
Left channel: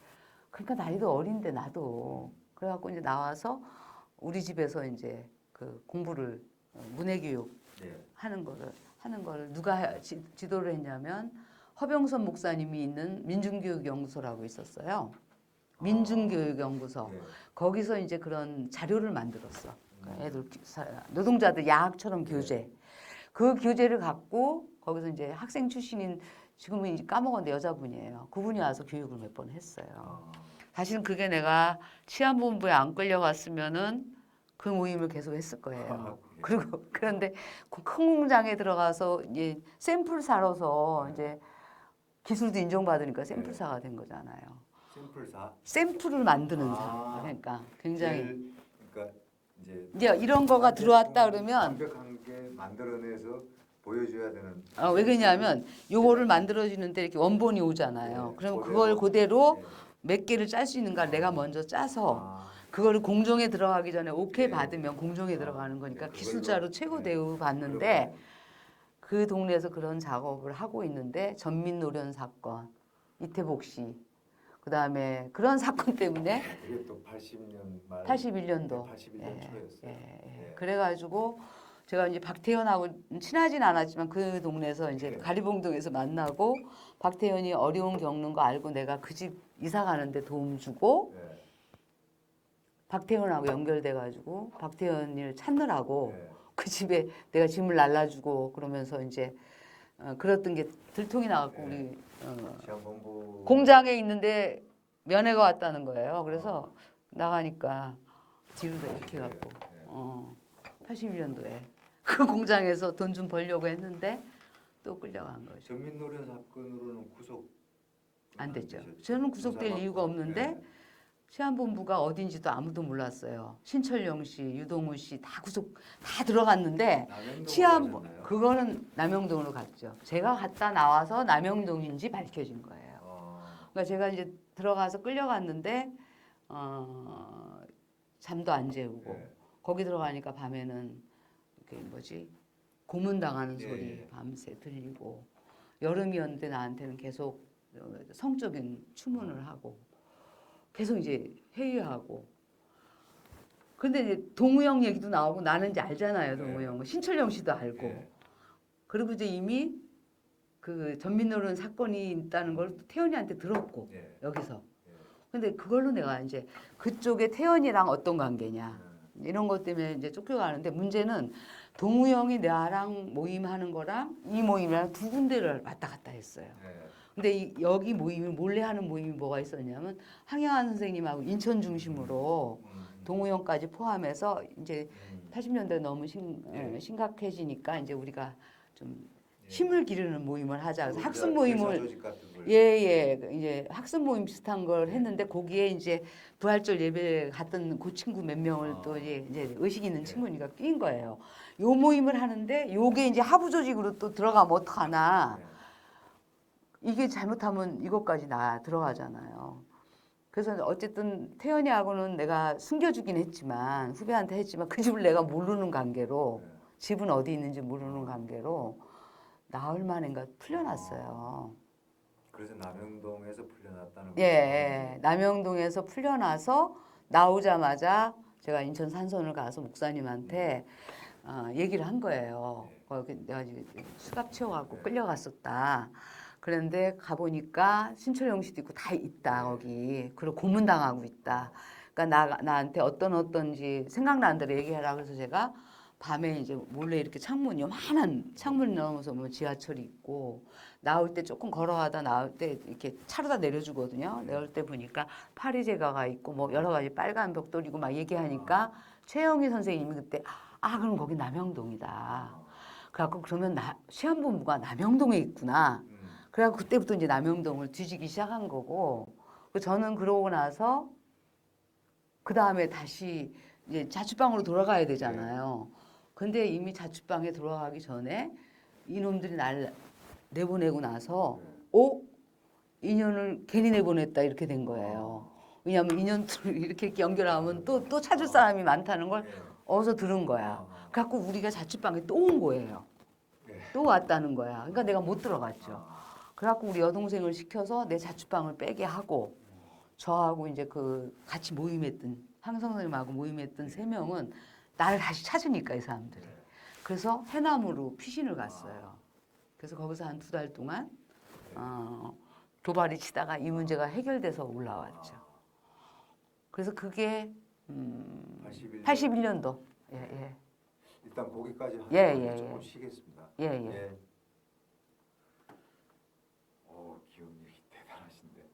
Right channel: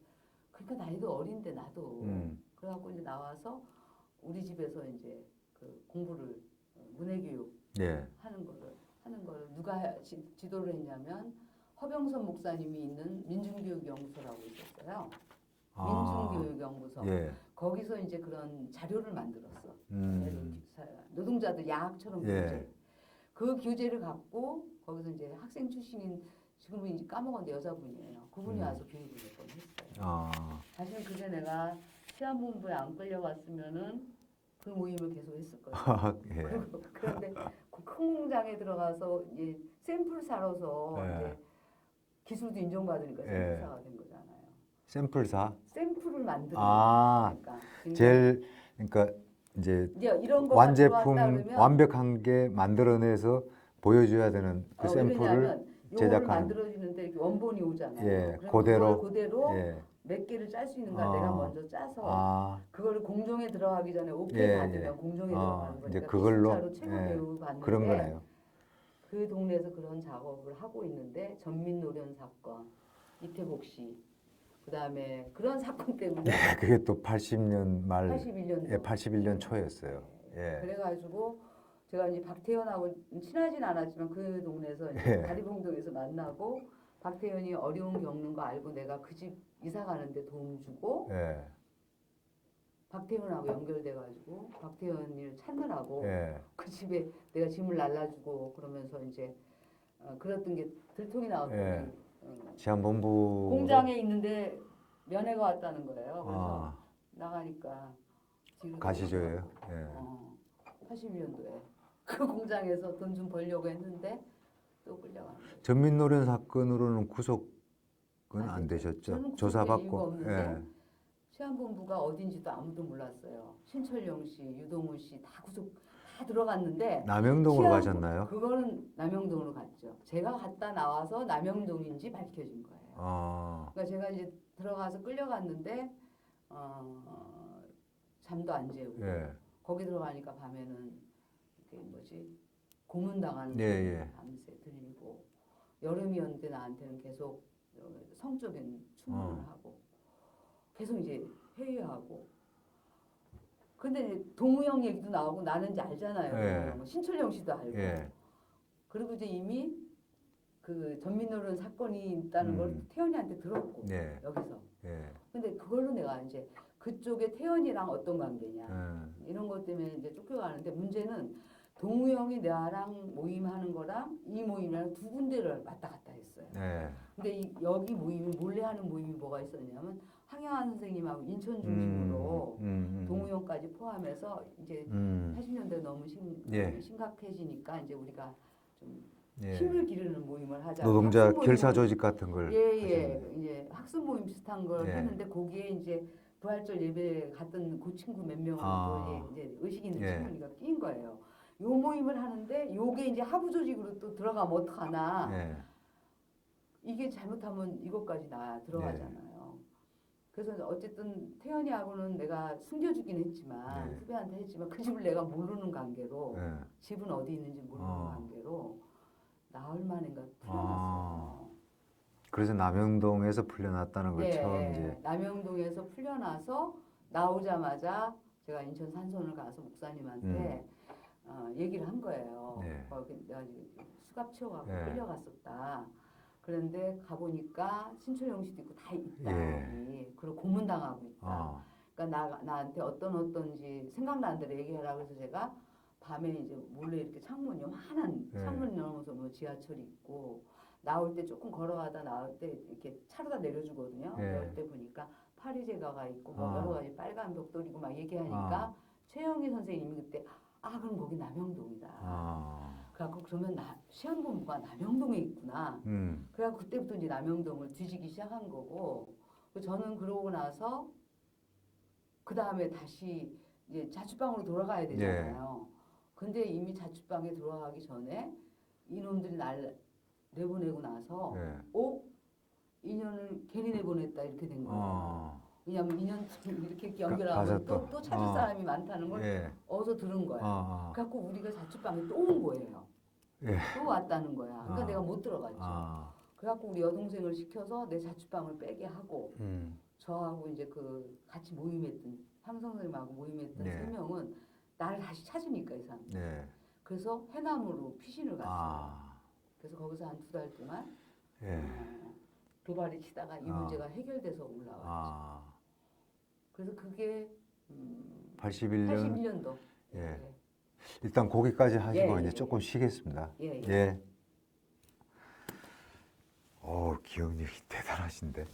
그러니까 나이도 어린데 나도 그래갖고 이제 나와서 우리 집에서 이제 그 공부를 문해교육 하는 거를 누가 지도를 했냐면 허병선 목사님이 있는 민중교육연구소라고 있었어요. 민중교육연구소. 거기서 이제 그런 자료를 만들었어. 애들 노동자들 야학처럼 교재. 그 교재를 갖고 거기서 이제 학생 출신인 지금은 이제 까먹었는데 여자분이에요. 그분이 와서 교육을 몇 번 했어요. 사실은 그게 내가 치안본부에 안 끌려갔으면은 그 모임을 계속 했을 거예요. 그리고 그런데 그 큰 공장에 들어가서 이제 샘플 사러서 이제 기술도 인정받으니까 샘플사가 된 거잖아요. 샘플사? 샘플을 만드는 사. 그러니까 제일 그러니까 이제 이런 거가 들어왔다 그러면 완벽한 게 만들어내서 보여줘야 되는. 왜 그러냐면 요거를 만들어주는데 이렇게 원본이 오잖아요. 그럼 그걸 그대로 몇 개를 짤 수 있는가 내가 먼저 짜서 그거를 공정에 들어가기 전에 오케이 받으면 공정에 들어가는 거니까 기술자로 최고 대우 받는데 그 동네에서 그런 작업을 하고 있는데 전민노련 사건, 이태복 씨, 그 다음에 그런 사건 때문에 그게 또 80년 말, 81년도, 81년 초였어요. 그래가지고 제가 이제 박태현하고 친하진 않았지만 그 동네에서 이제 가리봉동에서 만나고 박태현이 어려움 겪는 거 알고 내가 그 집 이사 가는데 도움 주고 박태현하고 연결돼가지고 박태현을 찾느라고 그 집에 내가 짐을 날라주고 그러면서 이제 그랬던 게 들통이 나갖고 치안본부 공장에 있는데 면회가 왔다는 거예요. 그래서 나가니까 뒤로 가시죠. 81년도에 그 공장에서 돈 좀 벌려고 했는데 또 끌려간 거죠. 전민노련 사건으로는 구속은 안 되셨죠? 저는 구속될 이유가 없는데 시한본부가 어딘지도 아무도 몰랐어요. 신철영 씨, 유동우 씨 다 구속 다 들어갔는데 남영동으로 가셨나요? 그거는 남영동으로 갔죠. 제가 갔다 나와서 남영동인지 밝혀진 거예요. 그러니까 제가 이제 들어가서 끌려갔는데 잠도 안 재우고 예. 거기 들어가니까 밤에는 그 뭐지 고문당하는 소리 예. 밤새 들리고 여름이었는데 나한테는 계속 성적인 추문을 하고 계속 이제 회의하고 근데 이제 동우영 얘기도 나오고 나는 이제 알잖아요. 예. 동우영 신철영 씨도 알고 예. 그리고 이제 이미 그 전민노련 사건이 있다는 걸 태연이한테 들었고 예. 여기서 예. 근데 그걸로 내가 이제 그쪽에 태연이랑 어떤 관계냐 이런 것 때문에 이제 쫓겨가는데 문제는 동우영이 나랑 모임하는 거랑 이 모임이랑 두 군데를 왔다 갔다 했어요. 예. 근데 여기 모임이 몰래 하는 모임이 뭐가 있었냐면 항영한 선생님하고 인천 중심으로 동우영까지 포함해서 이제 80년대 너무 예. 심각해지니까 이제 우리가 좀 예. 힘을 기르는 모임을 하자. 노동자 학습 모임을 결사 조직 같은 걸. 예예 이제 학습 모임 비슷한 걸 예. 했는데 거기에 이제 부활절 예배 갔던 그 친구 몇 명을 또 이제 의식 있는 예. 친구니까 낀 거예요. 요 모임을 하는데 요게 이제 하부 조직으로 또 들어가면 어떡하나. 예. 이게 잘못하면 이것까지 나 들어가잖아요. 그래서 어쨌든 태연이하고는 내가 숨겨주긴 했지만 후배한테 했지만 그 집을 내가 모르는 관계로 예. 집은 어디 있는지 모르는 관계로 나흘 만인가 풀려났어요. 그래서 남영동에서 풀려났다는 거죠. 예, 남영동에서 풀려나서 나오자마자 제가 인천 산선을 가서 목사님한테 얘기를 한 거예요. 네. 내가 이제 수갑 채워갖고 네. 끌려갔었다. 그런데 가보니까 신철영 씨도 있고 다 있다 네. 거기. 그리고 고문당하고 있다. 그러니까 나한테 어떤지 생각나는 대로 얘기해라. 그래서 제가 밤에 이제 몰래 이렇게 창문 요만한 창문 넘어서 뭐 지하철이 있고 나올 때 조금 걸어가다 나올 때 이렇게 차로다 내려주거든요. 네. 내올 때 보니까 파리제가가 있고 뭐 여러 가지 빨간 벽돌이고 막 얘기하니까 최영희 선생님이 그때 그럼 거기 남영동이다. 그래갖고 그러면 시한본부가 남영동에 있구나. 그래갖고 그때부터 이제 남영동을 뒤지기 시작한 거고 저는 그러고 나서 그 다음에 다시 이제 자취방으로 돌아가야 되잖아요. 근데 이미 자취방에 돌아가기 전에 이놈들이 날 내보내고 나서 2년을 괜히 내보냈다 이렇게 된 거예요. 왜냐하면 2년을 이렇게 연결하면 또 찾을 사람이 많다는 걸 어디서 들은 거야. 그래갖고 우리가 자취방에 또 온 거예요. 또 왔다는 거야. 그러니까 내가 못 들어갔죠. 그래갖고 우리 여동생을 시켜서 내 자취방을 빼게 하고 저하고 이제 그 같이 모임했던 황성선생님하고 모임했던 3명은 나를 다시 찾으니까 이 사람들이. 그래서 해남으로 피신을 갔어요. 그래서 거기서 한 2달 동안 도발이 치다가 이 문제가 해결돼서 올라왔죠. 그래서 그게 81년도. 예. 일단 거기까지 하시고 이제 조금 쉬겠습니다. 예. 기억력이 대단하신데.